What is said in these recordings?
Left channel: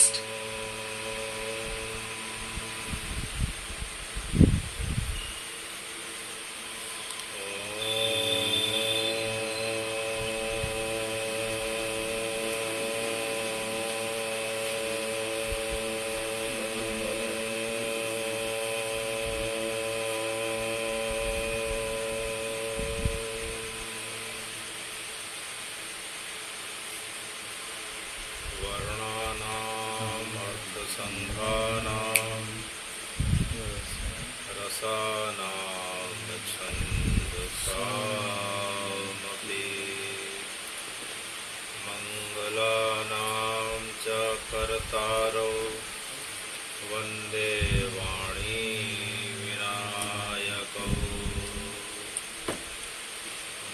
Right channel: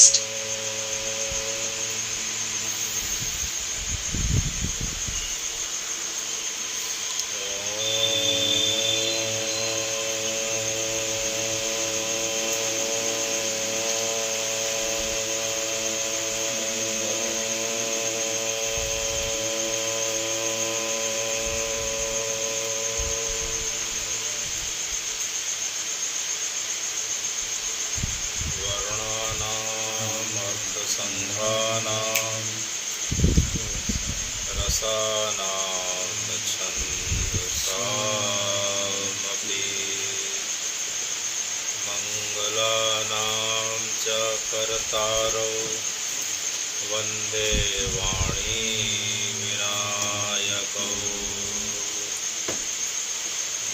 podcast. संघानां रसानां छन्दसामपि मङ्गलानां च कर्तारौ वन्दे वाणी विनायकौ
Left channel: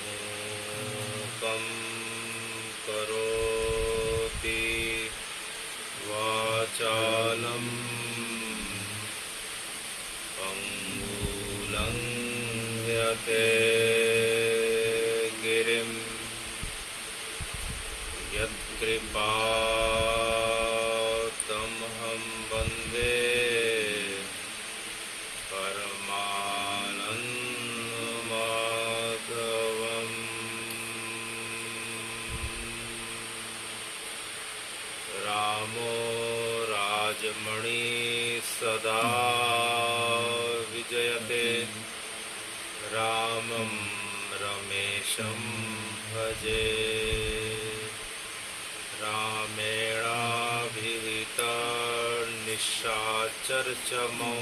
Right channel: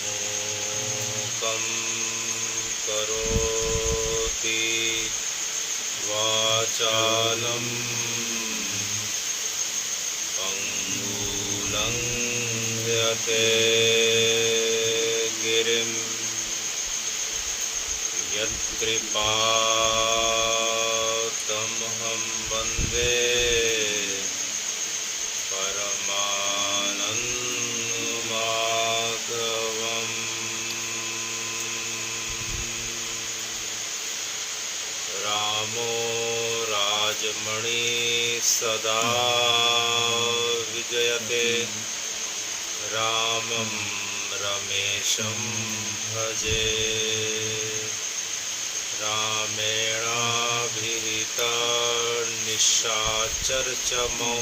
मूकं करोति वाचालं पङ्गुलङ्घ्यते गिरिं यत्कृपातमहं वन्दे परमानन्दमाधवम्। रामो राजमणि सदा विजयते रामं रमेशं भजे। रामेणाभिहिता निशाचरचमौ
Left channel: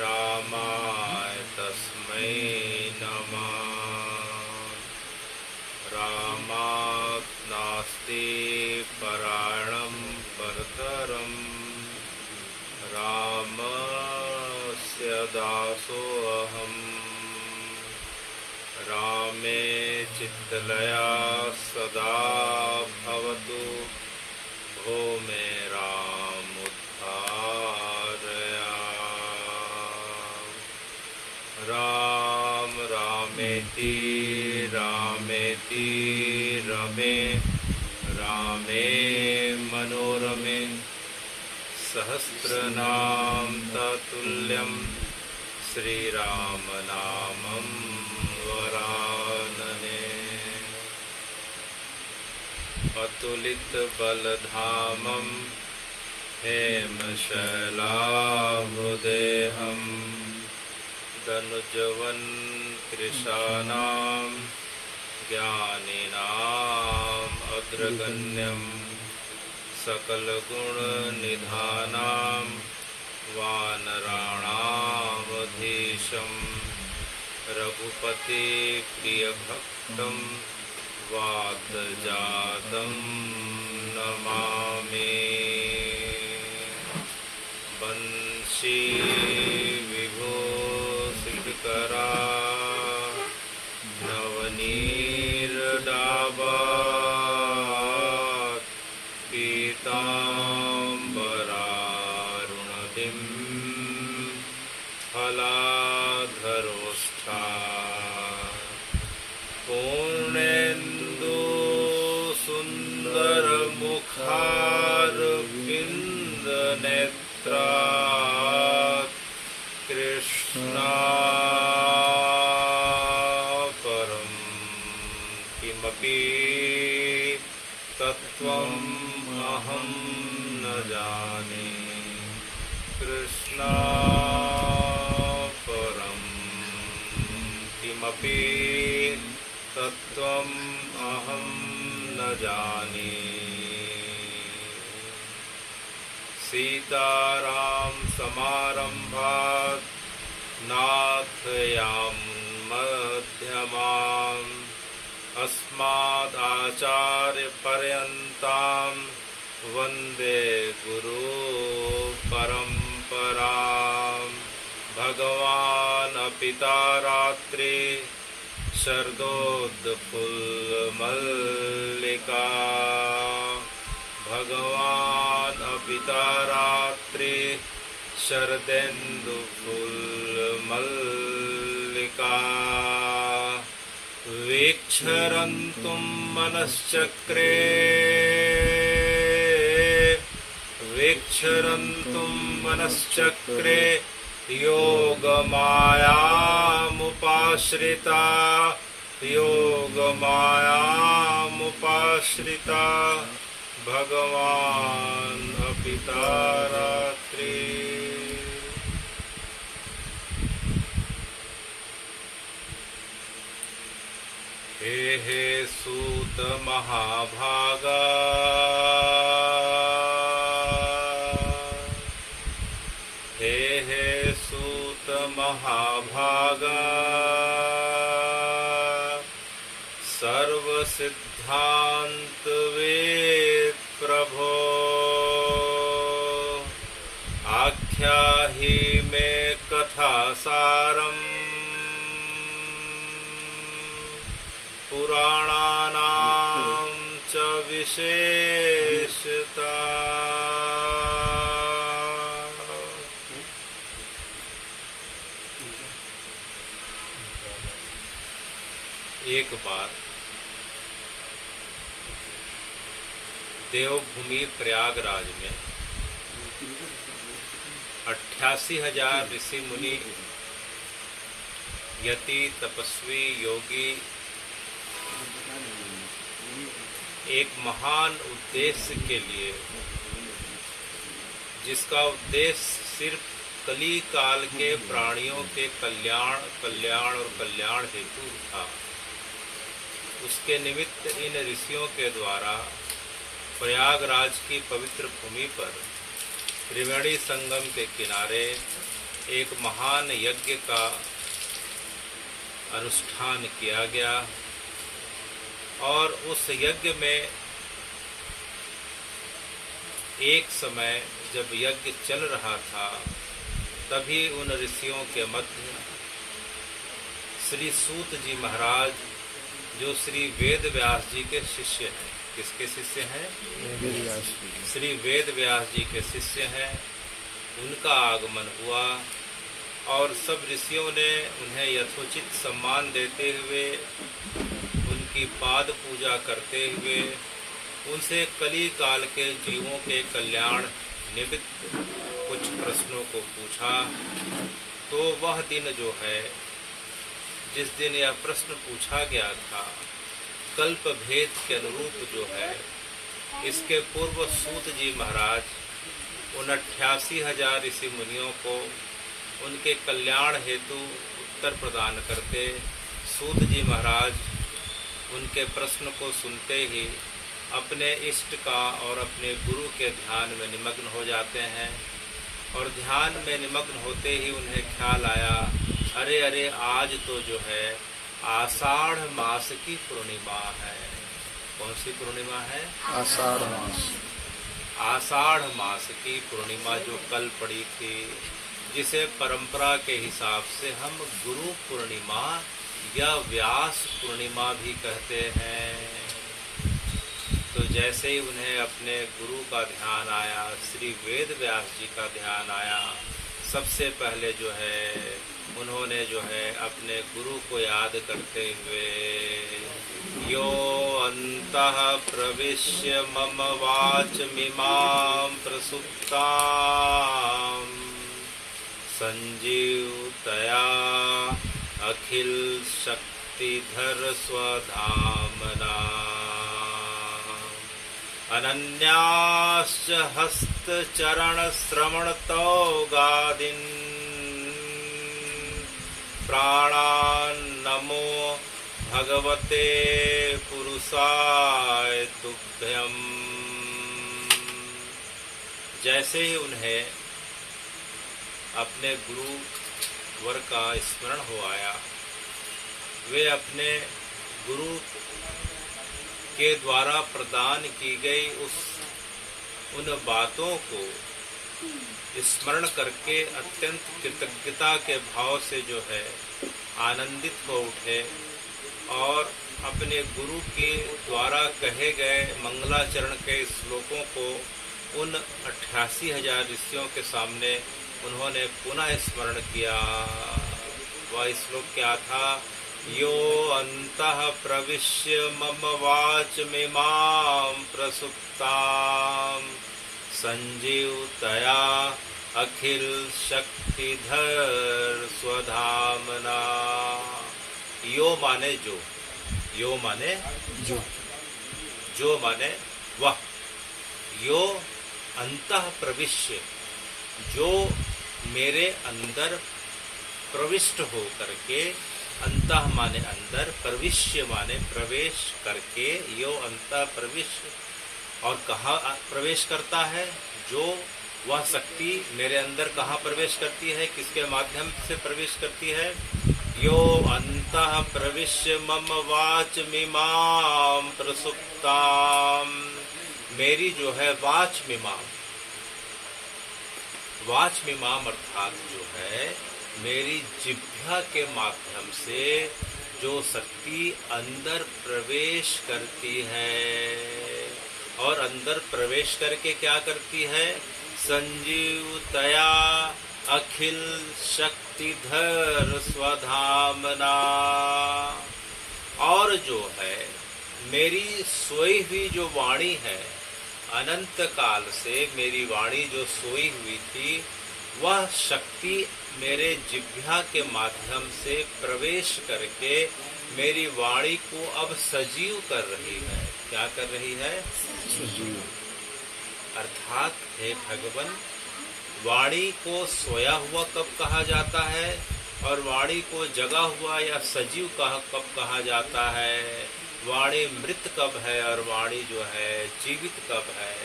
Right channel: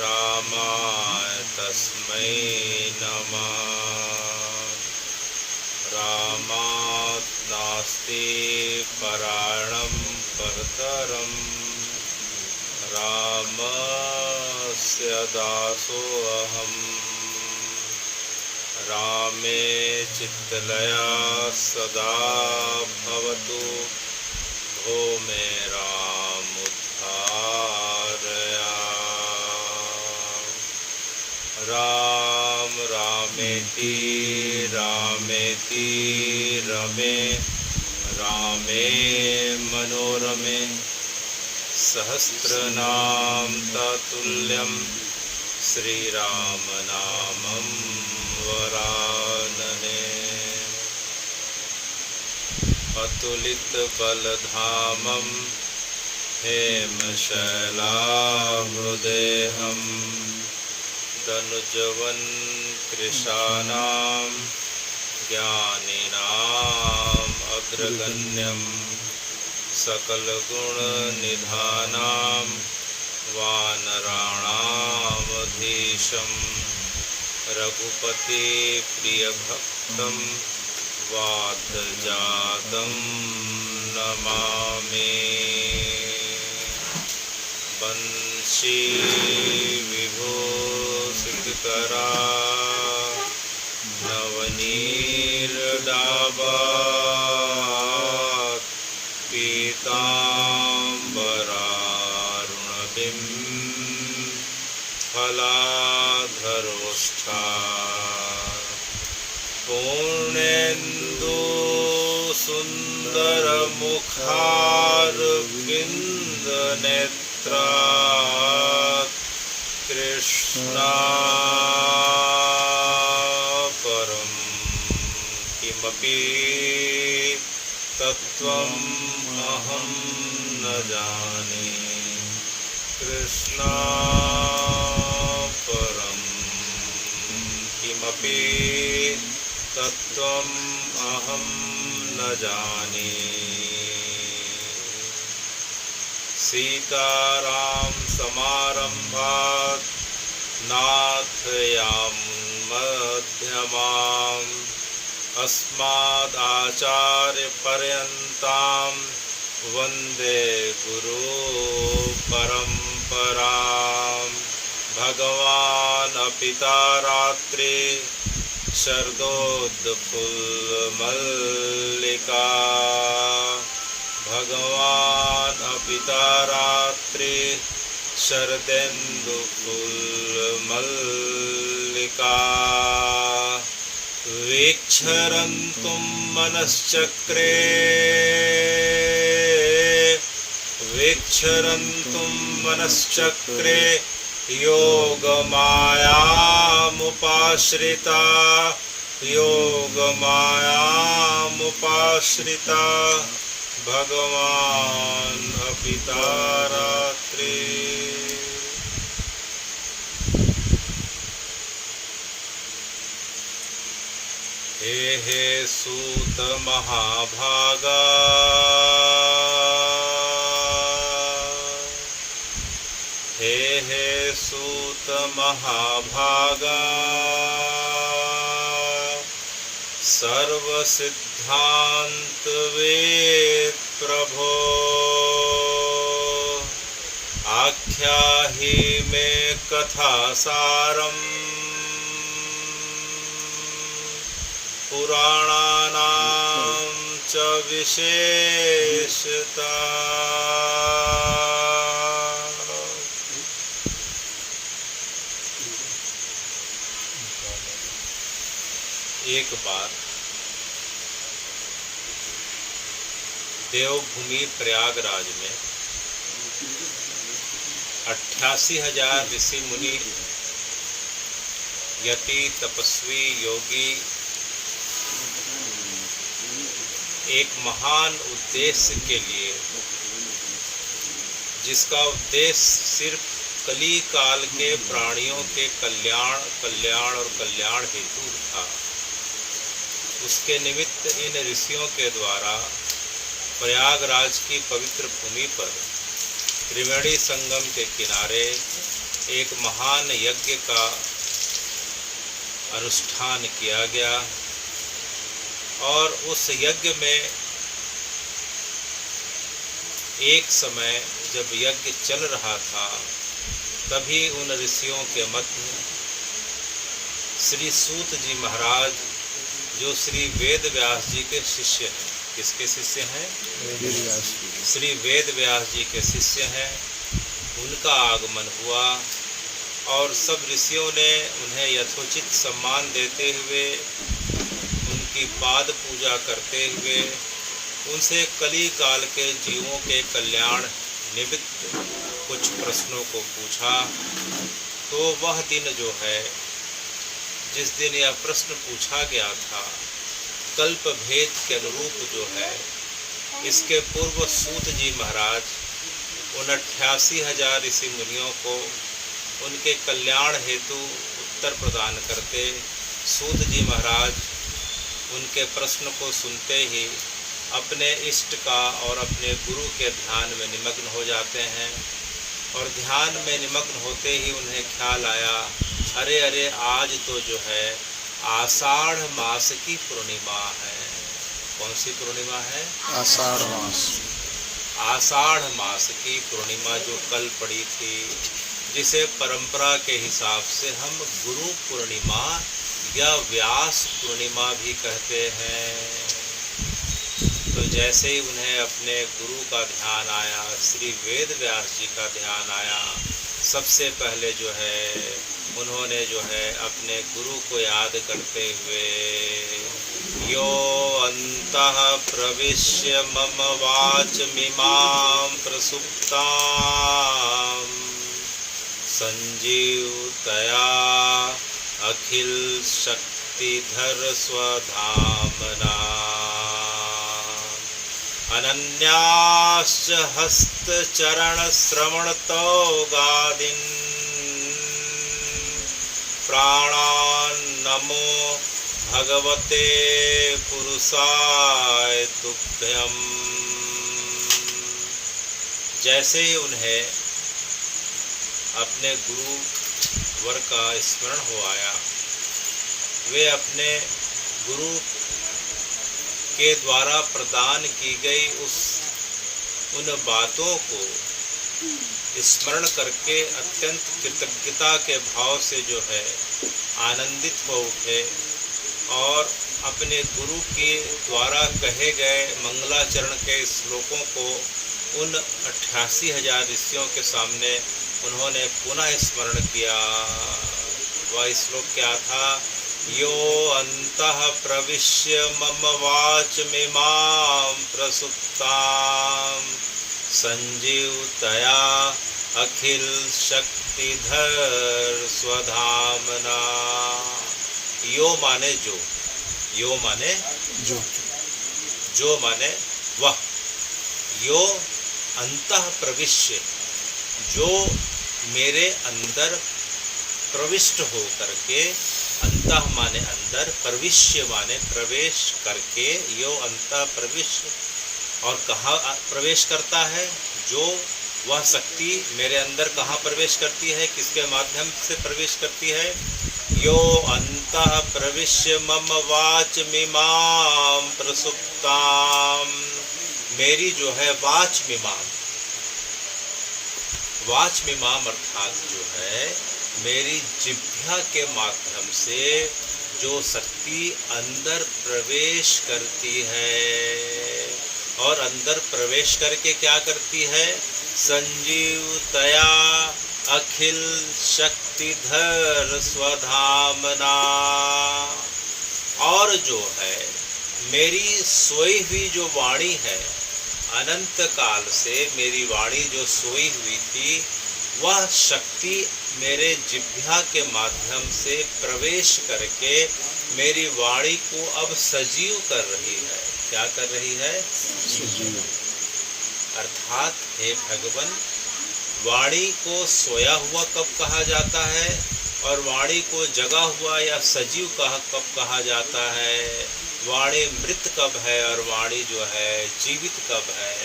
रामाय तस्मै नमः। रामात् नास्ति परायणं परतरं रामस्य दासोऽहम्। रामे चित्तलया सदा भवतु भो मे रामुद्धारय। राम रामेति रामेति रमे रामे मनोरमे सहस्रनाम ततुल्यं श्रीरामनामं वरानने। अतुलितबलधामं हेमशैलाभृदेहं दनुजवन कृशानां ज्ञानिनाम् अग्रगण्यं सकलगुणनिधानां वानराणामधीशं रघुपतिप्रियभक्तं वातजातं नमामि। वंशी विभूषितकरा नवनीरडाभात् पीताम्बरारुणबिं फलाधरोष्ठात् पूर्णेन्दु सुन्दरमुखारविन्दनेत्रात् कृष्णापरं किमपि तत्त्वम् अहं न जाने। कृष्णापरं किमपि तत्त्वम् अहं न जाने। सीताराम समारम्भात् नाथयां मध्यमाम् अस्मदाचार्यपर्यन्तां वन्दे गुरुपरम्पराम्। भगवान् पिता रात्रि शरदोत्फुल्लमल्लिका भगवान् पिता रात्रि शरदेन्दुफुल्लमल्लिका वीक्षरन्तुं मनश्चक्रे विक्षरन्तुं मनश्चक्रे योगमायामुपाश्रिता योगमायामुपाश्रिता भगवान् अपिता रात्रि। हे सूत महाभागा हे सूत महाभागा सर्व सिद्धांत वेद प्रभो आख्याहि मे कथा सारम् पुराणानां च विशेषता। एक बार देवभूमि प्रयागराज में 88,000 ऋषि मुनि यति तपस्वी योगी एक महान उद्देश्य के लिए, जिसका उद्देश्य सिर्फ कली काल के प्राणियों के कल्याण और कल्याण हेतु था, उसके निमित्त इन ऋषियों के द्वारा प्रयागराज की पवित्र भूमि पर त्रिवेणी संगम के किनारे एक महान यज्ञ का अनुष्ठान किया गया। और उस यज्ञ में एक समय जब यज्ञ चल रहा था, तभी उन ऋषियों के मध्य श्री सूत जी महाराज, जो श्री वेद व्यास जी के शिष्य हैं। किसके शिष्य हैं? श्री वेद व्यास जी के शिष्य हैं। उनका आगमन हुआ और सब ऋषियों ने उन्हें यथोचित सम्मान देते हुए, उनकी पाद पूजा करते हुए उनसे कली काल के जीवों के कल्याण निमित्त कुछ प्रश्नों को पूछा। तो वह दिन जो है, जिस दिन यह प्रश्न पूछा गया था, कल्प भेद के अनुरूप जो है, इसके पूर्व सूत जी महाराज उन 88,000 ऋषि मुनियों को उनके कल्याण हेतु उत्तर प्रदान करते। सूत जी महाराज उनके प्रश्न को सुनते ही अपने इष्ट का और अपने गुरु के ध्यान में निमग्न हो जाते हैं। और ध्यान में निमग्न होते ही उन्हें ख्याल आया, अरे अरे आज तो जो है आषाढ़ मास की पूर्णिमा है। कौन सी पूर्णिमा है? आषाढ़ मास। आषाढ़ मास की पूर्णिमा जो कल पड़ी थी, जिसे परंपरा के हिसाब से हम गुरु पूर्णिमा या व्यास पूर्णिमा भी कहते हैं। तो जैसे ही उन्हें अपने गुरु का ध्यान आया, श्री वेद व्यास जी का ध्यान आया, सबसे पहले जो है उन्होंने जो है अपने गुरु को याद करते हुए, यो अंतः प्रविश्य मम वाचमिमां प्रसुप्तां संजीवतया अखिल शक्तिधर स्वधामना अनन्याश्च हस्तचरण श्रवणतो गादीन् प्राणान् नमो भगवते पुरुषाय तुभ्यम्। जैसे ही उन्हें अपने गुरु वर का स्मरण हो आया, वे अपने गुरु के द्वारा प्रदान की गई उन बातों को स्मरण करके अत्यंत कृतज्ञता के भाव से जो है आनंदित हो उठे और अपने गुरु के द्वारा कहे गए मंगलाचरण के श्लोकों को उन 88,000 ऋषियों के सामने उन्होंने पुनः स्मरण किया। वह श्लोक क्या था? यो अंतः प्रविश्य मम वाचमिमां प्रसुप्तां संजीवतया अखिल शक्तिधर स्वधामना। यो माने जो, यो माने जो माने वह, यो अंतः प्रविश्य, जो मेरे अंदर प्रविष्ट हो करके, अंतः माने अंदर, प्रविश्य माने प्रवेश करके, यो अंतः प्रविश्य, और कहाँ प्रवेश करता है, जो वह शक्ति मेरे अंदर कहाँ प्रवेश करती है, किसके माध्यम से प्रवेश करती है। यो अंतः प्रविश्य मम वाचमिमां प्रसुप्ताम, मेरी जो है वाचमिमां, वाचमिमां अर्थात जो है मेरी जिह्वा के माध्यम से जो शक्ति अंदर प्रवेश करती है, और अंदर प्रवेश करके क्या करती है, संजीवतया अखिल शक्तिधर स्वधामना, और जो है मेरी सोई हुई जो वाणी है, अनंत काल से मेरी वाणी जो सोई हुई थी, वह शक्ति मेरे जिह्वा के माध्यम से प्रवेश करके मेरी वाणी को अब सजीव कर रही है। क्या कर रही है, सजीव। अर्थात हे भगवन, वाणी को सोया हुआ कब कहा जाता है, और वाणी को जगा हुआ या सजीव कब कहा जाता है, वाणी मृत कब है और वाणी जो है जीवित कब है,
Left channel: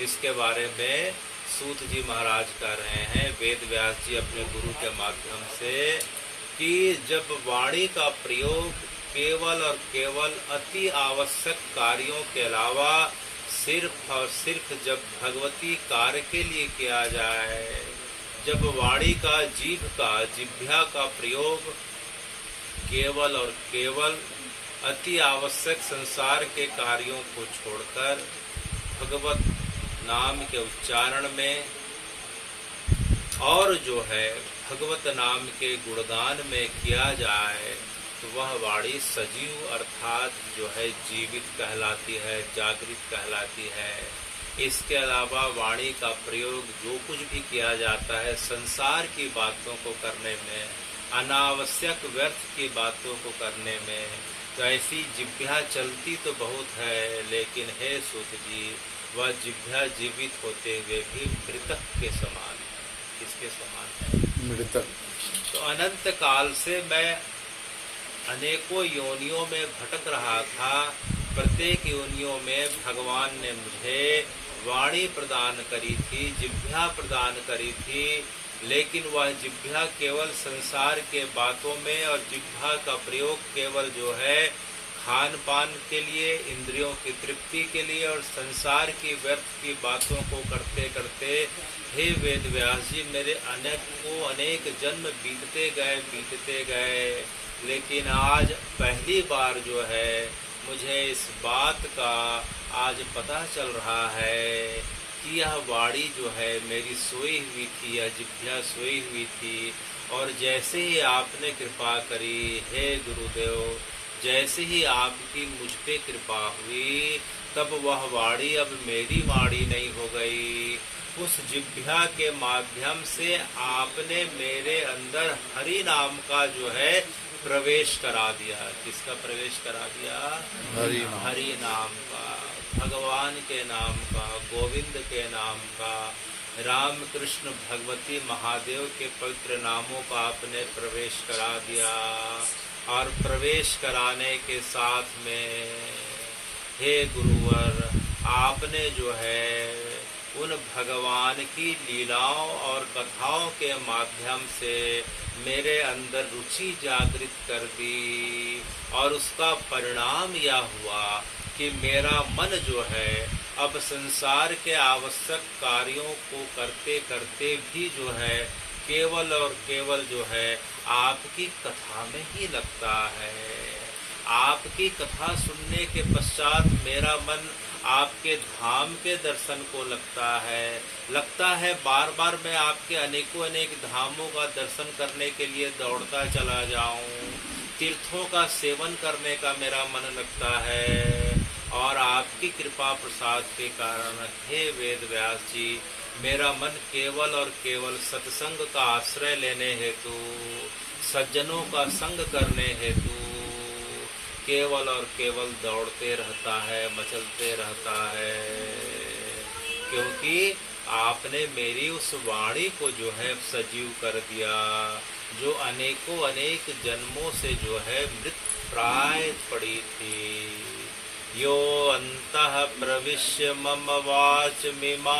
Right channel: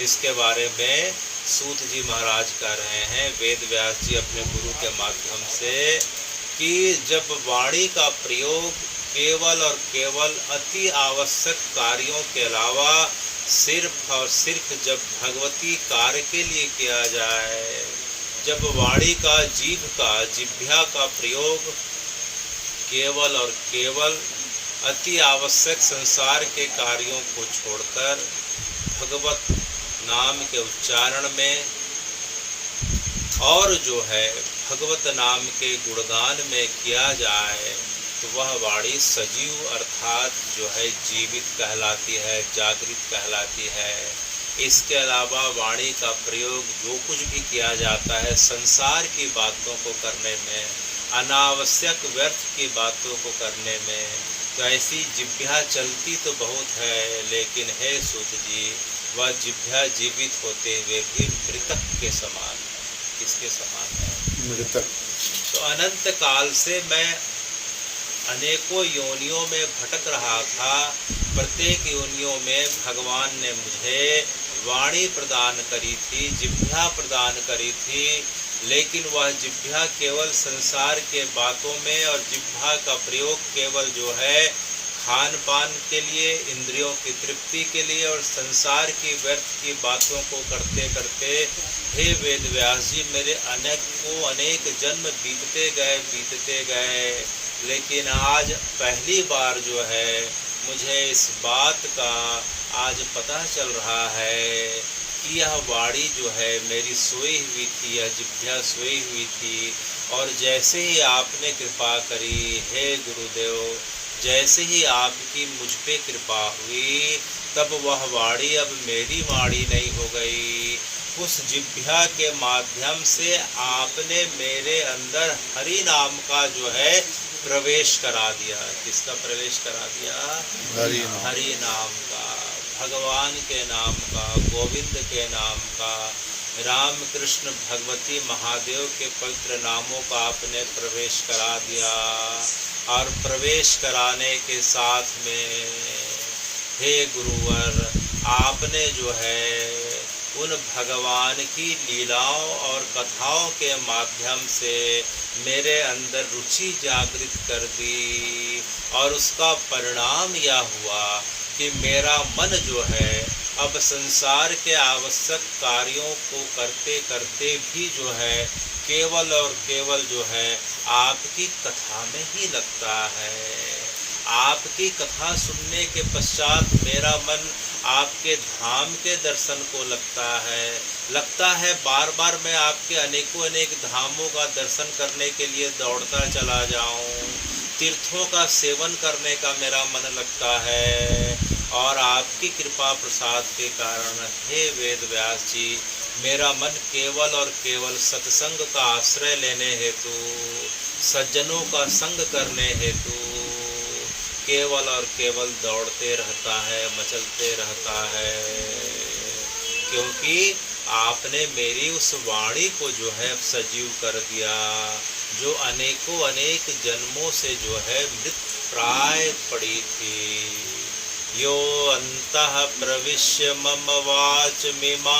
इसके बारे में सूत जी महाराज कह रहे हैं, वेद व्यास जी अपने गुरु के माध्यम से, कि जब वाणी का प्रयोग केवल और केवल अति आवश्यक कार्यों के अलावा सिर्फ और सिर्फ जब भगवती कार्य के लिए किया जाए, जब वाणी का जिह्वा का प्रयोग केवल और केवल अति आवश्यक संसार के कार्यों को छोड़कर भगवत नाम के उच्चारण में और जो है भगवत नाम के गुणगान में किया जाए, तो वह वाणी सजीव अर्थात जो है जीवित कहलाती है, जागृत कहलाती है। इसके अलावा वाणी का प्रयोग जो कुछ भी किया जाता है संसार की बातों को करने में, अनावश्यक व्यर्थ की बातों को करने में, तो ऐसी जिह्वा चलती तो बहुत है, लेकिन हे सूत जी, वह जिह्वा जीवित होते हुए भी मृतक के समान है। किसके समान है, मृतक। तो अनंत काल से मैं अनेकों योनियों में भटक रहा था, प्रत्येक योनियों में भगवान ने मुझे वाणी प्रदान करी थी, जिह्वा प्रदान करी थी, लेकिन वह जिह्वा केवल संसार के बातों में, और जिह्वा का प्रयोग केवल जो है खान पान के लिए, इंद्रियों की तृप्ति के लिए, और संसार की व्यर्थ की बातों को करते करते हे वेद व्यास जी, मेरे अनेक जन्म बीतते गए, लेकिन आज पहली बार जो है मुझे इस बात का आज पता चल रहा है कि यह वाणी जो है मेरी सोई हुई थी, यह जिह्वा सोई हुई थी, और जैसे ही आपने कृपा करी हे गुरुदेव, जैसे ही आपकी मुझ पे कृपा हुई, तब वह वाणी अब मेरी वाणी नहीं हो गई। उस जिह्वा के माध्यम से आपने मेरे अंदर हरि नाम का जो है प्रवेश करा दिया। किसका प्रवेश करा दिया, हरि नाम का, भगवान के नाम का, गोविंद के नाम का, राम कृष्ण भगवती महादेव के पवित्र नामों का आपने प्रवेश करा दिया। और प्रवेश कराने के साथ में हे गुरुवर, आपने जो है उन भगवान की लीलाओं और कथाओं के माध्यम से मेरे अंदर रुचि जागृत कर दी, और उसका परिणाम यह हुआ कि मेरा मन जो है अब संसार के आवश्यक कार्यों को करते करते भी जो है केवल और केवल जो है आपकी कथा में ही लगता है। आपकी कथा सुनने के पश्चात मेरा मन आपके धाम के दर्शन को लगता है बार बार मैं आपके अनेक धामों का दर्शन करने के लिए दौड़ता चला जाऊं। तीर्थों का सेवन करने का मेरा मन लगता है, और आपकी कृपा प्रसाद के कारण हे वेद व्यास जी मेरा मन केवल और केवल सत्संग का आश्रय लेने हेतु, सज्जनों का संग करने हेतु केवल और केवल दौड़ते रहता है, मचलते रहता है। क्योंकि आपने मेरी उस वाणी को जो है सजीव कर दिया, जो अनेकों अनेक जन्मों से जो है मृत प्राय पड़ी थी। यो अंतः प्रविश्य मम वाचमिमां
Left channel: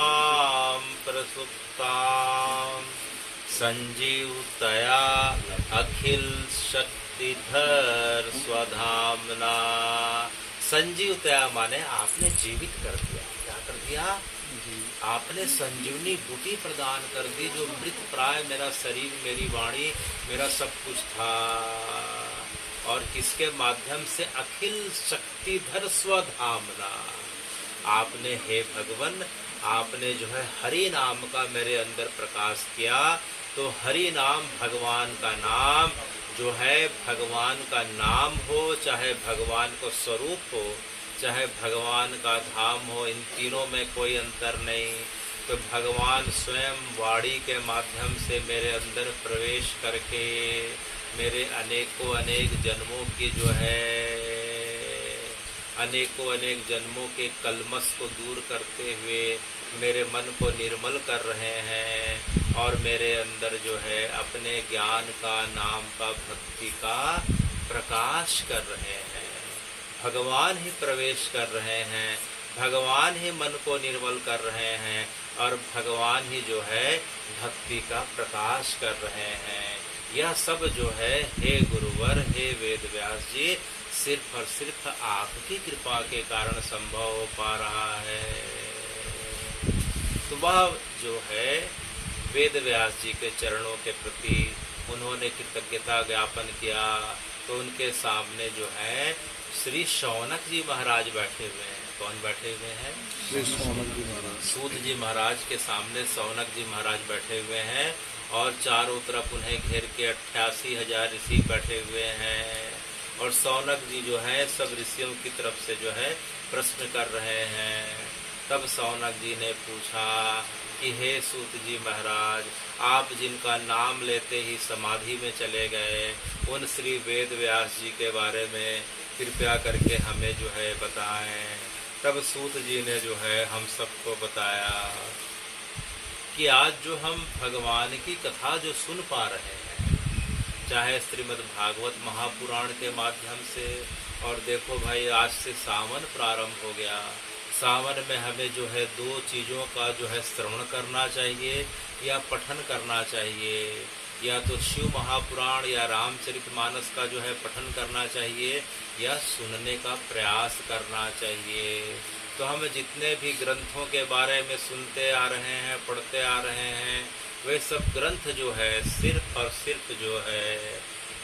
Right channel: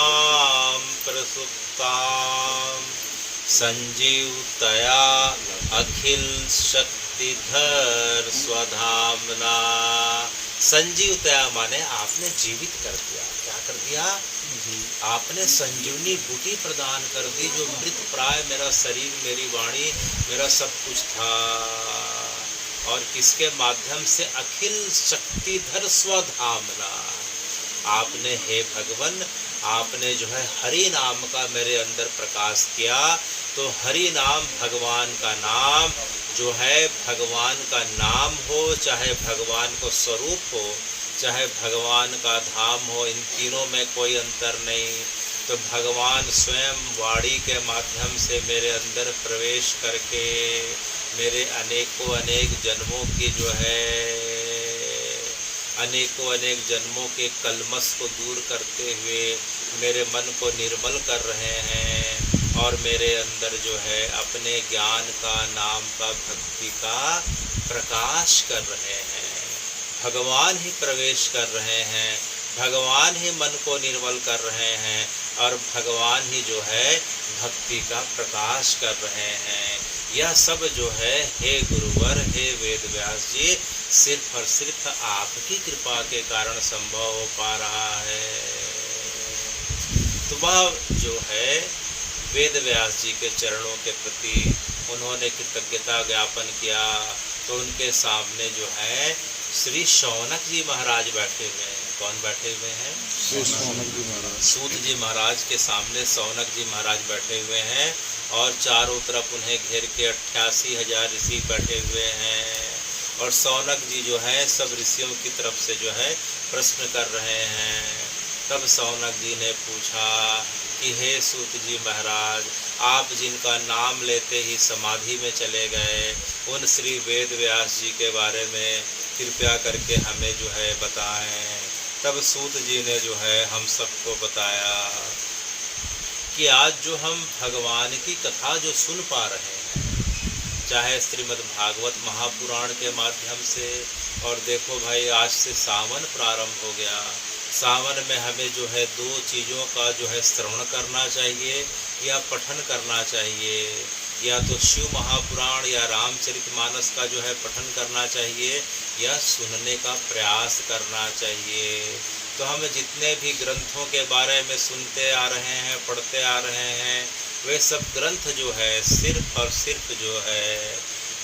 प्रसुप्तां संजीवतया अखिल शक्तिधर स्वधामना। संजीवतया माने आपने जीवित कर दिया। क्या कर दिया? आपने संजीवनी बूटी प्रदान कर दी। जो मृत प्राय मेरा शरीर, मेरी वाणी, मेरा सब कुछ था, और किसके माध्यम से? अखिल शक्तिधर स्वधामना। आपने हे भगवान, आपने जो है हरि नाम का मेरे अंदर प्रकाश किया। तो हरि नाम भगवान का नाम जो है, भगवान का नाम हो, चाहे भगवान को स्वरूप हो, चाहे भगवान का धाम हो, इन तीनों में कोई अंतर नहीं। तो भगवान स्वयं वाणी के माध्यम से मेरे अंदर प्रवेश करके मेरे अनेकों अनेक जन्मों की जो है, अनेकों अनेक जन्मों के कलमश को दूर करते हुए मेरे मन को निर्मल कर रहे हैं, और मेरे अंदर जो है अपने ज्ञान का, नाम का, भक्ति का प्रकाश कर रहे हैं। भगवान ही प्रवेश कर रहे हैं, भगवान ही मन को निर्मल कर रहे हैं, और भगवान ही जो है भक्ति का प्रकाश कर रहे हैं। यह सब जो है हे गुरुवर, हे वेद व्यास जी, सिर्फ और सिर्फ आपकी कृपा के कारण संभव हो पा रहा है। तो वह जो है वेद व्यास जी के चरणों के प्रति उन्होंने कृतज्ञता ज्ञापन किया। तो उनके सामने जो है श्री शौनक जी महाराज बैठे हुए हैं। कौन बैठे हुए हैं? श्री शौनक जी महाराज। सूत जी महाराज के सामने शौनक जी महाराज बैठे हुए हैं, और चारों तरफ उन्हें घेर के 88,000 ऋषि बैठे हुए हैं। और शौनक जी जो है सब ऋषियों की तरफ से जो है प्रश्न कर रहे हैं। तब शौनक जी ने पूछा कि हे सूत जी महाराज, आप जिनका नाम लेते ही समाधि में चले गए, उन श्री वेद व्यास जी के बारे में कृपया करके हमें जो है बताएं। तब सूत जी ने जो है हम सबको बताया कि आज जो हम भगवान की कथा जो सुन पा रहे हैं, चाहे श्रीमद् भागवत महापुराण के माध्यम से, और देखो भाई आज से सावन प्रारंभ हो गया। सावन में हमें जो है 2 चीज़ों का जो है श्रवण करना चाहिए या पठन करना चाहिए। या तो शिव महापुराण या रामचरितमानस का जो है पठन करना चाहिए, या सुनने का प्रयास करना चाहिए। तो हम जितने भी ग्रंथों के बारे में सुनते आ रहे हैं, पढ़ते आ रहे हैं, वे सब ग्रंथ जो है सिर्फ और सिर्फ जो है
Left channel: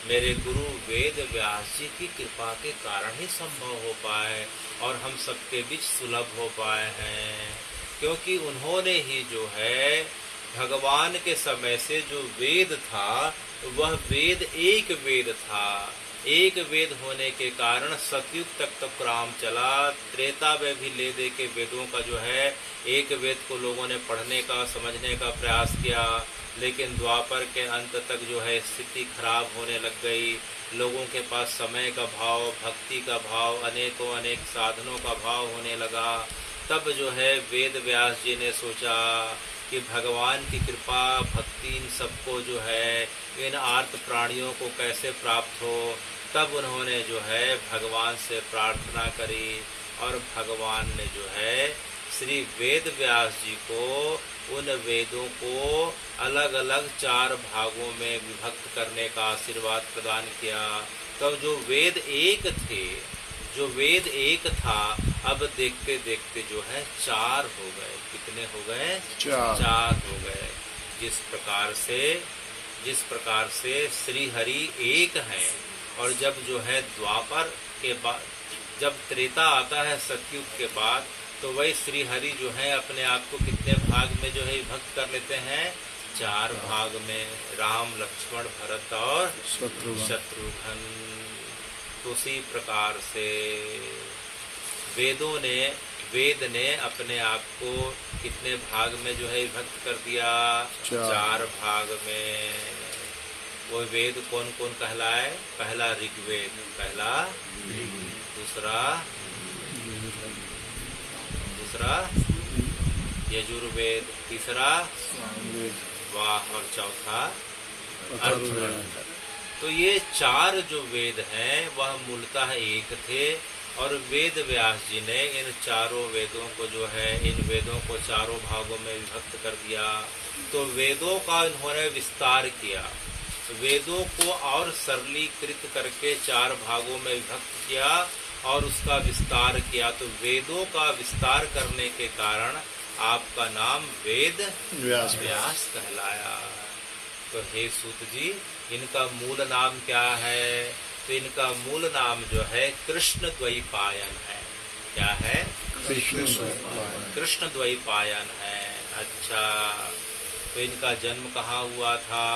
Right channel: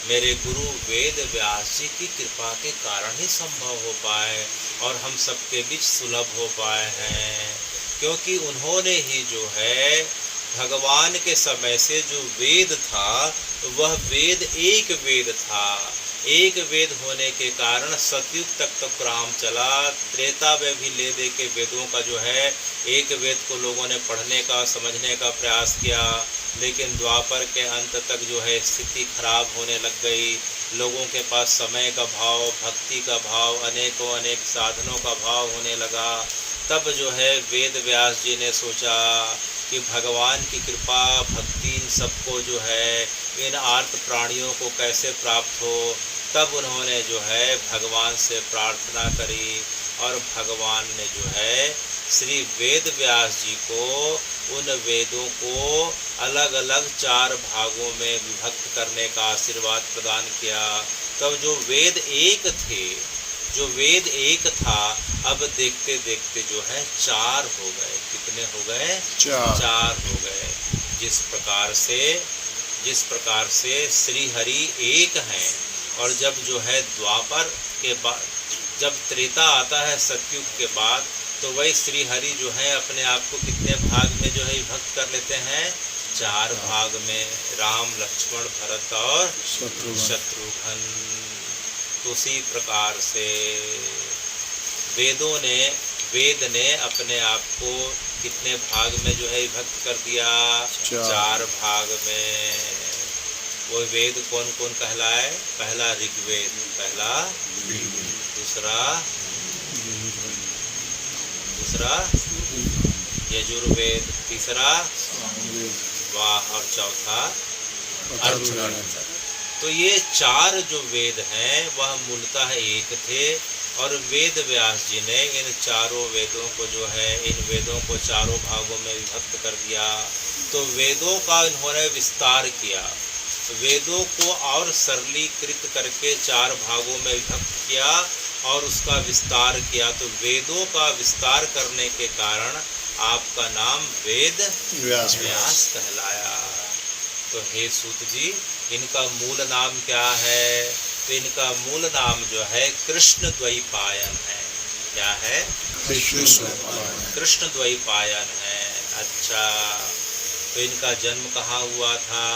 मेरे गुरु वेद व्यास जी की कृपा के कारण ही संभव हो पाए, और हम सबके बीच सुलभ हो पाए हैं। क्योंकि उन्होंने ही जो है भगवान के समय से जो वेद था, वह वेद एक वेद था। एक वेद होने के कारण सतयुग तक तो क्रम चला। त्रेता में भी ले दे के वेदों का जो है एक वेद को लोगों ने पढ़ने का, समझने का प्रयास किया, लेकिन द्वापर के अंत तक जो है स्थिति खराब होने लग गई। लोगों के पास समय का भाव, भक्ति का भाव, अनेकों अनेक साधनों का भाव होने लगा। तब जो है वेद व्यास जी ने सोचा कि भगवान की कृपा, भक्ति इन सबको जो है, इन आर्त प्राणियों को कैसे प्राप्त हो। तब उन्होंने जो है भगवान से प्रार्थना करी, और भगवान ने जो है श्री वेद व्यास जी को उन वेदों को अलग अलग 4 भागों में विभक्त करने का आशीर्वाद प्रदान किया। तब जो वेद एक थे, जो वेद एक था, अब देखते देखते जो है 4 हो गए। कितने हो गए? 4 हो गए। जिस प्रकार से श्री हरि एक हैं, और जब जो है द्वापर के बाद, जब त्रेता आता है सतयुग के बाद, तो वही श्री हरि जो है अपने आप को कितने भाग में जो है विभक्त कर लेते हैं? 4 भाग में। राम, लक्ष्मण, भरत और शत्रुघ्न। तो उसी प्रकार से वेद ने अपने आप को कितने भाग में जो है विभक्त कर दिया? 4 भाग में। वो वेद कौन कौन कहलाए? पहला ऋग्वेद, दूसरा यजुर्वेद, तीसरा वाह और चौथा अथर्ववेद। तो ये 4 जो वेद हैं वह मूलतः एक थे, और वेद व्यास जी ने इन चारों वेदों को जो है, इन वेदों को चारों भागों में विभक्त कर दिया। तो वेदों का इन्होंने विस्तार किया, वेदों को और सरलीकृत करके 4 भागों में विभक्त किया और उसका विस्तार किया। तो वेदों का विस्तार करने के कारण आपका नाम वेद व्यास कहलाया। तो हे सूत जी, इनका मूल नाम क्या है? तो इनका मूल नाम जो है कृष्ण द्वैपायन है। क्या है? कृष्ण द्वैपायन है। अच्छा, तो इनका जन्म कहाँ हुआ था?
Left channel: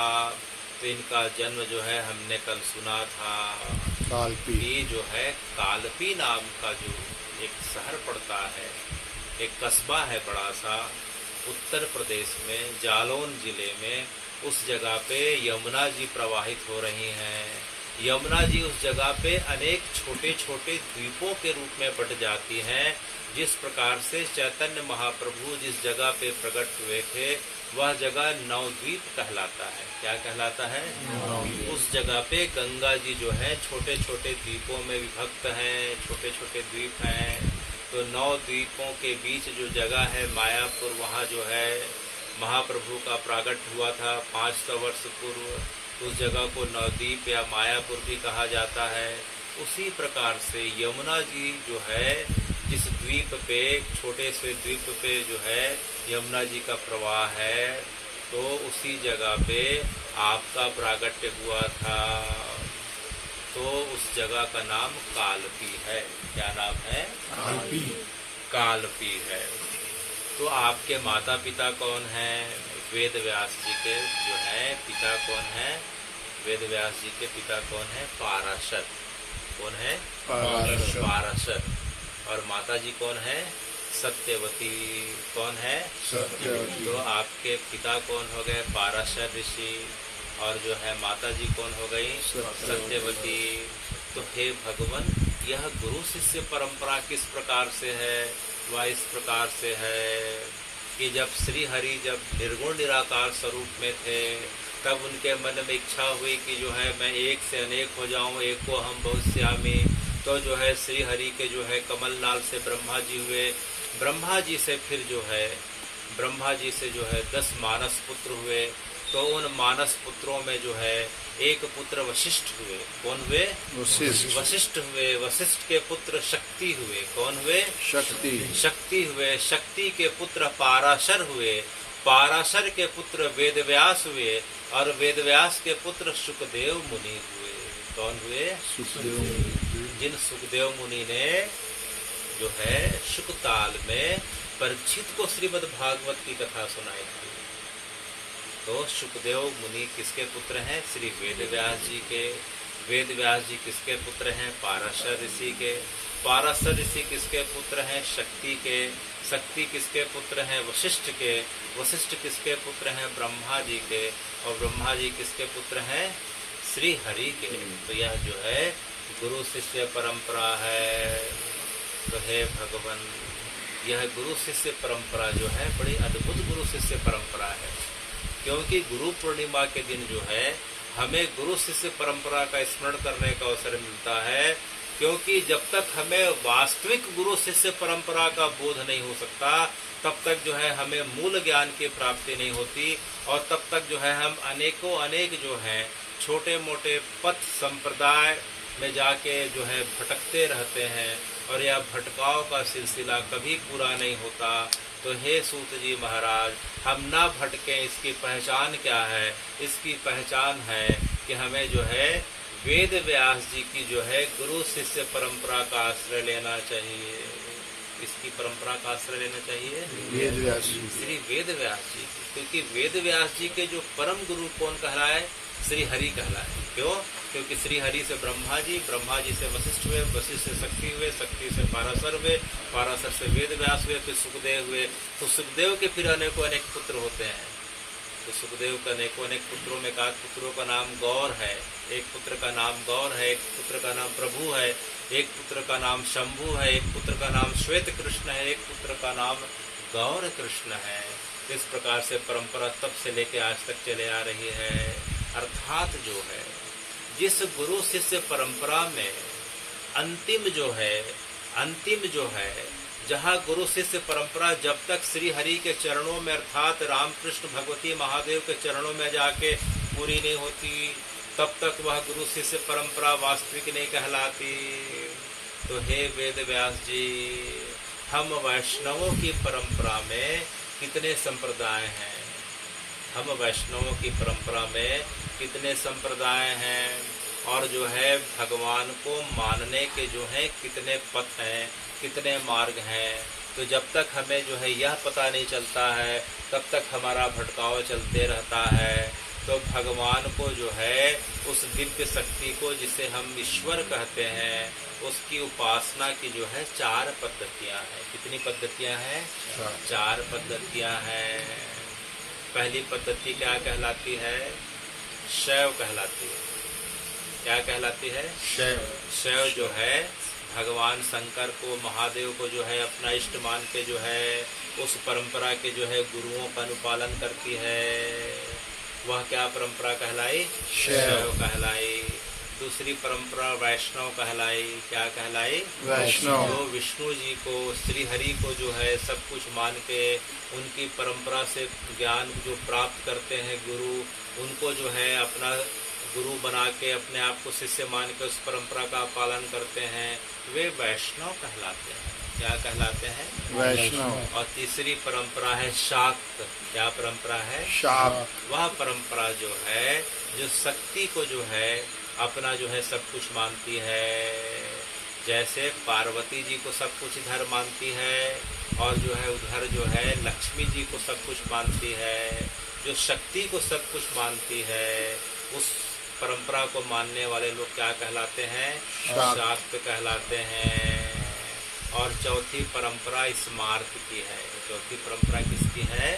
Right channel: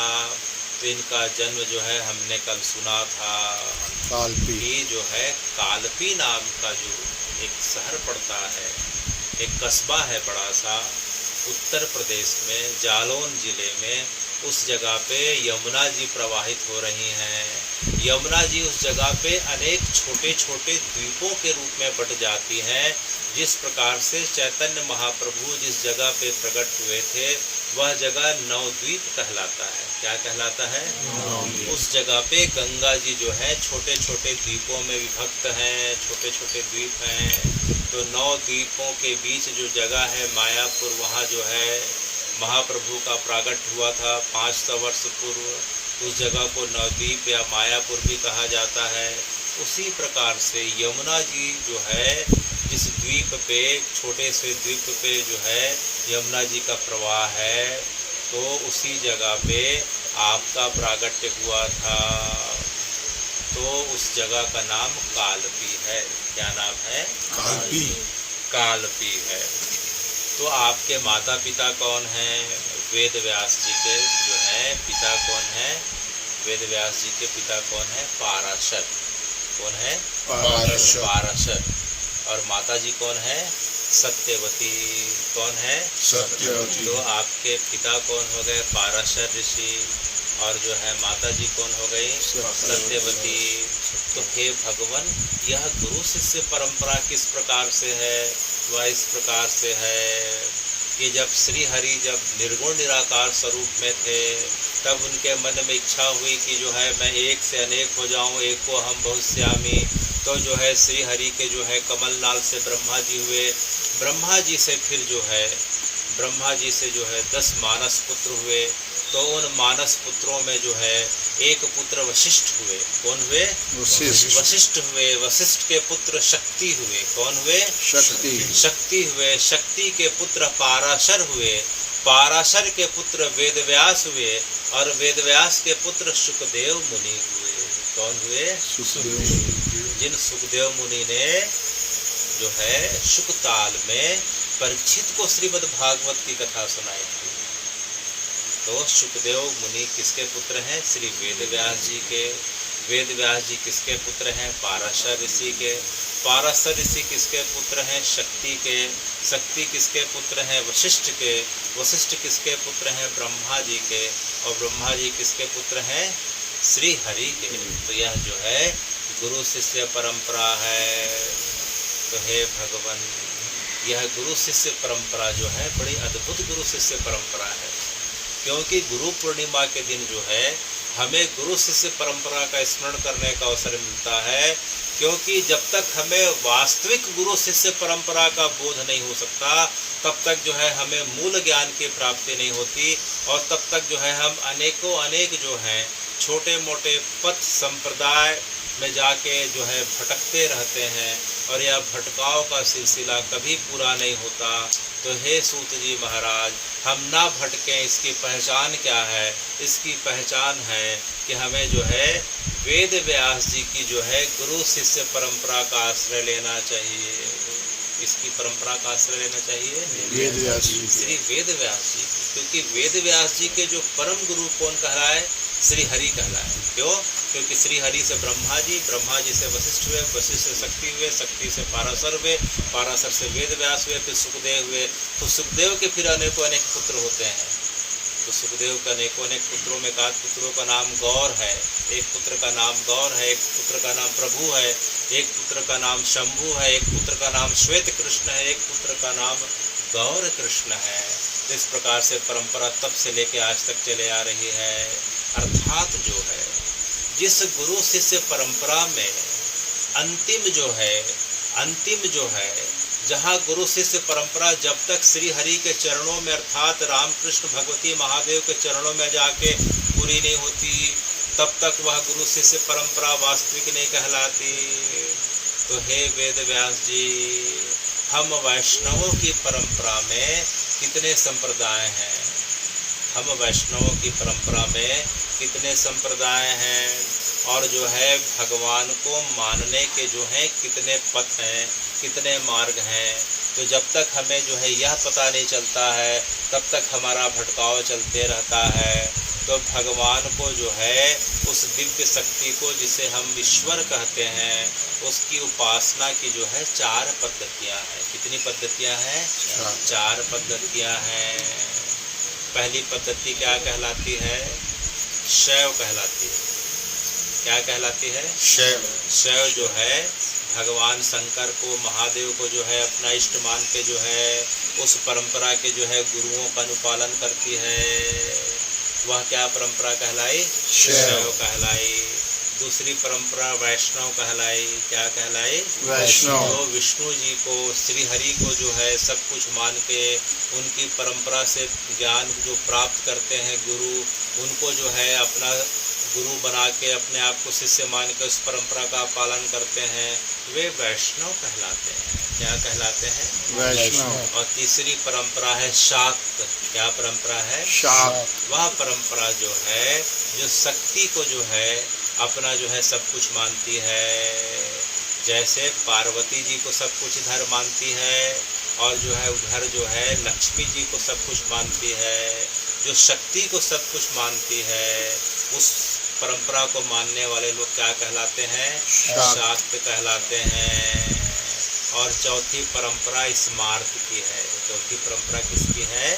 तो इनका जन्म जो है हमने कल सुना था, कालपी जो है, कालपी नाम का जो एक शहर पड़ता है, एक कस्बा है बड़ा सा, उत्तर प्रदेश में जालौन जिले में, उस जगह पे यमुना जी प्रवाहित हो रही हैं। यमुना जी उस जगह पे अनेक छोटे छोटे द्वीपों के रूप में बट जाती हैं। जिस प्रकार से चैतन्य महाप्रभु जिस जगह पे प्रकट हुए थे वह जगह नवद्वीप कहलाता है। क्या कहलाता है? उस जगह पे गंगा जी जो है छोटे छोटे द्वीपों में विभक्त हैं, छोटे छोटे द्वीप हैं। तो 9 द्वीपों के बीच जो जगह है मायापुर, वहाँ जो है महाप्रभु का प्रागट हुआ था 500 वर्ष पूर्व। उस जगह को नवद्वीप या मायापुर भी कहा जाता है। उसी प्रकार से यमुना जी जो है, जिस द्वीप पे, छोटे से द्वीप पे जो है यमुना जी का प्रवाह है, तो उसी जगह पे आपका प्रागट्य हुआ था। तो उस जगह का नाम कालपी है। क्या नाम है? कालपी है। तो आपके माता पिता कौन हैं? वेद व्यास जी के जो हैं पिता कौन हैं? वेद व्यास जी के पिता कौन है? पाराशर। कौन है? पाराशर। और माता जी कौन है? सत्यवती। कौन है? सत्यवती। तो आपके पिता कौन हो गए? पाराशर ऋषि। और जो है माता जी कौन हो गई? सत्यवती। तो हे भगवान, यह गुरु शिष्य परंपरा किस प्रकार से है? वह इस प्रकार से है कि जब श्री हरि जब निर्गुण निराकार स्वरूप में थे, तब उनके मन में इच्छा हुई कि जो है मैं एक से अनेक हो जाऊं, एक को हम बहुश्यामी। तो जो है श्री हरि के जो है कमलनाल से ब्रह्मा जी हुए, ब्रह्मा जी से फिर जो है ब्रह्मा जी से जो है 10 मानस पुत्र हुए। तो उन मानस पुत्रों में जो है एक पुत्र वशिष्ठ हुए। कौन हुए? वशिष्ठ हुए। वशिष्ठ के पुत्र शक्ति हुए। कौन हुए? शक्ति हुए। शक्ति के पुत्र पाराशर हुए। पाराशर के पुत्र वेदव्यास हुए। और वेदव्यास के पुत्र सुखदेव मुनि हुए। कौन हुए? जिन सुखदेव मुनि ने जो है शुकताल में परीक्षित को श्रीमद् भागवत की कथा सुनाई थी। तो सुखदेव मुनि किसके पुत्र हैं? श्री वेदव्यास जी के। वेदव्यास जी किसके पुत्र हैं? पाराशर ऋषि के। पाराशर ऋषि किसके पुत्र हैं? शक्ति के। शक्ति किसके पुत्र हैं? वशिष्ठ के। वशिष्ठ किसके पुत्र हैं? ब्रह्मा जी के। और ब्रह्मा जी किसके पुत्र हैं? श्री हरि के। तो यह जो है गुरु शिष्य परंपरा है। तो हे भगवान, यह गुरु शिष्य परंपरा जो है बड़ी अद्भुत गुरु शिष्य परंपरा है। क्योंकि गुरु पूर्णिमा के दिन जो है हमें गुरु शिष्य परंपरा का स्मरण करने का अवसर मिलता है। क्योंकि जब तक हमें वास्तविक गुरु शिष्य परंपरा का बोध नहीं हो सकता, तब तक जो है हमें मूल ज्ञान की प्राप्ति नहीं होती। और तब तक जो है हम अनेक जो हैं छोटे मोटे पथ संप्रदाय में जाके जो है भटकते रहते हैं, और यह भटकाव का सिलसिला कभी पूरा नहीं होता। तो हे सूत जी महाराज, हम ना भटकें, इसकी पहचान क्या है? इसकी पहचान है कि हमें जो है वेद व्यास जी की जो है गुरु शिष्य परंपरा का आश्रय लेना चाहिए। इसकी परंपरा का आश्रय लेना चाहिए वेद व्यास जी, श्री वेद व्यास जी। क्योंकि वेद व्यास जी के जो परम गुरु कौन कहलाए? श्री हरि कहलाए। क्यों? क्योंकि श्री हरि से ब्रह्मा जी से वशिष्ठ हुए, वशिष्ठ से शक्ति हुए, शक्ति से पाराशर हुए, पाराशर से वेद व्यास हुए, फिर सुखदेव हुए। तो सुखदेव के फिर अनेकों अनेक पुत्र होते हैं। तो सुखदेव के अनेकों अनेक पुत्रों में कहा पुत्रों का नाम गौर है, एक पुत्र का नाम गौर है, एक पुत्र का नाम प्रभु है, एक पुत्र का नाम शंभु है, एक पुत्र का नाम श्वेत कृष्ण है, एक पुत्र का नाम गौर कृष्ण है। तो इस प्रकार से परंपरा तब से लेके आज तक चले आ रही है। अर्थात जो है जिस गुरु शिष्य परंपरा में अंतिम जो है जहाँ गुरु शिष्य परंपरा जब तक श्री हरि के चरणों में अर्थात रामकृष्ण भगवती महादेव के चरणों में जाके पूरी नहीं होती, तब तक वह गुरु शिष्य परंपरा वास्तविक नहीं कहलाती। तो हे वेद व्यास जी, हम वैष्णवों की परंपरा में कितने संप्रदाय हैं, हम वैष्णवों की परंपरा में कितने संप्रदाय हैं, और जो है भगवान को मानने के जो हैं कितने पथ हैं, कितने मार्ग हैं। तो जब तक हमें जो है यह पता नहीं चलता है तब तक हमारा भटकाव चलते रहता है। तो भगवान को जो है उस दिव्य शक्ति को जिसे हम ईश्वर कहते हैं उसकी उपासना की जो है 4 पद्धतियाँ हैं। कितनी पद्धतियाँ हैं? 4 पद्धतियाँ हैं। पहली पद्धति क्या कहलाती है? शैव कहलाती है। क्या कहलाती है? शैव जो है भगवान शंकर को, महादेव को जो है अपना इष्ट मान के जो है उस परंपरा के जो है गुरुओं का अनुपालन करती है। वह क्या परंपरा कहलाई? शैव कहलाई। दूसरी परंपरा वैष्णव कहलाई। क्या कहलाई? वैष्णव। जो विष्णु जी को, श्री हरि को जो है सब कुछ मान के उनकी परंपरा से ज्ञान जो प्राप्त करते हैं गुरु, उनको जो है अपना गुरु बना के अपने आप को शिष्य मान के उस परंपरा का पालन करते हैं, वे वैष्णव कहलाते हैं। क्या कहलाते हैं? वैष्णव। और तीसरी परंपरा है शाक्त। क्या परंपरा है? शाक्त। वह परंपरा जो है जो शक्ति को जो है अपना जो है सब कुछ मानती है। जैसे पार्वती जी को सब कुछ इधर मानती है और जो है उधर जो है लक्ष्मी जी को सब कुछ मानती है। जो शक्ति को सब कुछ मानती है उस परंपरा को मानने वाले लोग क्या कहलाते हैं? शाक्त कहलाते हैं। और चौथी परंपरा स्मार्त की है। चौथी परंपरा किसकी है?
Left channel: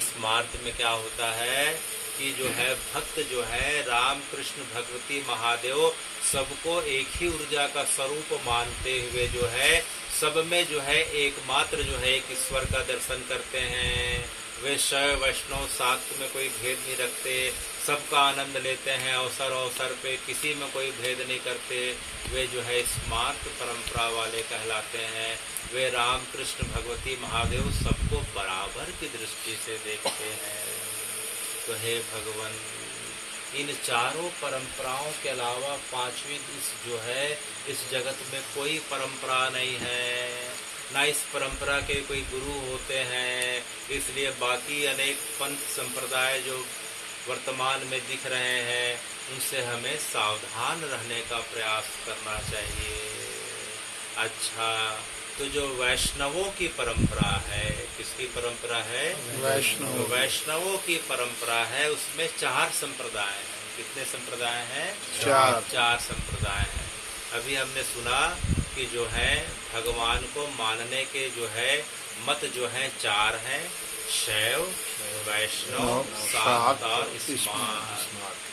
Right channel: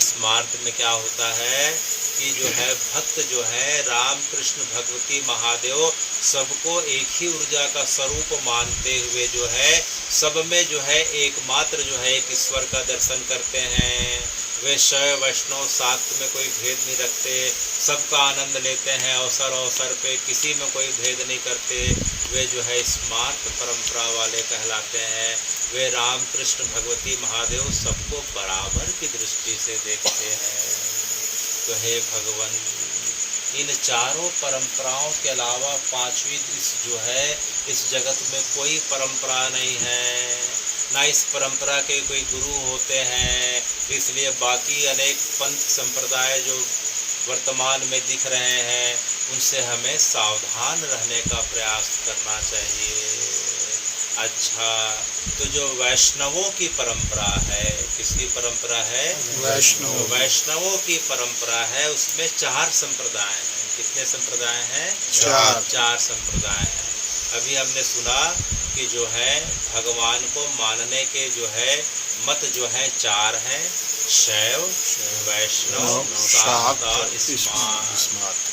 स्मार्त में क्या होता है कि जो है भक्त जो है राम कृष्ण भगवती महादेव सबको एक ही ऊर्जा का स्वरूप मानते हुए जो है सब में जो है एकमात्र जो है एक ईश्वर का दर्शन करते हैं। वे शैव वैष्णव शाक्त में कोई भेद नहीं रखते, सबका आनंद लेते हैं, अवसर अवसर पे किसी में कोई भेद नहीं करते। वे जो है स्मार्त परंपरा वाले कहलाते हैं। वे राम कृष्ण भगवती महादेव सबको बराबर की दृष्टि से देखते हैं। तो हे भगवान, इन चारों परंपराओं के अलावा पांचवी जो है इस जगत में कोई परंपरा नहीं है, ना इस परंपरा के कोई गुरु होते हैं। इसलिए बाकी अनेक पंथ संप्रदाय जो वर्तमान में दिख रहे हैं उनसे हमें सावधान रहने का प्रयास करना चाहिए। अच्छा, तो जो वैष्णवों की परंपरा है, किसकी परंपरा है? वैष्णव। तो वैष्णवों की परंपरा है उसमें 4 संप्रदाय हैं। कितने संप्रदाय हैं? 4 संप्रदाय हैं। अभी हमने सुना कि जो है भगवान को मानने के जो है मत जो है 4 हैं, शैव, वैष्णव, शाक्त और स्मार्त।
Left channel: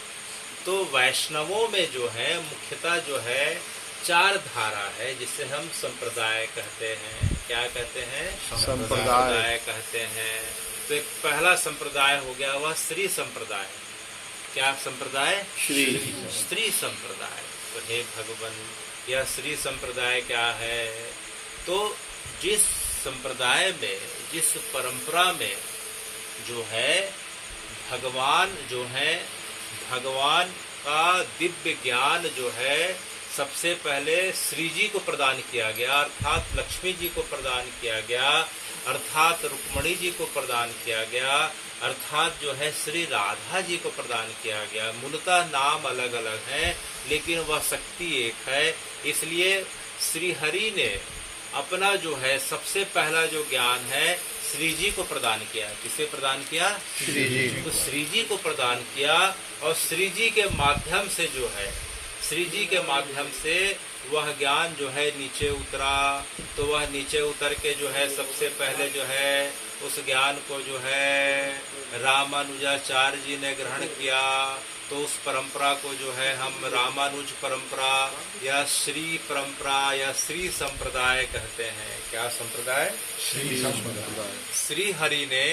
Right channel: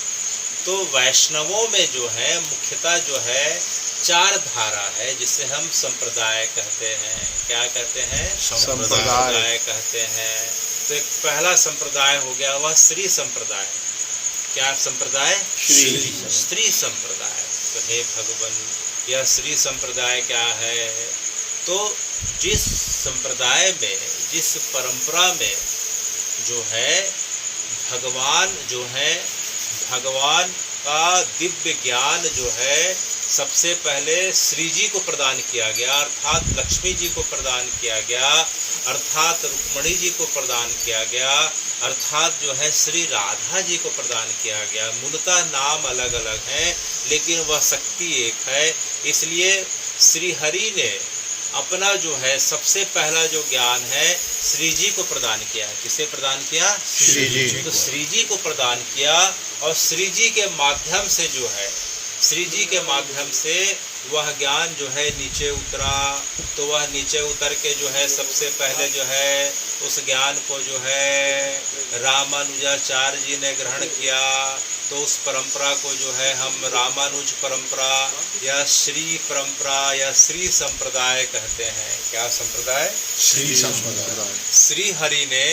तो वैष्णवों में जो है मुख्यतः जो है 4 धारा है जिसे हम संप्रदाय कहते हैं। क्या कहते हैं? संप्रदाय कहते हैं। तो एक पहला संप्रदाय हो गया वह श्री संप्रदाय। क्या संप्रदाय? श्री संप्रदाय। तो हे भगवान, यह श्री संप्रदाय क्या है? तो जिस संप्रदाय में, जिस परंपरा में जो है भगवान का दिव्य ज्ञान जो है सबसे पहले श्री जी को प्रदान किया गया, अर्थात लक्ष्मी जी को प्रदान किया गया, अर्थात रुक्मणी जी को प्रदान किया गया, अर्थात जो है श्री राधा जी को प्रदान किया गया। मूलतः नाम अलग अलग हैं लेकिन वह शक्ति एक है। इसलिए श्री हरि ने अपना जो है सबसे पहला जो ज्ञान है श्री जी को प्रदान किया। किसे प्रदान किया? श्री जी। तो श्री जी को प्रदान किया और श्री जी के माध्यम से जो है, श्री जी के माध्यम से वह ज्ञान जो है नीचे उतरा। तो वह नीचे उतर के जो है सबसे पहले जो है उस ज्ञान को जो है रामानुजाचार्य जी ने ग्रहण किया। तो उस परंपरा को जो है हम रामानुज परंपरा या श्री परंपरा या श्री संप्रदाय कहते हैं। क्या संप्रदाय? श्री संप्रदाय। श्री हरि ने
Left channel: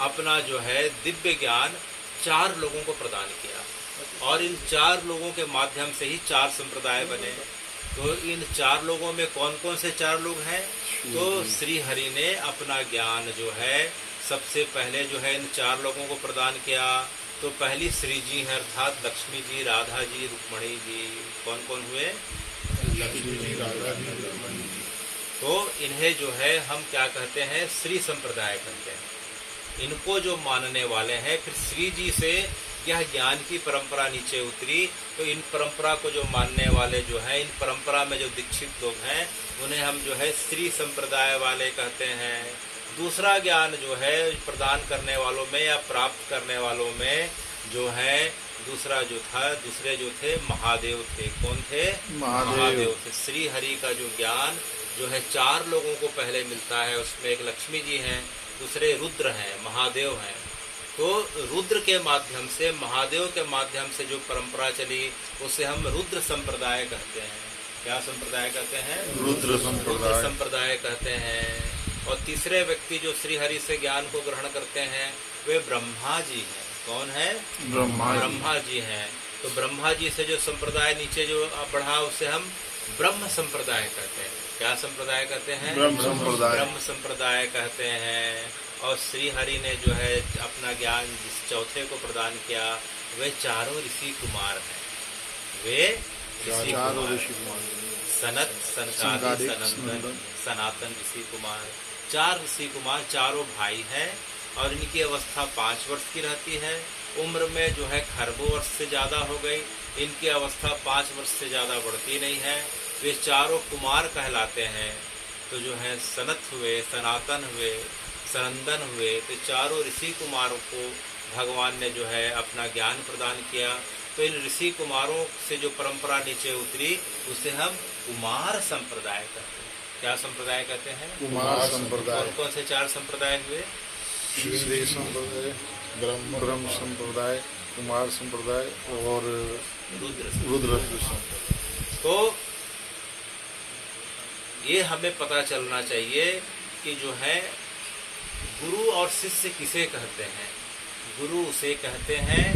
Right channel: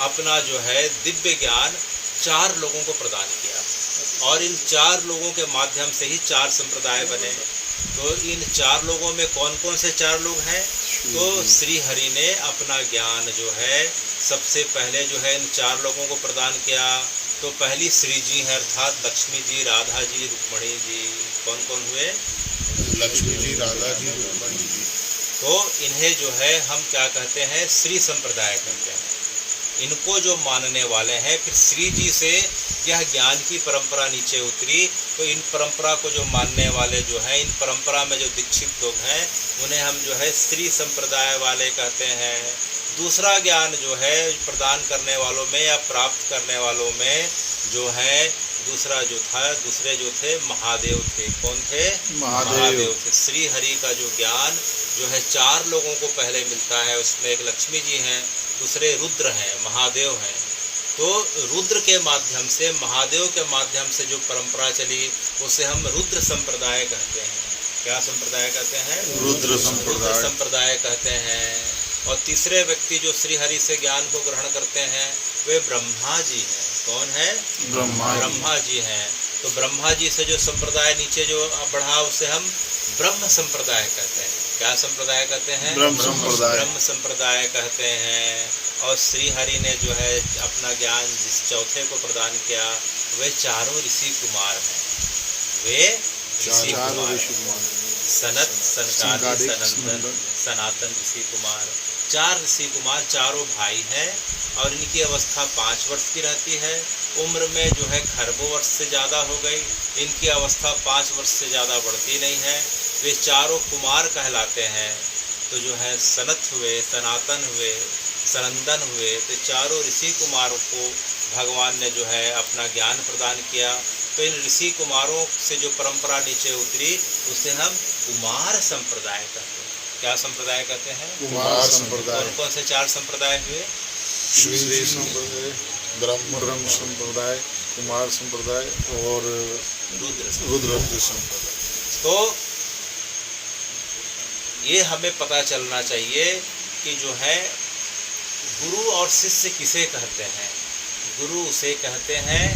अपना जो है दिव्य ज्ञान 4 लोगों को प्रदान किया और इन 4 लोगों के माध्यम से ही 4 संप्रदाय बने। तो इन 4 लोगों में कौन कौन से 4 लोग हैं? तो श्री हरि ने अपना ज्ञान जो है सबसे पहले जो है इन 4 लोगों को प्रदान किया। तो पहली श्री जी है अर्थात लक्ष्मी जी, राधा जी, रुक्मणी जी। कौन कौन हुए? लक्ष्मी जी, राधा जी, रुक्मणी जी। तो इन्हें जो है हम क्या कहते हैं? श्री संप्रदाय कहते हैं। इनको जो मानने वाले हैं, फिर श्री जी से यह ज्ञान की परंपरा नीचे उतरी। तो इन परंपरा को जो मानने वाले जो हैं, इन परंपरा में जो दीक्षित लोग हैं, उन्हें हम जो है श्री संप्रदाय वाले कहते हैं। दूसरा ज्ञान जो है प्रदान करने वालों में या प्राप्त करने वालों में जो है दूसरे जो थे महादेव थे। कौन थे? महादेव थे। श्री हरि का जो ज्ञान जो है 4 लोगों को पहले मिलता है। उसमें एक लक्ष्मी जी हैं, दूसरे रुद्र हैं, महादेव हैं। तो रुद्र के माध्यम से, महादेव के माध्यम से जो परंपरा चली उसे हम रुद्र संप्रदाय कहते हैं। क्या संप्रदाय कहते हैं? रुद्र संप्रदाय। संप्रदाय कहते हैं। और तीसरे व्यक्ति जो श्री हरि से ज्ञान को ग्रहण करते हैं वे ब्रह्मा जी हैं। कौन है? ब्रह्मा जी हैं। तो ब्रह्मा जी से जो संप्रदाय नीचे जो बढ़ा उसे हम ब्रह्म संप्रदाय कहते हैं। क्या संप्रदाय कहते हैं? ब्रह्म संप्रदाय। ब्रह्म संप्रदाय कहते हैं। और श्री हरि ने जो है अपना ज्ञान जिस चौथे को प्रदान किया वे 4 ऋषि कुमार हैं। वे ऋषि कुमार सनत, सनकादिक, सनंदन, सनातन ऋषि कुमार। 4 ऋषि कुमार, चारों भाई हैं और इनकी अवस्था 5 वर्ष की रहती है। उम्र में जो है खरबों वर्ष से ज़्यादा हो गई, इनकी अवस्था 5 वर्ष से ज़्यादा बढ़ती नहीं है। वे चारों कुमार कहलाते हैं। तो जो है सनत हुए, सनातन हुए, सनंदन हुए। तो चारों ऋषि कुमारों को भगवान ने जो है अपना ज्ञान प्रदान किया। तो इन ऋषि कुमारों से जो परंपरा नीचे उतरी उसे हम कुमार संप्रदाय कहते हैं। क्या संप्रदाय कहते हैं? कुमार संप्रदाय। कौन कौन से 4 संप्रदाय हुए? श्री संप्रदाय, ब्रह्म संप्रदाय, कुमार संप्रदाय और रुद्र संप्रदाय। तो ये हमें पता चलना चाहिए कि जो है गुरु और शिष्य किसे कहते हैं? गुरु उसे कहते हैं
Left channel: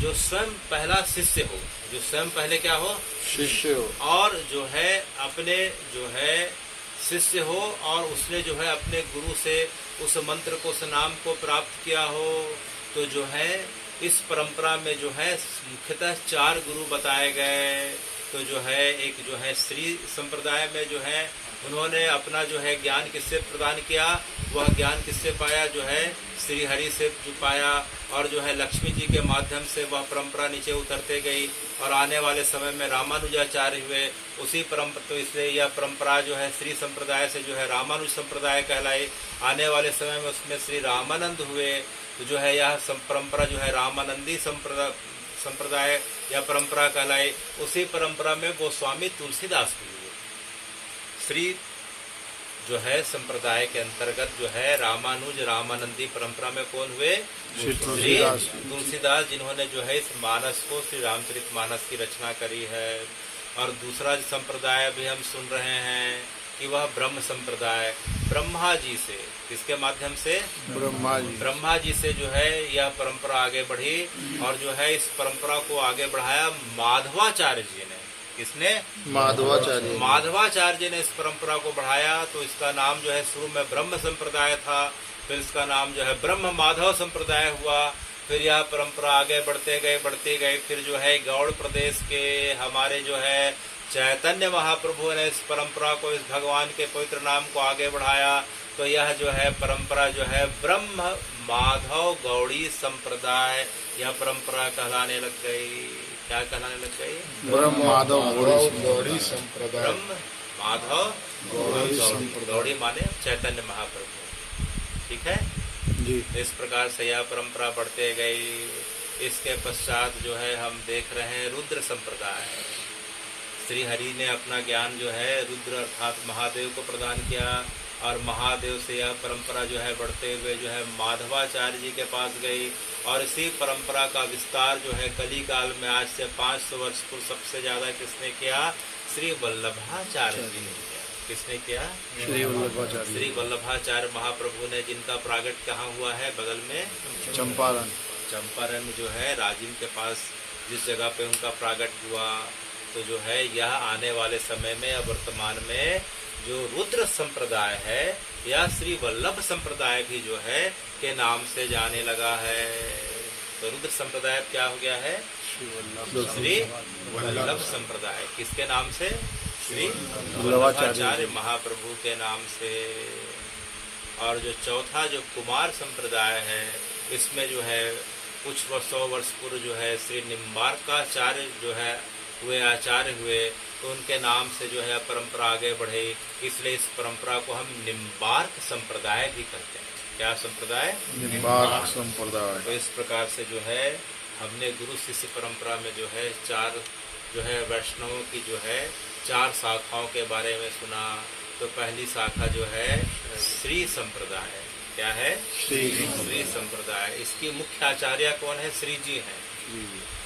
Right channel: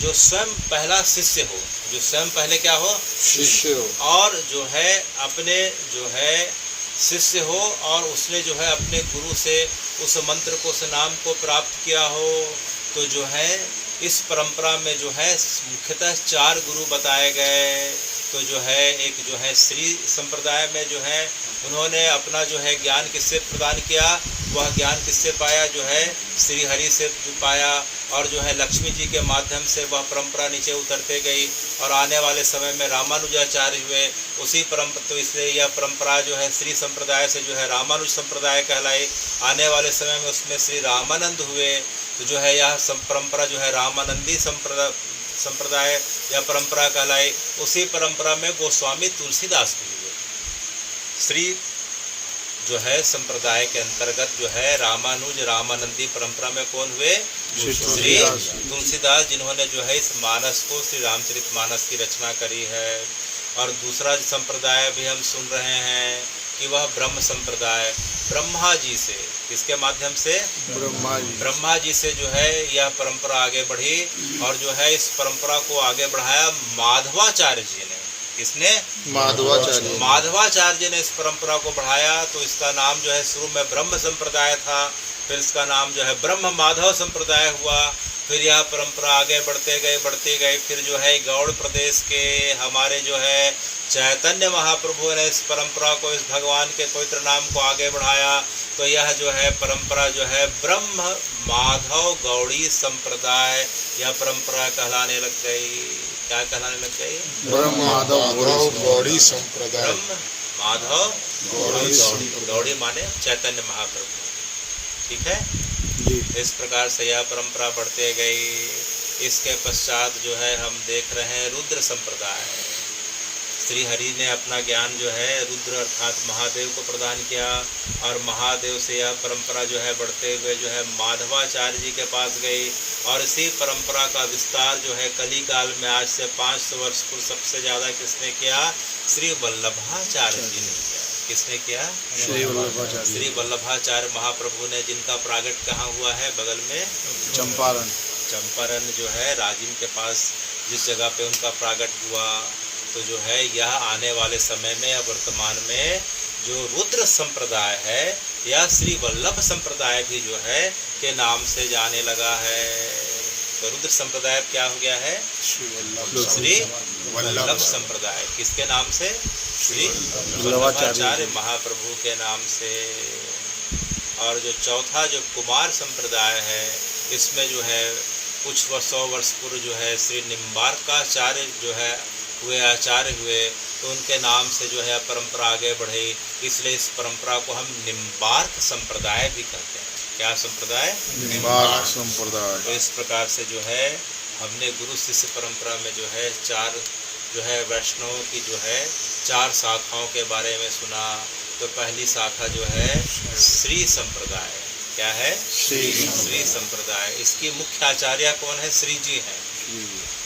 जो स्वयं पहला शिष्य हो, जो स्वयं पहले क्या हो? शिष्य हो। और जो है अपने जो है शिष्य हो और उसने जो है अपने गुरु से उस मंत्र को, उस नाम को प्राप्त किया हो। तो जो है इस परंपरा में जो है मुख्यतः 4 गुरु बताए गए। तो जो है एक जो है श्री संप्रदाय में जो है उन्होंने अपना जो है ज्ञान किससे प्रदान किया? वह ज्ञान किससे पाया? जो है श्री हरि से जो पाया। और जो है लक्ष्मी जी के माध्यम से वह परंपरा नीचे उतरते गई और आने वाले समय में रामानुजाचार्य हुए। उसी परंपरा, तो इसलिए यह परंपरा जो है श्री संप्रदाय से जो है रामानुज संप्रदाय कहलाई। आने वाले समय में उसमें श्री रामानंद हुए। तो जो है यह परंपरा जो है रामानंदी संप्रदाय या परंपरा कहलाई। उसी परंपरा में गोस्वामी तुलसीदास भी हुए। श्री जो है संप्रदाय के अंतर्गत जो है रामानुज रामानंदी परंपरा में कौन हुए? श्री तुलसीदास, जिन्होंने जो है इस मानस को, श्री रामचरितमानस की रचना करी है। और दूसरा संप्रदाय भी हम सुन रहे हैं कि वह ब्रह्म संप्रदाय, ब्रह्मा जी से, किसके माध्यम से? ब्रह्मा जी से जो है यह परंपरा आगे बढ़ी। और जो है इस परंपरा को आगे बढ़ाया माधवाचार्य जी ने। किसने? माधवाचार्य ने इस परंपरा को बढ़ाया। तो इसका नाम जो है शुरू में ब्रह्म संप्रदाय था, फिर इसका नाम जो है ब्रह्म माधव संप्रदाय हुआ। फिर यह परंपरा आगे बढ़ते गए। फिर जो है गौड़ प्रदेश के हमारे जो है चैतन्य महाप्रभु ने इस परंपरा को, इस भगवान के पवित्र नाम को आगे बढ़ाया। तो यह जो है परंपरा जो है ब्रह्म माधव गौड़ी संप्रदाय, यह परंपरा कहलाने लग गई। क्या कहलाने लग गई? ब्रह्म माधव गौड़ी संप्रदाय। ब्रह्म माधव गौड़ी माने चैतन्य महाप्रभु। ठीक है जी। इस प्रकार से यह परंपरा बढ़ते गई। इसके पश्चात जो है हम देख रहे हैं रुद्र संप्रदाय। श्री हरि ने अपना ज्ञान जो है रुद्र अर्थात महादेव को प्रदान किया और महादेव से यह परंपरा जो है बढ़ते हुए जो है माधवाचार्य जी के पास गई और इसी परंपरा का विस्तार जो है कली काल में आज से 500 वर्ष पूर्व सबसे ज़्यादा किसने किया? श्री वल्लभाचार्य जी ने किया। किसने किया? श्री वल्लभाचार्य। श्री वल्लभाचार्य महाप्रभु ने, जिनका प्रागट कहाँ हुआ है? बगल में चंपारण। चंपारण जो है राजिम के पास जिस जगह पे उनका प्रागट हुआ, तो जो है यह आने वाले समय में या वर्तमान में जो रुद्र संप्रदाय है या श्री वल्लभ संप्रदाय भी जो है के नाम से जाने लगा है। तो रुद्र संप्रदाय क्या हो गया है? श्री वल्लभ संप्रदाय। किसके नाम से? श्री वल्लभाचार्य महाप्रभु के नाम से। और जो चौथा जो कुमार संप्रदाय है, इसमें जो है कुछ 100 वर्ष पूर्व जो है श्री निम्बार्काचार्य जो है हुए आचार्य हुए, तो उनके नाम से जो है परंपरा आगे बढ़ी। इसलिए इस परंपरा को हम निम्बार्क संप्रदाय भी कहते हैं। क्या संप्रदाय? निम्बार्क संप्रदाय। तो इस प्रकार से जो है हमने गुरु शिष्य परंपरा में जो है 4 जो है वैष्णवों की जो है 4 शाखाओं के बारे में सुना। तो पहली शाखा जो है श्री संप्रदाय। क्या है? श्री संप्रदाय। इसकी मुख्य आचार्य कौन है? श्री जी हैं।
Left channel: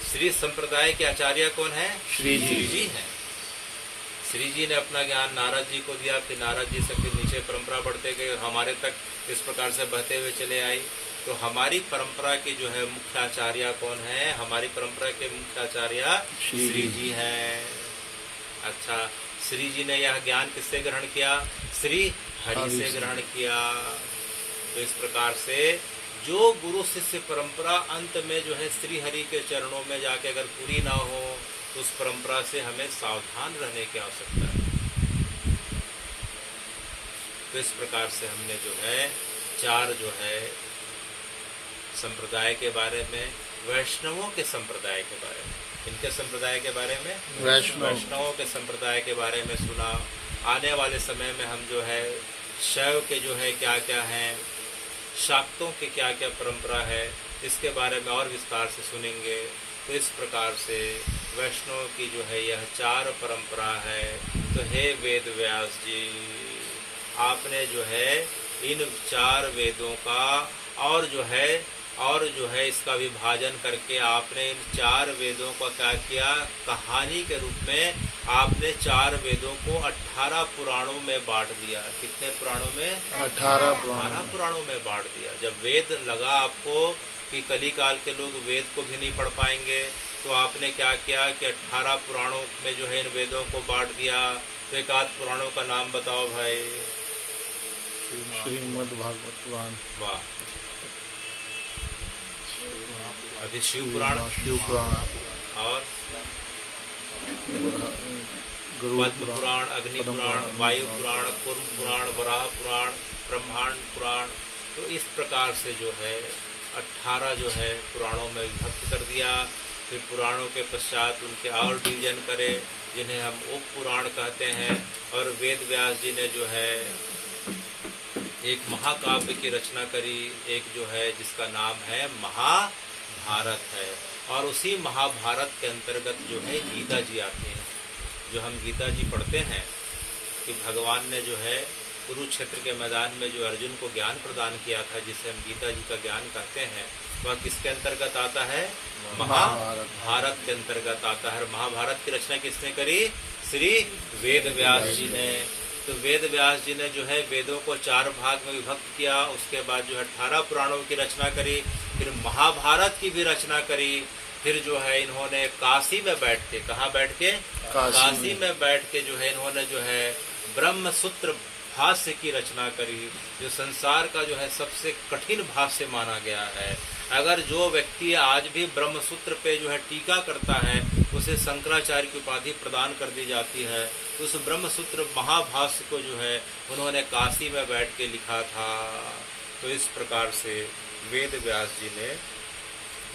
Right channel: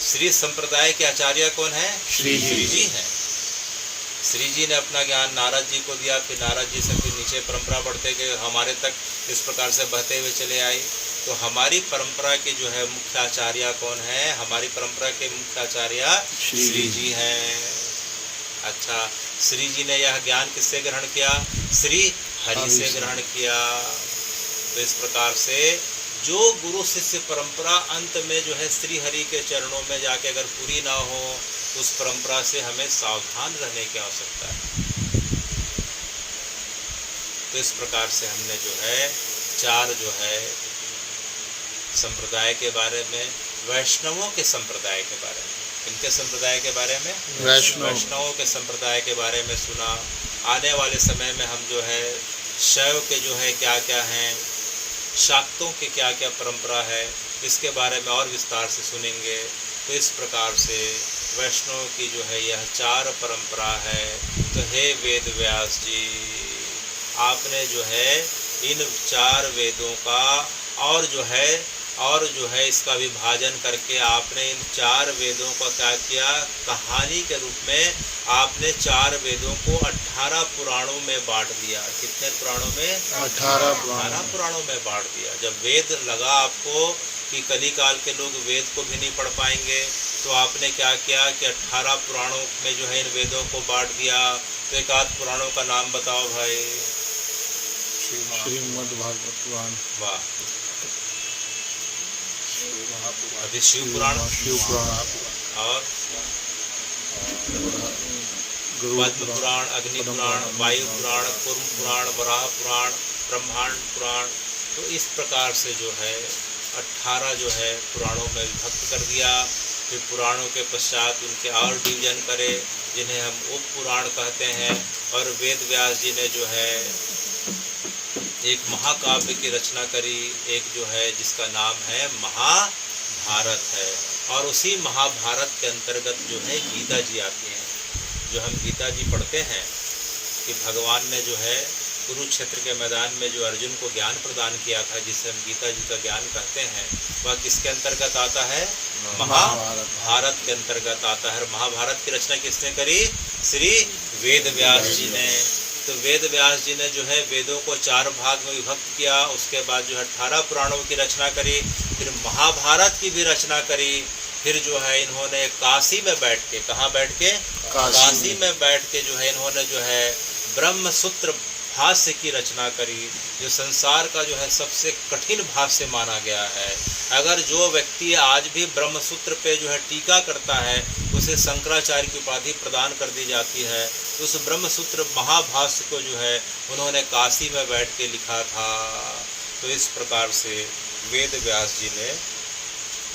श्री संप्रदाय के आचार्य कौन है? श्री जी हैं। श्री जी ने अपना ज्ञान नारद जी को दिया, फिर नारद जी से फिर नीचे परंपरा बढ़ते गए, हमारे तक इस प्रकार से बहते हुए चले आई। तो हमारी परंपरा के जो है मुख्य आचार्य कौन है? हमारी परंपरा के मुख्य आचार्य श्री जी हैं। अच्छा, श्री जी ने यह ज्ञान किससे ग्रहण किया? श्री हरि से ग्रहण किया। तो इस प्रकार से जो गुरु शिष्य परंपरा अंत में जो है श्री हरि के चरणों में जाके अगर पूरी ना हो, तो उस परंपरा से हमें सावधान रहने की आवश्यकता है। तो इस प्रकार से हमने जो है 4 जो है संप्रदाय के बारे में, वैष्णवों के संप्रदाय के बारे में, इनके संप्रदाय के बारे में, वैष्णवों के संप्रदाय के बारे में सुना। आने वाले समय में हम जो है शैव के जो है क्या क्या हैं, शाक्तों के क्या क्या परंपरा है, इसके बारे में और विस्तार से सुनेंगे। तो इस प्रकार से वैष्णव की जो है यह 4 परंपरा है। तो हे वेद व्यास जी, आपने जो है इन 4 वेदों का और जो है इसका विभाजन करके आपने इन 4 वेदों का क्या किया? कहानी के रूप में आपने 4 वेदों को 18 पुराणों में बांट दिया। कितने पुराणों में? 18 पुराणों में बांट दिया। जब वेद लगा आपको कि कली काल के लोग वेद को भी नहीं पढ़ पाएंगे, तो आपने क्या किया कि 18 पुराणों में जो है इन वेदों को बांट दिया। तो एक आध पुराणों का नाम बताओ भाई। श्रीमद् भागवत पुराण। वाह। अभी शिव पुराण और पद्म पुराण, अग्नि पुराण, वायु पुराण, कूर्म पुराण, वराह पुराण, ब्रह्मांड पुराण। तो इस प्रकार से जो है 18 जो है पुराणों में विभक्त कर दिया। फिर पुराणों के पश्चात उनके और डिवीजन करे, जिन्हें हम उप पुराण कहते हैं। और वेद व्यास जी ने जो है एक महाकाव्य की रचना करी, एक जो है जिसका नाम है महाभारत है। और उसी महाभारत के अंतर्गत जो है गीता जी आती हैं। जो हम गीता जी पढ़ते हैं कि भगवान ने जो है कुरुक्षेत्र के मैदान में जो अर्जुन को ज्ञान प्रदान किया था, जिसे हम गीता जी का ज्ञान कहते हैं, वह किसके अंतर्गत आता है? महाभारत के अंतर्गत आता है। महाभारत की रचना किसने करी? श्री वेद व्यास जी ने। तो वेद व्यास जी ने जो है वेदों को 4 भाग में विभक्त किया। उसके बाद जो है 18 पुराणों की रचना करी, फिर महाभारत की भी रचना करी। फिर जो है इन्होंने काशी में बैठ के, कहाँ बैठ के? काशी में बैठ के जो है इन्होंने जो है ब्रह्म सूत्र भाष्य की रचना करी, जो संसार का जो है सबसे कठिन भाष्य माना गया है। अगर जो व्यक्ति आज भी ब्रह्म सूत्र पे जो है टीका करता है, उसे शंकराचार्य की उपाधि प्रदान कर दी जाती है। तो उस ब्रह्म सूत्र महाभाष्य को जो है उन्होंने काशी में बैठ के लिखा था। तो इस प्रकार से वेद व्यास जी ने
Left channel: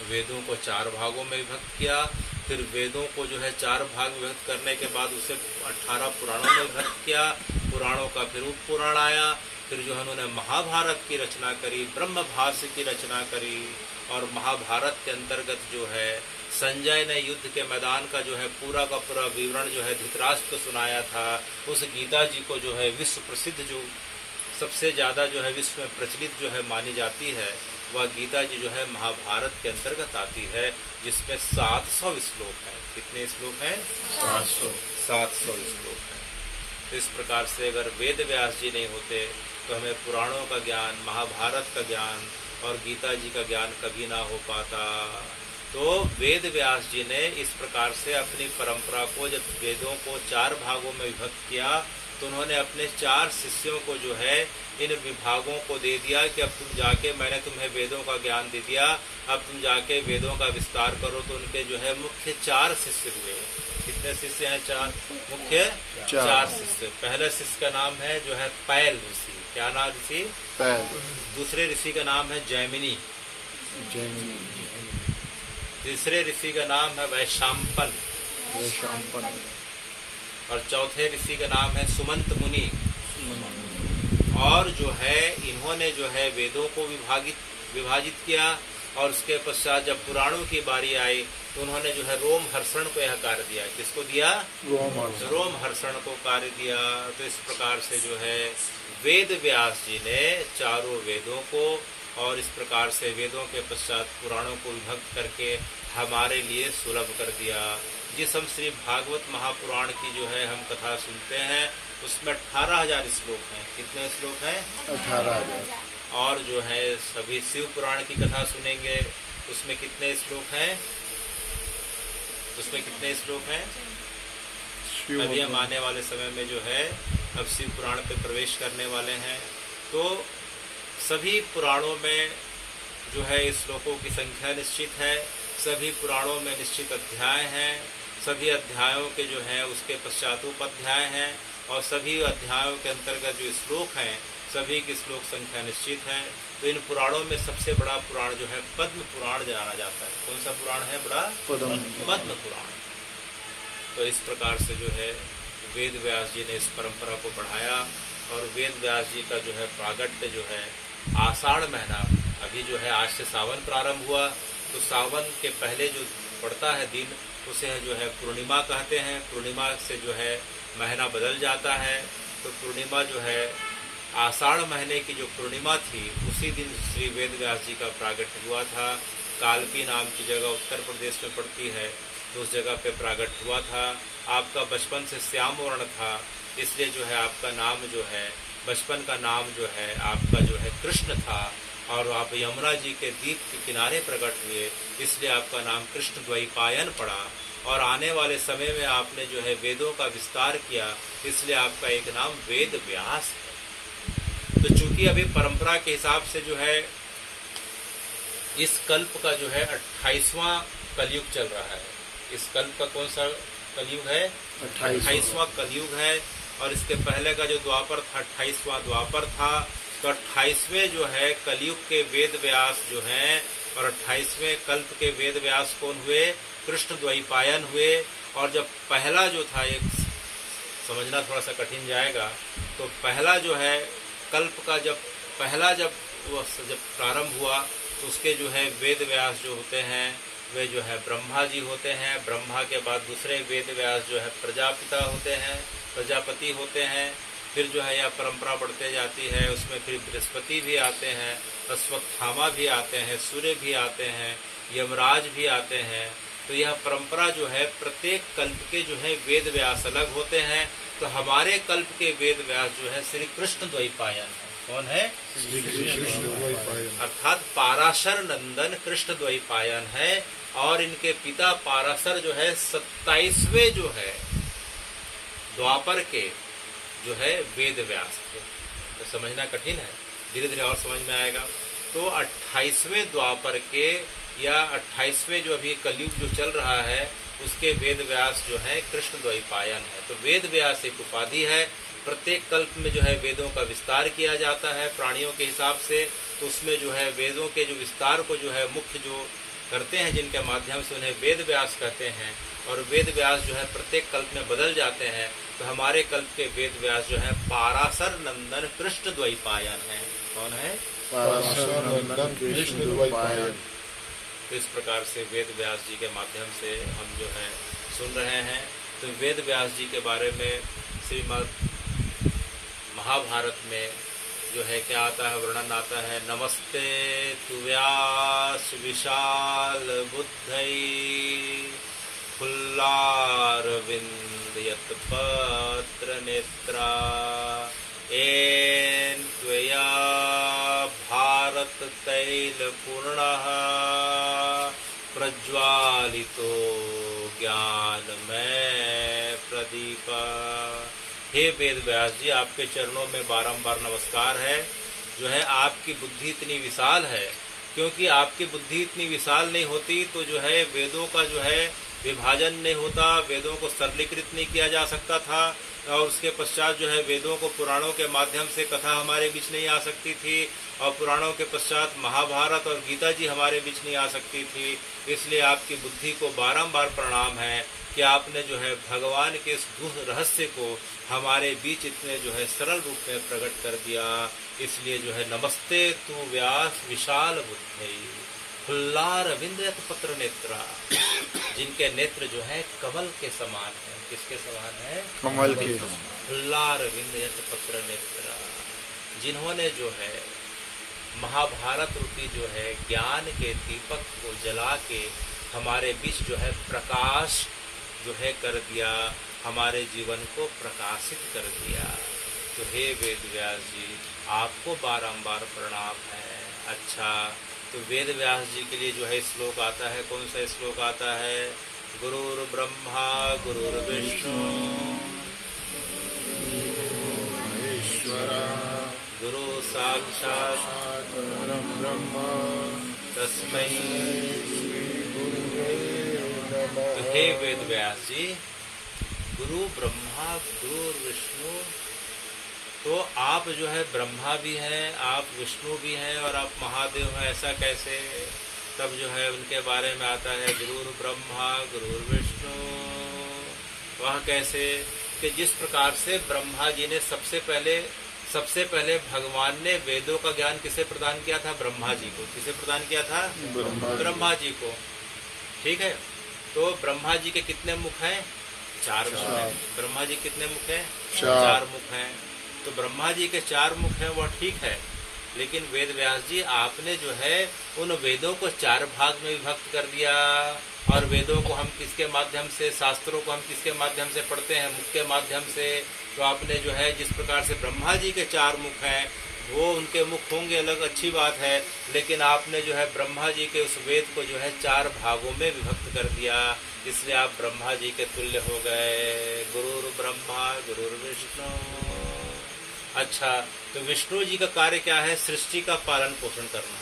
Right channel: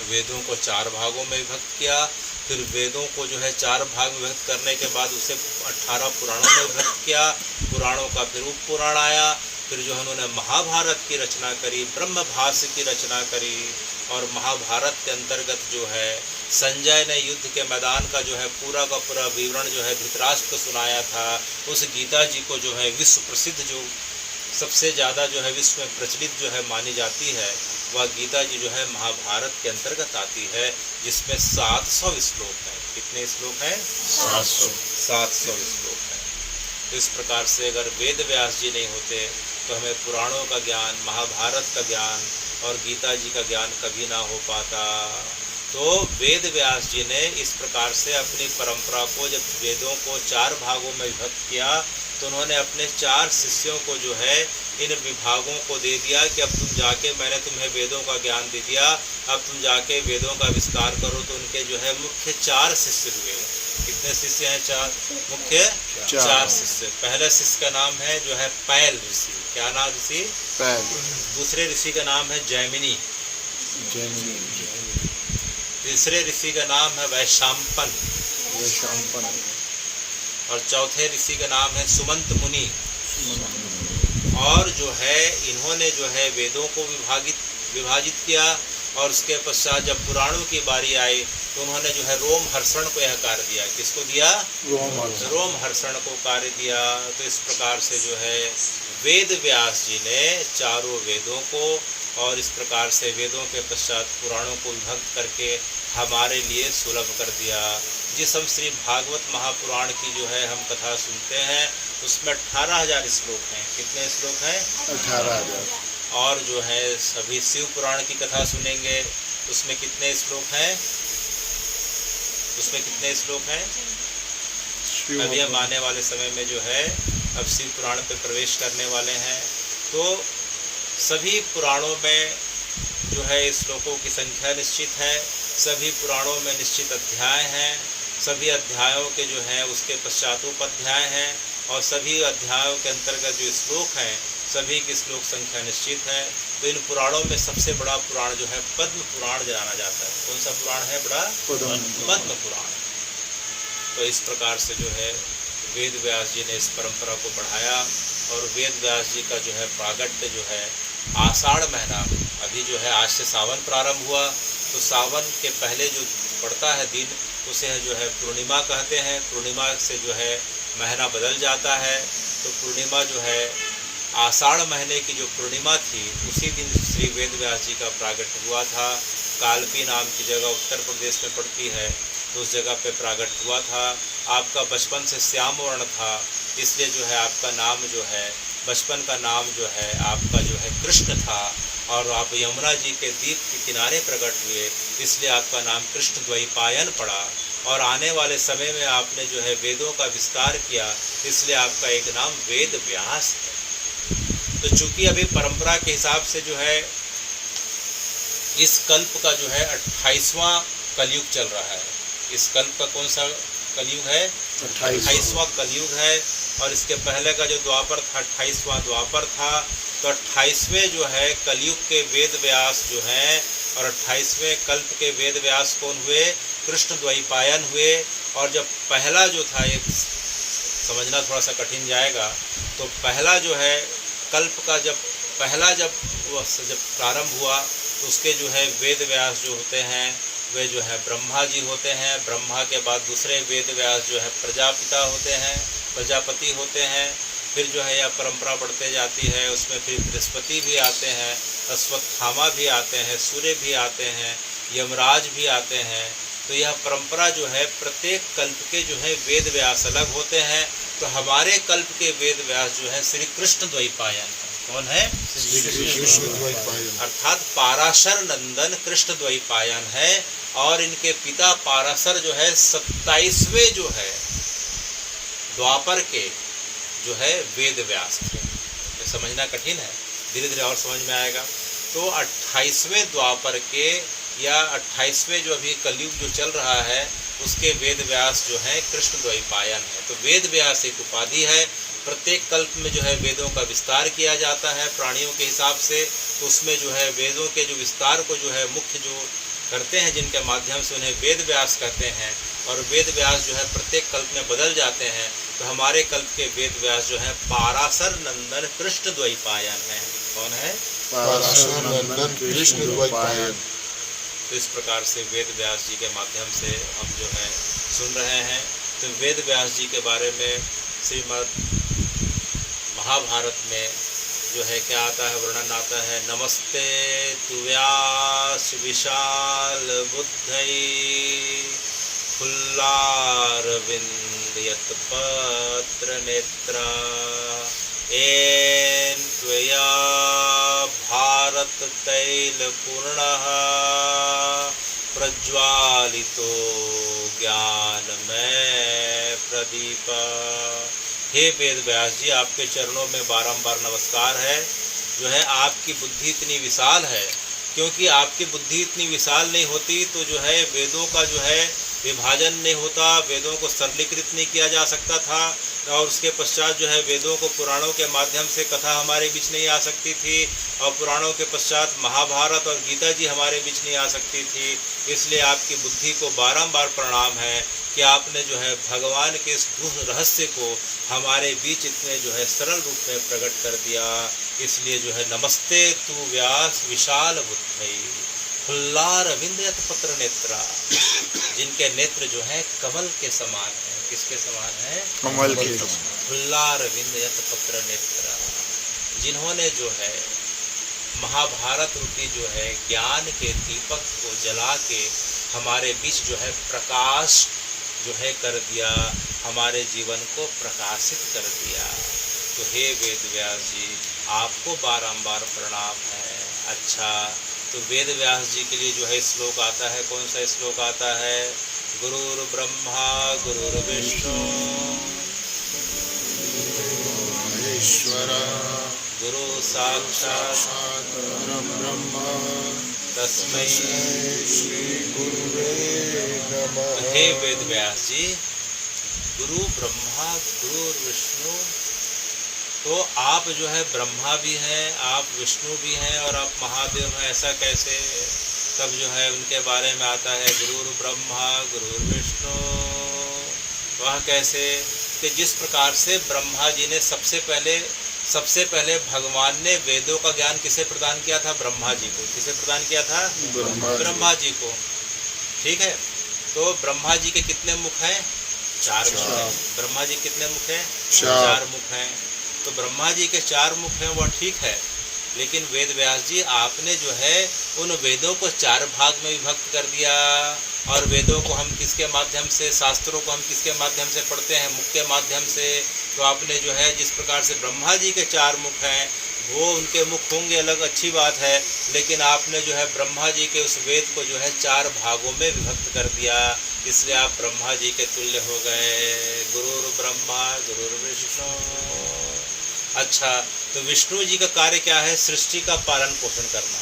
वेदों को 4 भागों में विभक्त किया। फिर वेदों को जो है 4 भाग में विभक्त करने के बाद उसे 18 पुराणों में विभक्त किया। पुराणों का फिर उप पुराण आया। फिर जो है उन्होंने महाभारत की रचना करी, ब्रह्मभाष्य की रचना करी। और महाभारत के अंतर्गत जो है संजय ने युद्ध के मैदान का जो है पूरा का पूरा विवरण जो है धृतराष्ट्र को सुनाया था। उस गीता जी को जो है विश्व प्रसिद्ध, जो सबसे ज़्यादा जो है विश्व में प्रचलित जो है मानी जाती है, वह गीता जी जो है महाभारत के अंतर्गत आती है, जिसमें 700 श्लोक हैं। कितने श्लोक हैं? 700 श्लोक हैं। तो इस प्रकार से अगर वेद व्यास जी नहीं होते तो हमें पुराणों का ज्ञान, महाभारत का ज्ञान और गीता जी का ज्ञान कभी ना हो पाता। तो वेद व्यास जी ने इस प्रकार से अपनी परंपरा को, जब वेदों को 4 भागों में विभक्त किया, तो उन्होंने अपने 4 शिष्यों को जो है इन विभागों को दे दिया कि अब तुम जाके, मैंने तुम्हें वेदों का ज्ञान दे दिया, अब तुम जाके वेदों का विस्तार करो। तो उनके जो है मुख्य 4 शिष्य हुए। कितने शिष्य हैं? 4 मुख्य 4 शिष्य। पहले शिष्य का नाम है जो है पैल ऋषि। क्या नाम ऋषि? पैल। दूसरे ऋषि का नाम है जैमिनी। तीसरे ऋषि का नाम है वैशंपन। और चौथे ऋषि का नाम है सुमंत मुनि। और जो है इन्होंने जो है वेदों को विभाजित किया। और उसके पश्चात जब पुराणों की बारी आई तो उन्होंने जो है रोम हर्षण को यह कार्य दिया। किसको दिया? रोम हर्षण को कार्य दिया। तो इस प्रकार से जो है वेद व्यास जी ने चारों वेदों को और इस प्रकार से वेदों के पश्चात पुराणों को विभक्त करके हमारे लिए सुलभ कर दिया। जिस हम श्री भागवत महापुराण की जो है हम कथा सुनते हैं, उसमें 18,000 श्लोक हैं। कितने श्लोक हैं? 18,000। और जो है सभी शिव पुराण की कथा सुनेंगे, उसमें कितने श्लोक हैं? उसमें कितने श्लोक हैं? अभी हम आने वाले समय में जो है अब शिव पुराण पे प्रवेश करने वाले हैं। तो सभी पुराणों में जो है श्लोकों की संख्या निश्चित है। सभी पुराणों में निश्चित अध्याय हैं। सभी अध्यायों के जो है उसके पश्चात उपाध्याय हैं। और सभी अध्यायों के अंतर्गत जो श्लोक हैं, सभी की श्लोक संख्या निश्चित है। तो इन पुराणों में सबसे बड़ा पुराण जो है पद्म पुराण जाना जाता है। कौन सा पुराण है बड़ा? पद्म पुराण। तो इस प्रकार से जो है वेद व्यास जी ने इस परंपरा को बढ़ाया। और वेद व्यास जी का जो है प्रागट्य जो है आषाढ़ महीना, अभी जो है आज से सावन प्रारंभ हुआ, तो सावन के पहले जो पड़ता है दिन, उसे जो है पूर्णिमा कहते हैं। पूर्णिमा से जो है महीना बदल जाता है। तो पूर्णिमा जो है आषाढ़ महीने की जो पूर्णिमा थी, उसी दिन श्री वेद व्यास जी का प्रागट्य हुआ था। कालपी नाम की जगह उत्तर प्रदेश में पड़ती है, तो उस जगह पे प्रागट्य हुआ था। आपका बचपन से श्याम वर्ण था, इसलिए जो है आपका नाम जो है, बचपन का नाम जो है आपका जो है कृष्ण था। और आप यमुना जी के द्वीप के किनारे प्रकट हुए, इसलिए आपका नाम कृष्ण द्वैपायन पड़ा। और आने वाले समय में आपने जो है वेदों का विस्तार किया, इसलिए आपका एक नाम वेद व्यास है। तो चूंकि अभी परंपरा के हिसाब से जो है इस कल्प का जो है 28वां कलयुग चल रहा है। इस कल्प का कौन सा कलयुग है? 28वां कलयुग है। और इसके पहले का जो द्वापर था 28वां द्वापर था। तो 28वें जो है कलयुग के वेद व्यास जो हैं, और 28वें कल्प के वेद व्यास कौन हुए? कृष्ण द्वैपायन हुए। और जब पहला जो था, एक समझना थोड़ा सा कठिन जाएगा, तो पहला जो है कल्प का जब प्रारंभ हुआ, तो उसके जो है वेद व्यास जो होते हैं वे जो है ब्रह्मा जी होते हैं। ब्रह्मा के बाद दूसरे वेद व्यास जो है प्रजापति होते हैं। फिर जो है यह परंपरा बढ़ते जाती है, उसमें फिर बृहस्पति भी आते हैं, अश्वत्थामा भी आते हैं, सूर्य भी आते हैं, यमराज भी आते हैं। तो यह परंपरा जो है प्रत्येक कल्प के जो है वेद व्यास अलग होते हैं। तो हमारे कल्प के वेद व्यास जो है श्री कृष्ण द्वैपायन। कौन है? श्री कृष्ण द्वैपायन, अर्थात पाराशर नंदन कृष्ण द्वैपायन है। और इनके पिता पाराशर जो है 27वें जो है द्वापर के जो है वेद व्यास थे। तो समझना कठिन है, धीरे धीरे और समझ में आएगा। तो 28वें द्वापर के या 28वें जो अभी कलयुग जो चल रहा है, उसके वेद व्यास जो है कृष्ण द्वैपायन है। तो वेद व्यास एक उपाधि है। प्रत्येक कल्प में जो है वेदों का विस्तार किया जाता है प्राणियों के हिसाब से। तो उसमें जो है वेदों के जो विस्तार को जो है मुख्य जो करते हैं, जिनके माध्यम से उन्हें वेद व्यास कहते हैं, और वेद व्यास जो है प्रत्येक कल्प में बदल जाते हैं, तो हमारे कल्प के वेद व्यास जो है पाराशर नंदन कृष्ण द्वैपायन है। कौन है? पाराशर नंदन कृष्ण द्वैपायन। तो इस प्रकार से वेद व्यास जी के माध्यम से हम जो है सुन रहे हैं। तो वेद व्यास जी के बारे में श्रीमद् महाभारत में जो है क्या आता है, वर्णन आता है, नमस्ते तु व्यास विशाल बुद्धई फुल्लारविंद यत्पत्र नेत्रा एन त्वया भारत तैल पूर्णः प्रज्वालितो ज्ञानमय प्रदीप। हे वेद व्यास जी, आपके चरणों में बारंबार नमस्कार है। जो है आपकी बुद्धि इतनी विशाल है, क्योंकि आपकी बुद्धि इतनी विशाल नहीं होती तो जो है वेदों का जो है विभाजन नहीं होता, वेदों को सरलीकृत नहीं किया जा सकता था, और उसके पश्चात जो है वेदों को पुराणों के माध्यम से कथा हमारे बीच नहीं आ सकती थी, और पुराणों के पश्चात महाभारत और गीता जी हमारे बीच नहीं आ सकती थी। इसलिए आपकी बुद्धि को बारंबार प्रणाम है कि आपने जो है भगवान के इस गुह रहस्य को हमारे बीच इतने जो है सरल रूप में प्रकट कर दिया। इसलिए जो है नमस्ते तु व्यास विशाल बुद्धई फुल्लारविंद यत्पत्र नेत्रा, जिनके नेत्र जो है कमल के समान है। किसके समान है? कमल के। फुल्लारविंद यत्पत्र नेत्रा, जिन्होंने जो है महाभारत रूपी जो है ज्ञान के दीपक को जला के हमारे बीच जो है प्रकाश जो है कर दिया, हमारे जीवन को प्रकाशित कर दिया। तो हे वेद व्यास जी, आपको बारंबार प्रणाम है। अच्छा, तो वेद व्यास जी के लिए जो है श्लोक आता है, कौन सा श्लोक आता है? गुरुर् ब्रह्मा गुरुर्विष्णु गुरु साक्षात् परब्रह्म तस्मै। तो हे वेद व्यास जी, गुरु ब्रह्मा गुरु विष्णु, तो आप जो है ब्रह्मा भी हैं, आप विष्णु भी हैं और आप महादेव हैं, ऐसा कैसे? तब जो है उनके बारे में आता है गुरु ब्रह्मा गुरु विष्णु। वह कैसे? कि जिस प्रकार से ब्रह्मा जी ने सबसे पहले भगवान ने वेदों का ज्ञान किसे प्रदान किया था? ब्रह्मा जी को। किसे प्रदान किया था? ब्रह्मा जी को। ठीक है, तो ब्रह्मा जी के कितने मुख हैं? 4 मुख हैं। ब्रह्मा जी कितने मुख हैं? 4 मुख हैं। तो ब्रह्मा जी के 4 मुख हैं, वह ठीक है, लेकिन वेद व्यास जी आपने जो है उन वेदों को 4 भाग में विभक्त कर दिया, और वेदों को हम किसके माध्यम से, शास्त्रों को हम किसके माध्यम से पढ़ते हैं? मुख के माध्यम से। तो आपने जो है जिस प्रकार से ब्रह्मा जी के 4 मुख हैं, वो उनके मुख होंगे अलग, अच्छी बात है, लेकिन आपने जो है ब्रह्मा जी के उस वेद को जो है 4 भागों में विभक्त कर दिया, इसलिए आप ब्रह्मा जी के तुल्य हो गए। गुरुर् ब्रह्मा गुरुर् विष्णु। अच्छा, तो विष्णु जी का कार्य क्या है? सृष्टि का पालन पोषण करना।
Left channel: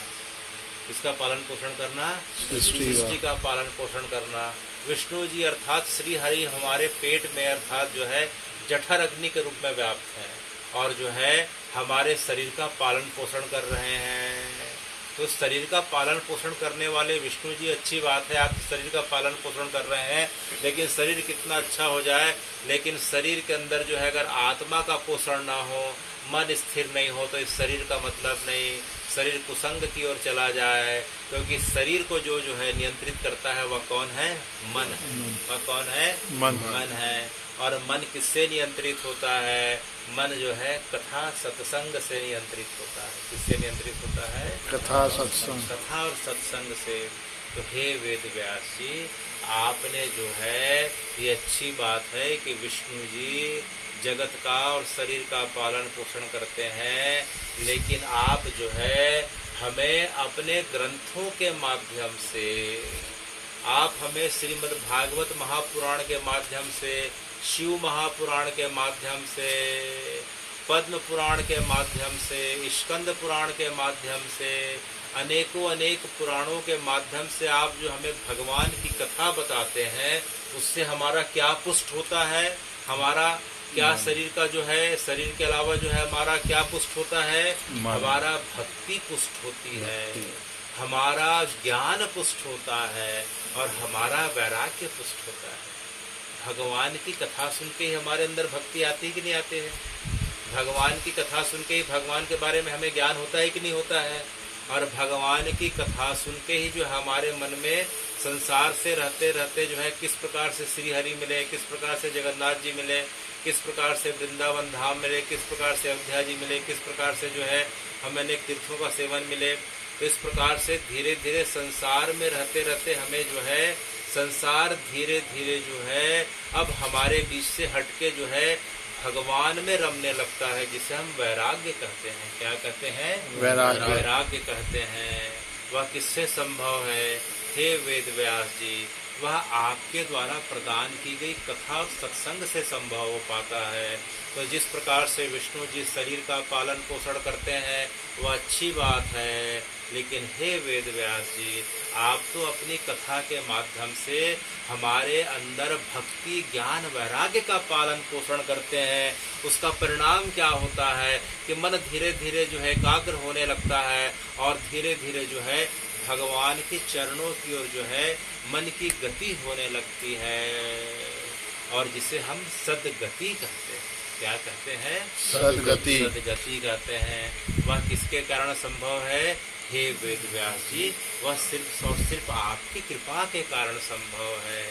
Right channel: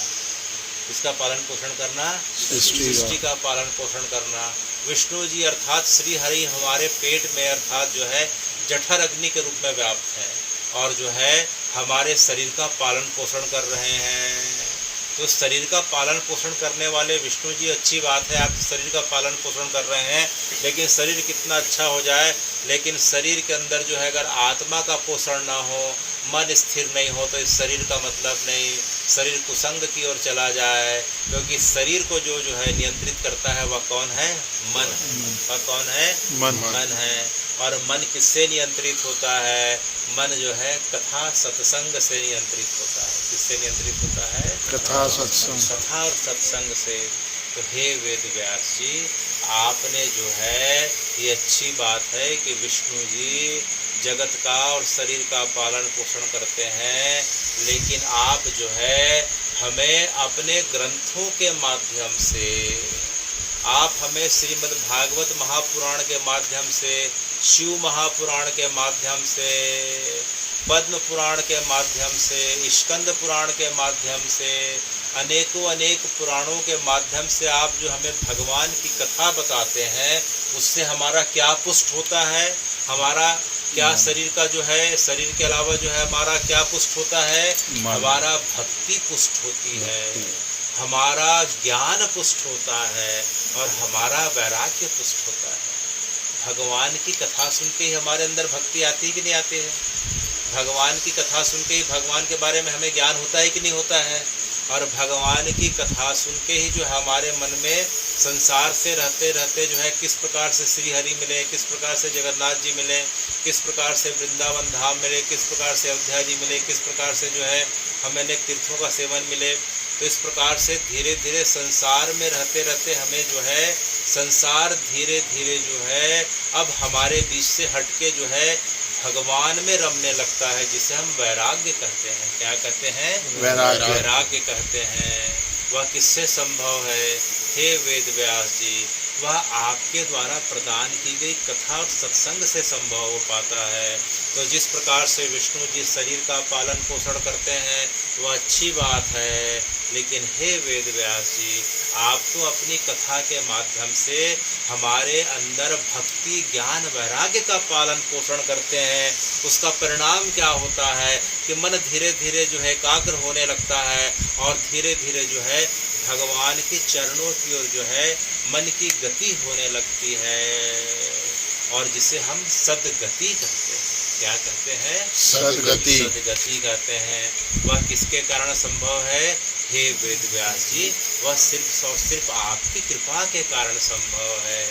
इसका पालन पोषण करना? सृष्टि का पालन पोषण करना। विष्णु जी अर्थात श्री हरि हमारे पेट में अर्थात जो है जठर अग्नि के रूप में व्याप्त हैं, और जो है हमारे शरीर का पालन पोषण कर रहे हैं। तो शरीर का पालन पोषण करने वाले विष्णु जी, अच्छी बात है, आप शरीर का पालन पोषण कर रहे हैं, लेकिन शरीर कितना अच्छा हो जाए, लेकिन शरीर के अंदर जो है अगर आत्मा का पोषण ना हो, मन स्थिर नहीं हो, तो इस शरीर का मतलब नहीं, शरीर कुसंग की ओर चला जाए, क्योंकि शरीर को जो है नियंत्रित करता है वह कौन है? मन। वह कौन है? मन है। और मन किससे नियंत्रित होता है? मन जो है कथा सत्संग से नियंत्रित होता है। किससे नियंत्रित होता है? कथा सत्संग। कथा और सत्संग से। तो हे वेद व्यास जी, आपने जो है ये अच्छी बात है कि विष्णु जी जगत का और शरीर का पालन पोषण करते हैं, लेकिन आप जो है हमें अपने ग्रंथों के माध्यम से, आप हमें श्रीमद् भागवत महापुराण के माध्यम से, शिव महापुराण के माध्यम से, पद्म पुराण के माध्यम से, स्कंद पुराण के माध्यम से, अनेक पुराणों के माध्यम से आप जो हमें भगवान की कथा बताते हैं, उससे हमारा क्या पुष्ट होता है? हमारा क्या शरीर का जो है, शरीर के अलावा जो है हमारा क्या पुष्ट होता है? हमारा भक्ति पुष्ट होती है, हमारा ज्ञान पुष्ट होता है और हमारा वैराग्य पुष्ट होता है। भगवान की कथा सुन के ही हमारे अंदर भक्ति आती है कि नहीं आती है? भगवान की कथा सुन के ही भगवान के बारे में हमें ज्ञान होता है कि नहीं होता है? और भगवान की कथा सुन के ही जो हमारे मन में संसार से रहते रहते जो है किस प्रकार से श्री हरि मिले, किस प्रकार से जगन्नाथ जी मिले, किस प्रकार से वृंदावन धाम मिले, किस प्रकार से अयोध्या जी मिले, किस प्रकार से जो है हमें अनेक तीर्थों का सेवन मिले। तो इस प्रकार से धीरे धीरे संसार में रहते रहते हमें जो है संसार धीरे धीरे जो है अब हमारे बीच से हटके जो है भगवान में रमने लगता है, जिसे हम वैराग्य कहते हैं। क्या कहते हैं? वैराग्य कहते हैं। वह किससे संभव है? हे वेद व्यास जी, वह आपके द्वारा प्रदान की गई कथा और सत्संग से संभव हो पाता है। तो जिस प्रकार से विष्णु जी शरीर का पालन पोषण करते हैं वह अच्छी बात है, लेकिन हे वेद व्यास जी, आप तो अपनी कथा के माध्यम से हमारे अंदर भक्ति ज्ञान वैराग्य का पालन पोषण करते हैं। उसका परिणाम क्या होता है कि मन धीरे धीरे जो है एकाग्र होने लगता है और धीरे धीरे जो है भगवान के चरणों की ओर जो है मन की गति होने लगती है, और जिसे हम सद्गति कहते हैं। क्या कहते हैं? सद्गति। सद्गति कहते हैं। वह किसके कारण संभव है? हे वेद व्यास जी, वह सिर्फ और सिर्फ आपकी कृपा के कारण संभव है।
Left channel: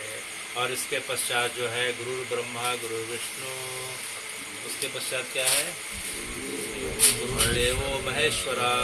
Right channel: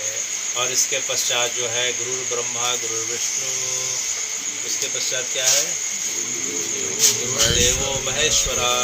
और इसके पश्चात जो है गुरु ब्रह्मा गुरु विष्णु, उसके पश्चात क्या है? गुरुदेवो महेश्वरा।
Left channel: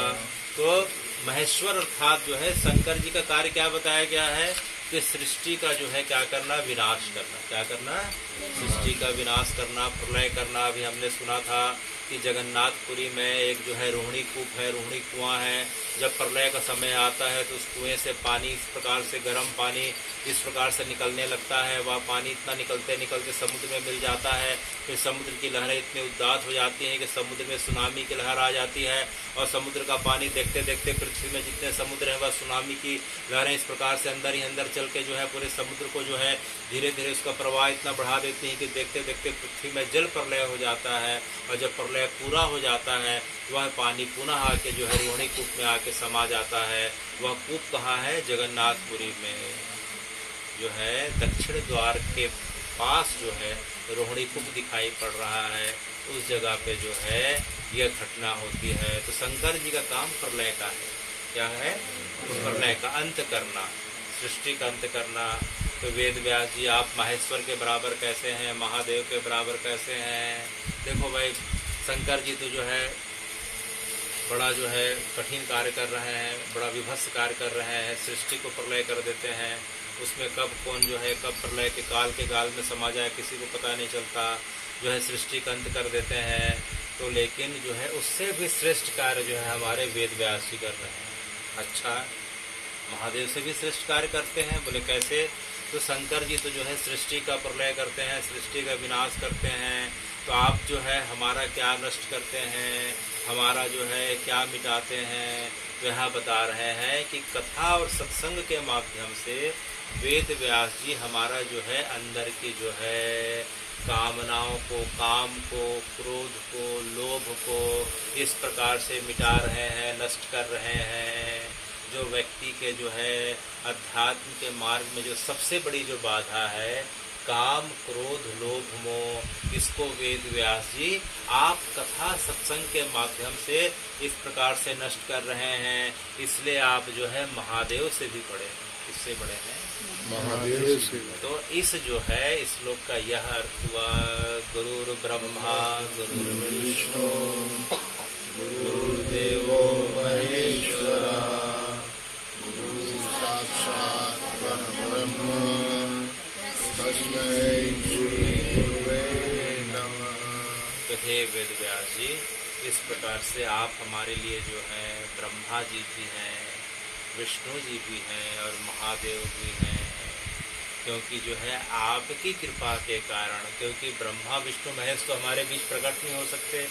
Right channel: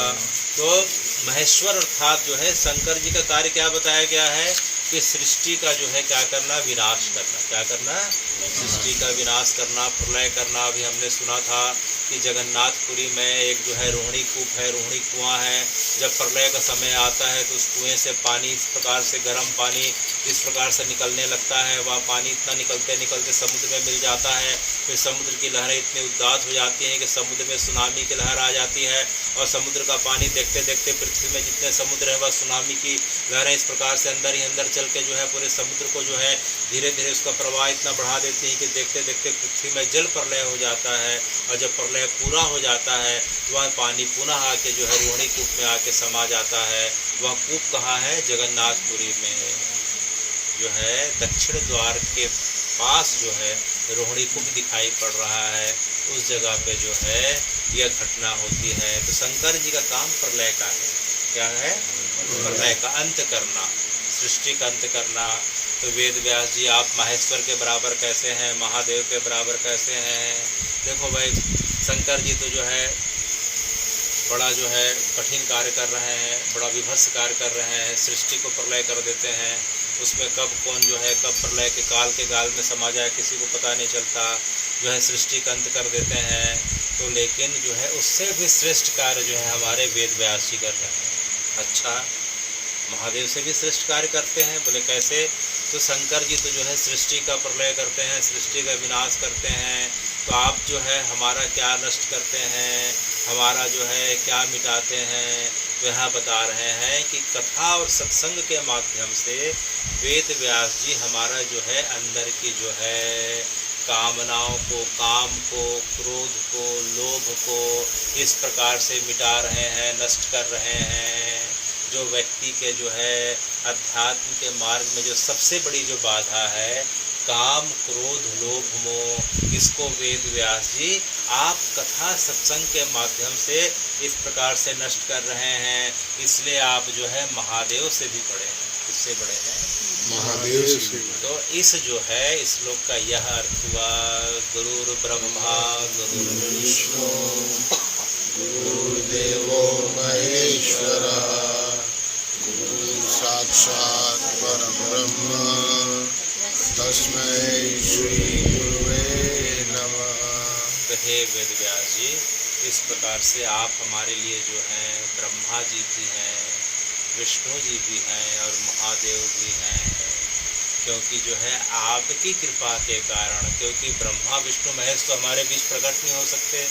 तो महेश्वर अर्थात जो है शंकर जी का कार्य क्या बताया गया है कि सृष्टि का जो है क्या करना? विनाश करना। क्या करना? सृष्टि का विनाश करना, प्रलय करना। अभी हमने सुना था कि जगन्नाथपुरी में एक जो है रोहिणी कूप है, रोहिणी कुआं है। जब प्रलय का समय आता है तो उस कुएं से पानी इस प्रकार से गर्म पानी इस प्रकार से निकलने लगता है। वह पानी इतना निकलते निकलते समुद्र में मिल जाता है। फिर समुद्र की लहरें इतनी उदात हो जाती हैं कि समुद्र में सुनामी की लहर आ जाती है, और समुद्र का पानी देखते देखते पृथ्वी में जितने समुद्र हैं वह सुनामी की लहरें इस प्रकार से अंदर ही अंदर चल के जो है पूरे समुद्र को जो है धीरे धीरे उसका प्रवाह इतना बढ़ा देती हैं कि देखते देखते पृथ्वी में जल प्रलय हो जाता है। और जब प्रलय पूरा हो जाता है तो वह पानी पुनः आके जो है रोहिणी कूप में आके समा जाता है। वह कूप कहाँ है? जगन्नाथपुरी में जो है दक्षिण द्वार के पास जो है रोहिणी कूप दिखाई पड़ रहा है। उस जगह पे जो है यह घटना होती है। तो शंकर जी का काम प्रलय का है। क्या है? प्रलय का अंत करना, सृष्टि का अंत करना। तो वेद व्यास जी, आप महेश्वर के बराबर कैसे हैं? महादेव के बराबर कैसे हैं? देखो भाई, शंकर जी तो जो है बड़ा जो है कठिन कार्य कर रहे हैं, बड़ा विभत्स कार्य कर रहे हैं। सृष्टि को प्रलय कर देते हैं। उसमें कब कौन जो है कब प्रलय के गाल में समा जाए किसी को पता नहीं चलता। जो है सृष्टि का अंत कर देते हैं। तो लेकिन जो है उससे भी श्रेष्ठ कार्य जो है हमारे वेद व्यास जी कर रहे हैं। अच्छा, महादेव से भी श्रेष्ठ कार्य करते हैं? बोले कैसे? तो शंकर जी तो जो है सृष्टि का प्रलय करते हैं, सृष्टि का विनाश करते हैं। तो आप जो है हमारा क्या नष्ट करते हैं, हमारा जो है क्या मिटाते हैं? तो यहाँ बता रहे हैं कि कथा और सत्संग के माध्यम से वेद व्यास जी हमारा जो है अंदर की जो है कामनाओं को, काम को, क्रोध को, लोभ को इस प्रकार से मिटा रहे हैं, नष्ट कर रहे हैं। जो व्यक्ति के जो है अध्यात्म के मार्ग में जो सबसे बड़ी जो बाधा है काम, क्रोध, लोभ, मोह, इसको वेद व्यास जी आप कथा सत्संग के माध्यम से इस प्रकार से नष्ट कर रहे हैं। इसलिए आप जो है महादेव से भी बड़े हैं। किससे बड़े हैं? महादेव से। तो इस जो है इस श्लोक का यह अर्थ हुआ, गुरुर् ब्रह्मा गुरुर्विष्णु गुरुर्देवो महेश्वरा गुरु साक्षात् परब्रह्म तस्मै श्री गुरुवे नमः। तो हे वेद व्यास जी, इस प्रकार से आप हमारे लिए जो हैं ब्रह्मा जी भी हैं, विष्णु जी भी हैं और महादेव भी हैं। क्योंकि जो है आपकी कृपा के कारण, क्योंकि ब्रह्मा विष्णु महेश तो हमारे बीच प्रकट नहीं हो सकते,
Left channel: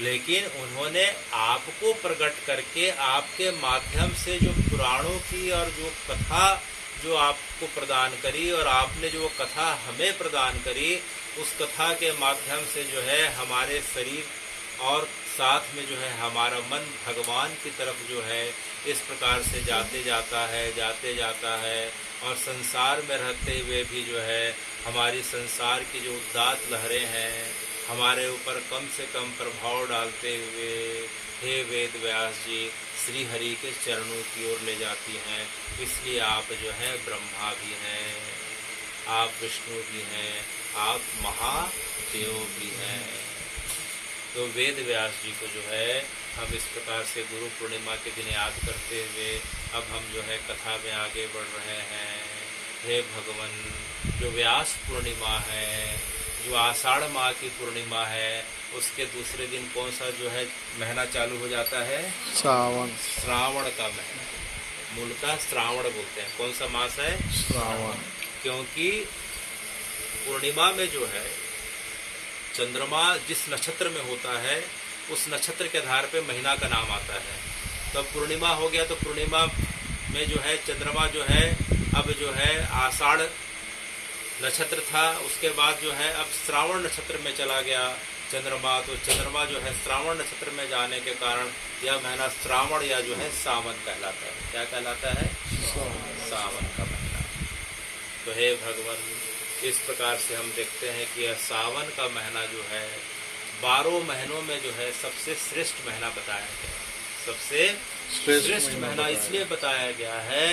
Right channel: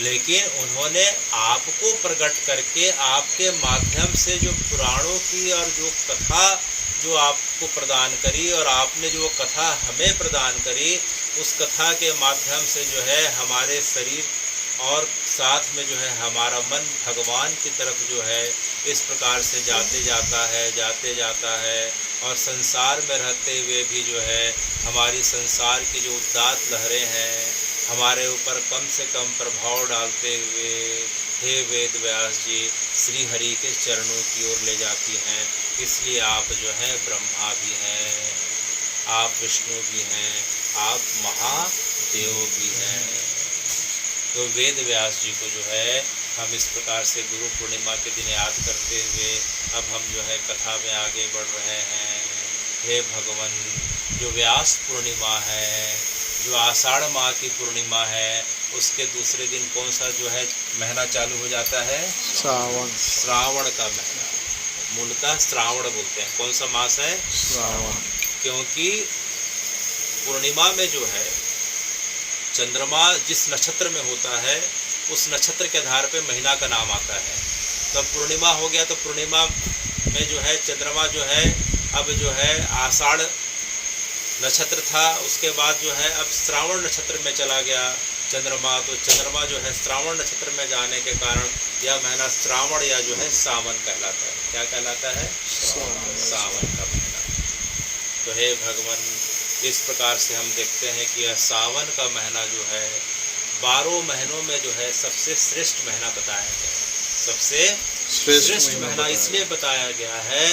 लेकिन उन्होंने आपको प्रकट करके आपके माध्यम से जो पुराणों की और जो कथा जो आपको प्रदान करी और आपने जो कथा हमें प्रदान करी, उस कथा के माध्यम से जो है हमारे शरीर और साथ में जो है हमारा मन भगवान की तरफ जो है इस प्रकार से जाते जाता है और संसार में रहते हुए भी जो है हमारी संसार की जो उदात्त लहरें हैं हमारे ऊपर कम से कम प्रभाव डालते हुए हे वेद व्यास जी श्री हरि के चरणों की ओर ले जाती हैं। इसलिए आप जो है ब्रह्मा भी हैं, आप विष्णु भी हैं, आप महादेव भी हैं। तो वेद व्यास जी को जो है हम इस प्रकार से गुरु पूर्णिमा के दिन याद करते हुए अब हम जो है कथा में आगे बढ़ रहे हैं। हे भगवान, जो व्यास पूर्णिमा है, जो आषाढ़ माह की पूर्णिमा है, उसके दूसरे दिन कौन सा जो है महीना चालू हो जाता है? सावन। श्रावण का महीना, मूलतः श्रावण बोलते हैं। कौन सा मास है? श्रावण। क्योंकि पूर्णिमा में जो है चंद्रमा जिस नक्षत्र में होता है उस नक्षत्र के आधार पे महीना का नाम आता है। तो पूर्णिमा हो गया तो पूर्णिमा में जो है चंद्रमा जो है अब जो है आषाढ़ नक्षत्र था, उसके बाद जो है अब श्रावण नक्षत्र में चला गया चंद्रमा। तो चंद्रमा जो है श्रावण नक्षत्र में जाने के कारण यह महीना श्रावण या जो है सावन कहलाता है। क्या कहलाता है? सावन का महीना। तो हे भगवान, इस प्रकार से हम देखते हैं कि यह सावन का महीना जो है 12 महीनों में जो है सबसे श्रेष्ठ महीना बताया गया है। सबसे श्रेष्ठ महीना इसलिए बताया गया है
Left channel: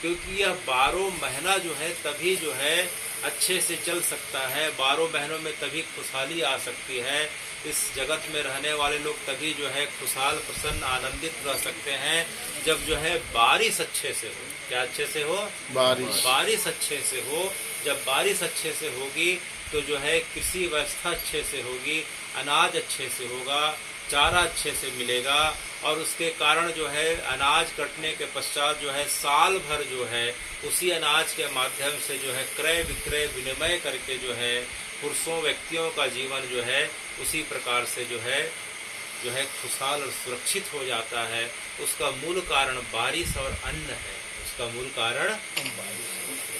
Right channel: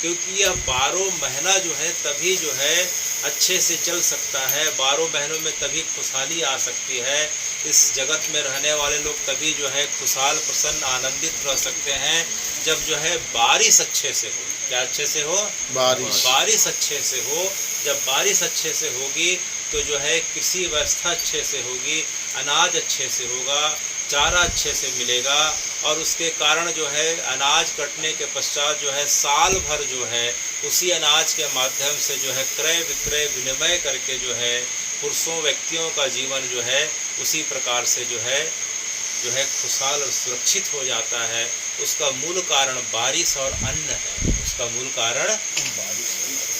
क्योंकि यह 12 महीना जो है तभी जो है अच्छे से चल सकता है। 12 महीनों में तभी खुशहाली आ सकती है। इस जगत में रहने वाले लोग तभी जो है खुशहाल, प्रसन्न, आनंदित रह सकते हैं जब जो है बारिश अच्छे से हो। क्या अच्छे से हो? बारिश अच्छे से हो। जब बारिश अच्छे से होगी तो जो है कृषि व्यवस्था अच्छे से होगी, अनाज अच्छे से होगा, चारा अच्छे से मिलेगा और उसके कारण जो है अनाज कटने के पश्चात जो है साल भर जो है उसी अनाज के माध्यम से जो है क्रय विक्रय विनिमय करके जो है पुरुषों व्यक्तियों का जीवन जो है उसी प्रकार से जो है खुशहाल और सुरक्षित हो जाता है। उसका मूल कारण बारिश और अन्न है। उसका मूल कारण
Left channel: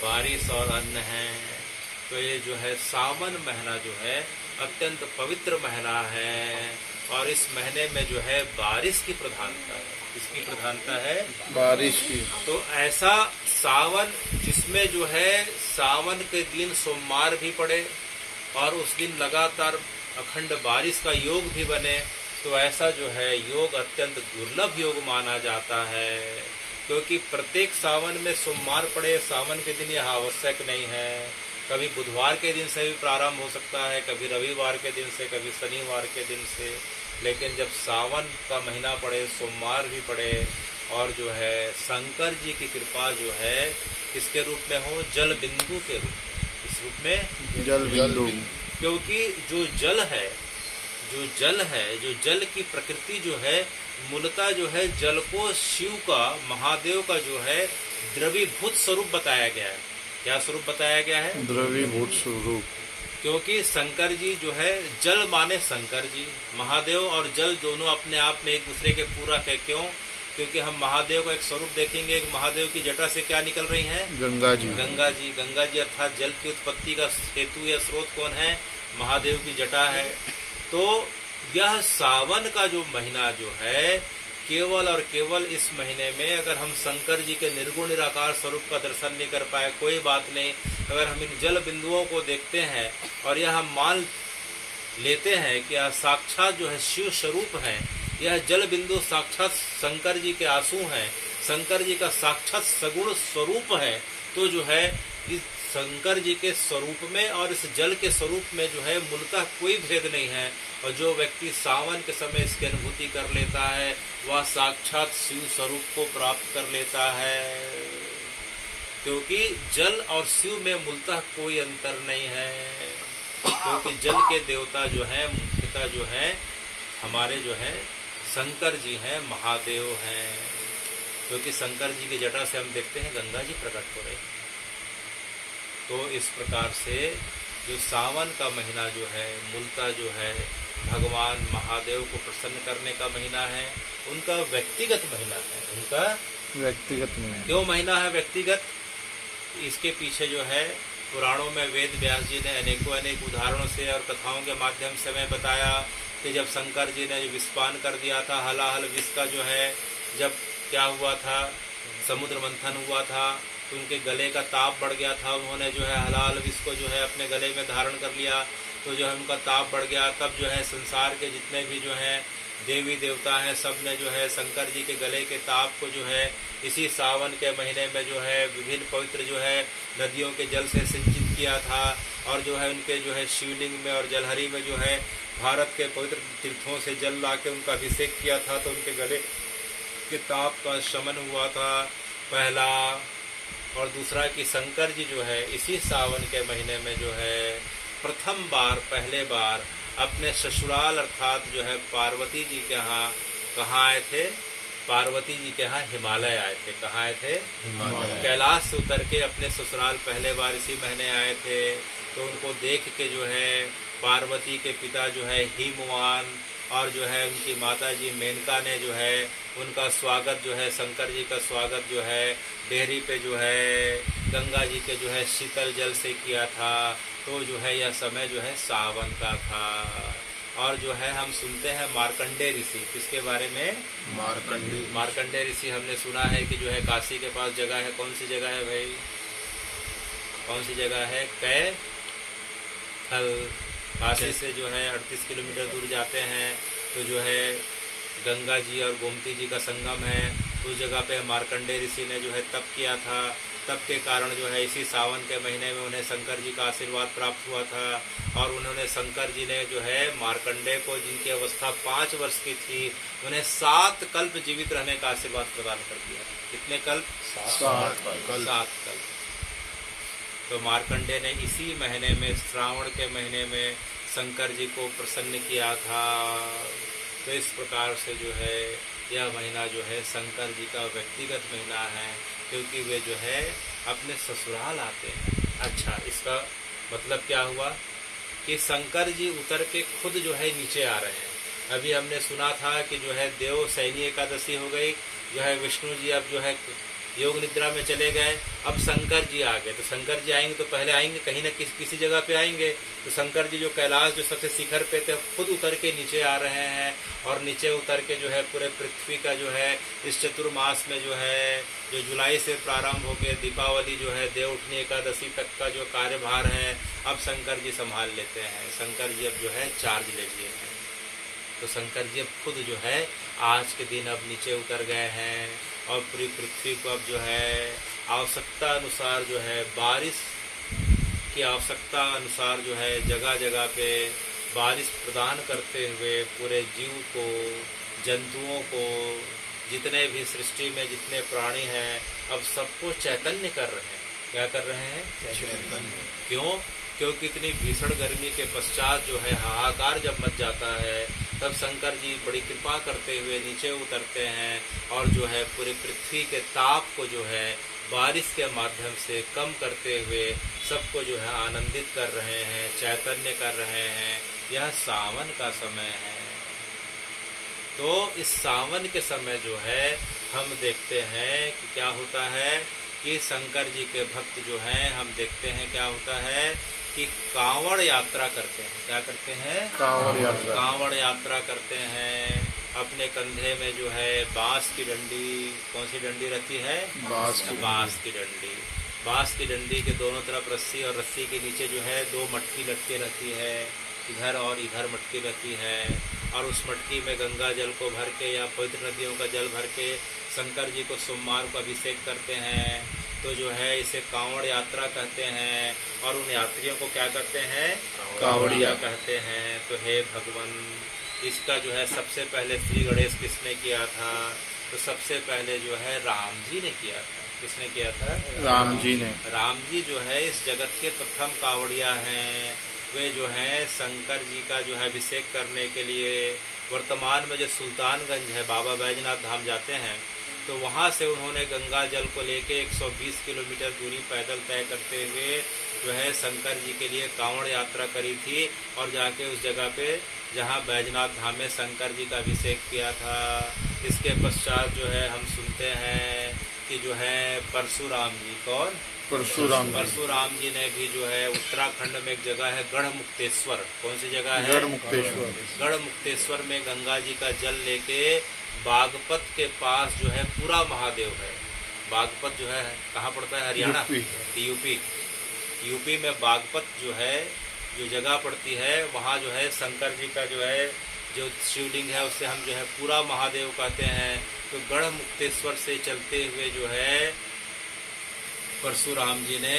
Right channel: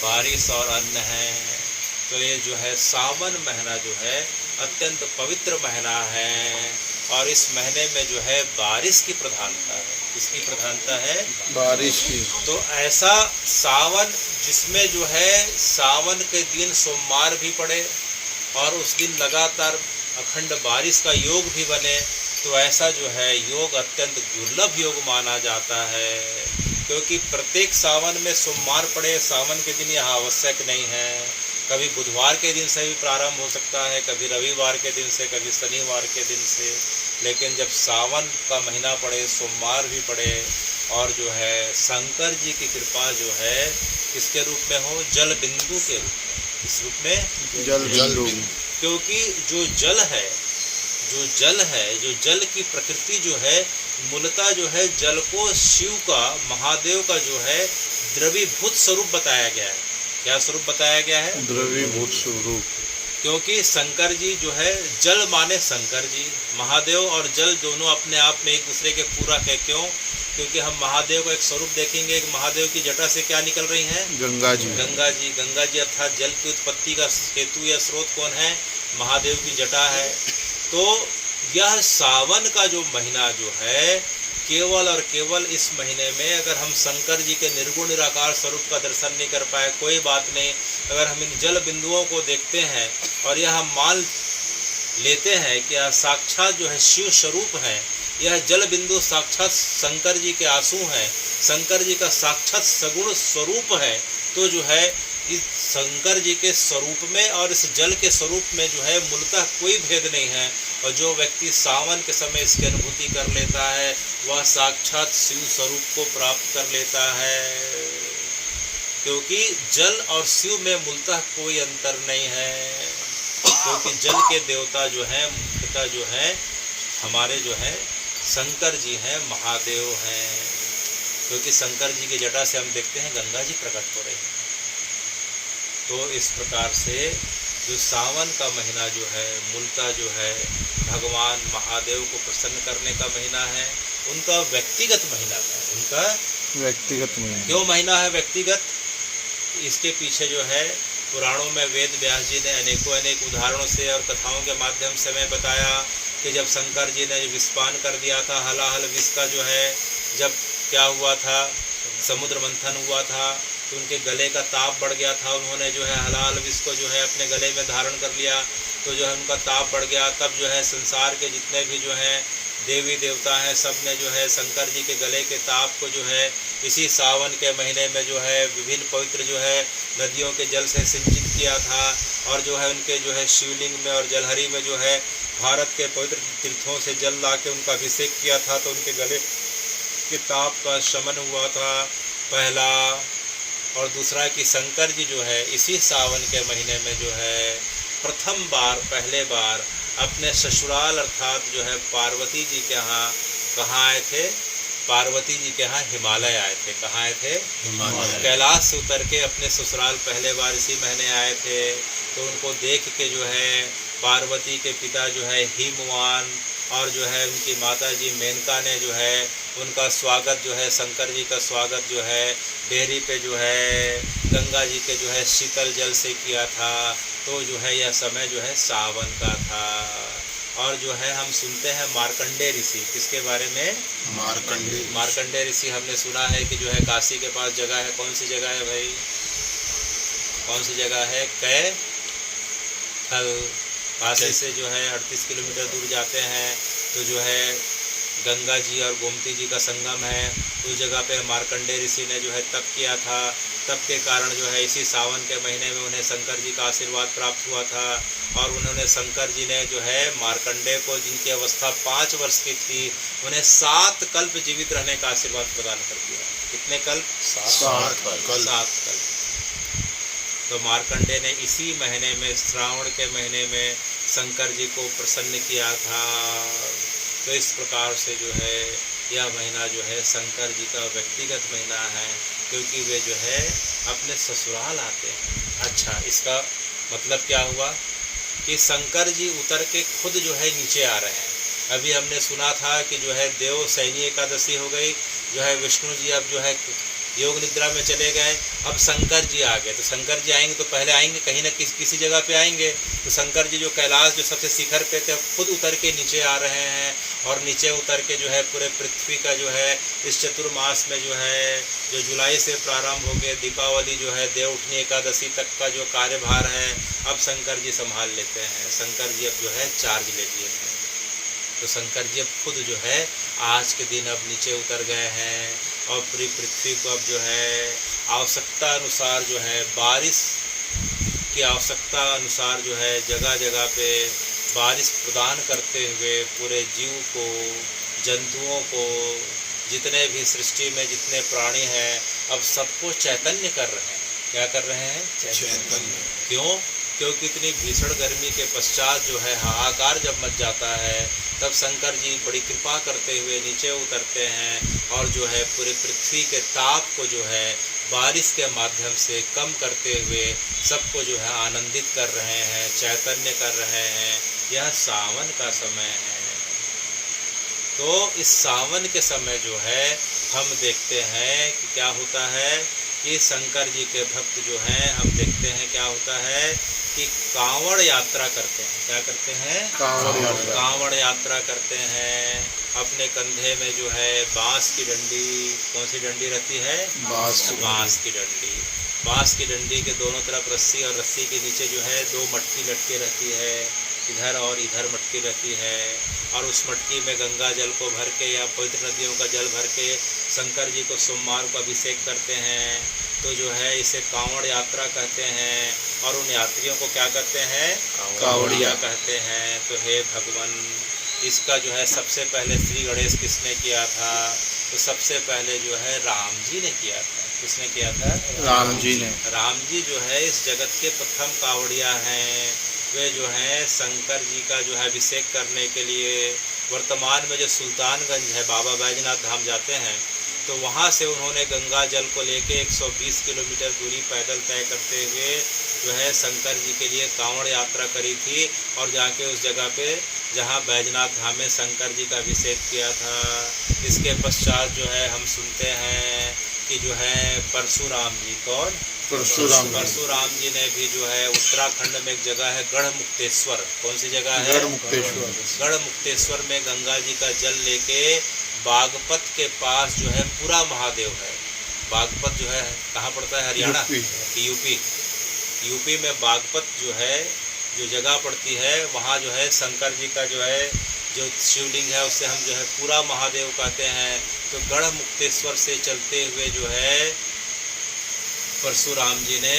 बारिश और अन्न है। तो ये जो है सावन महीना जो है अत्यंत पवित्र महीना है और इस महीने में जो है बारिश की प्रधानता है। किसकी प्रधानता है? बारिश की। तो ऐसा सावन जिसमें जो है सावन के दिन सोमवार भी पड़े और उस दिन लगातार अखंड बारिश का योग भी बने, तो ऐसा जो है योग अत्यंत दुर्लभ योग माना जाता है। क्योंकि प्रत्येक सावन में सोमवार पड़े, सावन के दिन यह आवश्यक नहीं है। कभी बुधवार के दिन से भी प्रारंभ हो सकता है, कभी रविवार के दिन से, कभी शनिवार के दिन से। लेकिन जब सावन का महीना पड़े, सोमवार भी पड़े और जो है शंकर जी की कृपा जो है किसके रूप में हो? जल बिंदु के रूप में। किस रूप में? जल बिंदु। क्योंकि जो जल की प्रकृति जो है मूलतः जो है जल को शिव का, महादेव का जो है द्रवीभूत स्वरूप बताया गया है। क्या स्वरूप बताया गया है? द्रवीभूत स्वरूप। क्योंकि शंकर जी जो है जल माने शंकर जी, महादेव और जल दोनों अपने आप में एक दूसरे के पूरक है। क्यों? क्योंकि हम महादेव का एक स्वरूप देखेंगे। एक महादेव की जटा से क्या निकल रही हैं? गंगा जी। गंगा जी अर्थात जल की उत्पत्ति का हेतु या स्रोत कौन है? महादेव की जटा है। तो यह सावन का जो महीना जो है केवल और केवल इस महीने में अगर हम शंकर जी के निर्गुण निराकार स्वरूप का दर्शन नहीं कर पाए कोई बात नहीं। अगर हम इन जल बिंदुओं को देखते हैं और यह हम मान लेते हैं कि यह साक्षात जो है शिव स्वरूप हैं, यह जल बिंदु साक्षात शंकर जी के आंसू हैं, शंकर जी का साक्षात सगुण स्वरूप है, तो जो है इस शंकर जी के स्वरूप में और इस जल के स्वरूप में जो है मूलतः कोई भेद नहीं है। और जो व्यक्ति सावन के समय इसकी अनुभूति कर लेता है वह साक्षात शिव स्वरूप को प्राप्त कर लेता है। क्योंकि जल और शिव में मूलतः कोई अंतर नहीं है। क्योंकि जल के देवता जो हैं मुख्यतः जो है हमारे जो है शंकर जी हैं, महादेव हैं। क्योंकि शंकर जी की जटा से हम देखते हैं गंगा जी प्रकट हो रहे हैं। तो इस प्रकार से जो सावन का महीना जो है मूलतः जो है भगवान महादेव को प्रसन्न करने का महीना है। उनका व्यक्तिगत महीना है। उनका व्यक्तिगत महीना। क्यों महीना है व्यक्तिगत? इसके पीछे जो है पुराणों में वेद व्यास जी ने अनेक उदाहरणों से और कथाओं के माध्यम से हमें बताया कि जब शंकर जी ने विषपान कर दिया था, हलाहल विष का जो है जब क्या हुआ था, समुद्र मंथन हुआ था तो उनके गले का ताप बढ़ गया था। उन्होंने जो है हलाल विष को जो है अपने गले में धारण कर लिया तो जो है उनका ताप बढ़ गया। तब जो है संसार के जितने भी जो हैं देवी देवता हैं सब ने जो है शंकर जी के गले के ताप को जो है इसी सावन के महीने में जो है विभिन्न पवित्र जो है नदियों के जल से सिंचित किया था। और जो है उनके जो है शिवलिंग में और जलहरी में जो है भारत के पवित्र तीर्थों से जल ला के उनका अभिषेक किया था तो उनके गले के ताप का शमन हुआ था, पहला। और दूसरा कि शंकर जी जो है इसी सावन के महीने में जो है प्रथम बार पहले बार अपने ससुराल अर्थात जो है पार्वती जी के यहाँ कहाँ आए थे, पार्वती जी के यहाँ हिमालय आए थे। कहाँ आए थे? कैलाश से उतर के अपने ससुराल पहले बार इसी महीने आए थे। तो उनको देख के जो है पार्वती के पिता जो है हिमवान और जो है उनकी माता जी मेनका ने जो है उनका स्वागत जो है शंकर जी का स्वागत जो है डेहरी पे जो है गंगा जी के जो है शीतल जल से किया था। तो जो है यह समय जो है सावन का था। और जो है हम सुनते हैं मार्कंडेय ऋषि, किसके बारे में? मार्कंडेय ऋषि। हमने सुना है कि जो है काशी के पास जगह है, कौन सी जगह है भाई, कौन सी जगह है? कैथल। काशी से जो है 38 किलोमीटर दूर जाते हैं तो जो है गंगा जी और गोमती जी का संगम है। उस जगह पे मार्कंडेय ऋषि ने जो है तप किया था। तप के कारण जो है इसी सावन के महीने में उन्हें शंकर जी का आशीर्वाद प्राप्त हुआ था। और उन्होंने शंकर जी ने जो है मार्कंडेय को, जिनकी अवस्था 5 वर्ष की थी, उन्हें 7 कल्प जीवित रहने का आशीर्वाद प्रदान कर दिया। कितने कल्प? 7 कल्प। तो मार्कंडेय ने इसी महीने में, श्रावण के महीने में शंकर जी को प्रसन्न किया था। तो इस प्रकार से जो है यह महीना जो है शंकर जी का व्यक्तिगत महीना है, क्योंकि वे जो है अपने ससुराल आते हैं। अच्छा, इसका मतलब क्या हुआ कि शंकर जी उतर के खुद जो है नीचे आ रहे हैं। अभी हमने सुना था कि जो है देव सैनी एकादशी हो गई, जो है विष्णु जी अब जो है योग निद्रा में चले गए, अब शंकर जी आ गए। तो शंकर जी आएंगे तो पहले आएंगे कहीं ना किसी जगह पे आएंगे। तो शंकर जी जो कैलाश जो सबसे शिखर पे थे खुद उतर के नीचे आ रहे हैं। और नीचे उतर के जो है पूरे पृथ्वी का जो है इस चतुर्मास में जो है जो जुलाई से प्रारंभ हो गए दीपावली जो है देवउठनी एकादशी तक का जो कार्यभार है अब शंकर जी संभाल लेते हैं। शंकर जी अब जो है चार्ज ले लिए हैं। तो शंकर जी अब खुद जो है आज के दिन अब नीचे उतर गए हैं और पूरी पृथ्वी को अब जो है आवश्यकता अनुसार जो है बारिश की आवश्यकता अनुसार जो है जगह जगह पे बारिश प्रदान करते हुए पूरे जीव को, जंतुओं को, जितने भी सृष्टि में जितने प्राणी हैं अब सबको चैतन्य कर रहे हैं। क्या कर रहे हैं? चैतन्य। क्यों? क्योंकि इतनी भीषण गर्मी के पश्चात जो है हाहाकार जब मच जाता है तब शंकर जी बड़ी कृपा करते हुए नीचे उतरते हैं और जो है पूरे पृथ्वी के ताप को जो है बारिश के माध्यम से कम करते हुए सबको जो है आनंदित कर रहे हैं, चैतन्य कर रहे हैं। यह सावन का समय है। तो इस सावन के समय जो है हम देखते हैं कि क्या होता है कि शंकर जी के भक्त जो हैं हम देखते हैं क्या होता है कि कांवड़ यात्रा करते हैं। क्या करते हैं? कांवड़ यात्रा करते हैं। अपने कंधे में जो है बांस की डंडी, कौन सी डंडी रहती है? बांस की डंडी। बांस की डंडी के दोनों तरफ रस्सी और रस्सी के नीचे जो है 2 मटकी लटके रहती है, इधर और इधर मटकी रहती है। और उस मटकी में गंगा जल को भर के या पवित्र नदियों का जल भर के शंकर जी को सोमवार को अभिषेक करते हैं। तो जो है इसे कांवड़ यात्रा कहते हैं। और उन यात्रियों को क्या कहते हैं? कांवड़िया कहते हैं। तो हे भगवान, इसका जो है सबसे पहले श्री गणेश किसने किया था? तो सबसे पहले जो है राम जी ने किया था। किसने किया था? राम जी ने। राम जी जो है इस जगत के प्रथम कांवड़िया हैं। वे जो हैं शंकर जी का जो है अभिषेक करने के लिए वर्तमान में जो सुल्तानगंज है, बाबा बैजनाथ धाम जाते हैं तो वहाँ से उन्होंने गंगा जल को लेके 120 किलोमीटर दूरी पैदल तय करते हुए जो है शंकर जी के लिए कांवड़ यात्रा करी थी। और जाके उस जगह पे जहाँ बैजनाथ धाम में शंकर जी का अभिषेक किया था। इसके पश्चात जो है हम सुनते हैं कि जो है परशुराम जी, कौन? परशुराम जी ने भी जो है उत्तराखंड में एक जगह है गढ़मुक्तेश्वर। कौन सी जगह है? गढ़मुक्तेश्वर। गढ़मुक्तेश्वर में गंगा जी का जल लेके बागपत के पास जो है पूरा महादेव है। बागपत जो है कहाँ पड़ता है? हरियाणा, यूपी। यूपी में बागपत जो है, जो जगह पड़ती है, वहाँ जो है शंकर जी का जो है जो शिवलिंग है उसे हम जो है पूरा महादेव कहते हैं। तो गढ़ मुक्तेश्वर से चलते हुए जो है परशुराम जी ने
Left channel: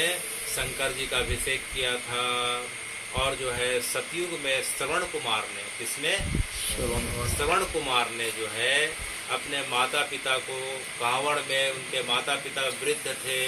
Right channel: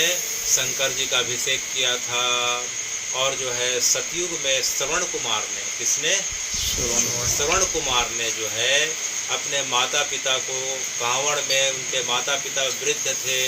शंकर जी का अभिषेक किया था। और जो है सतयुग में श्रवण कुमार ने, किसने? श्रवण कुमार ने जो है अपने माता पिता को कांवड़ में, उनके माता पिता वृद्ध थे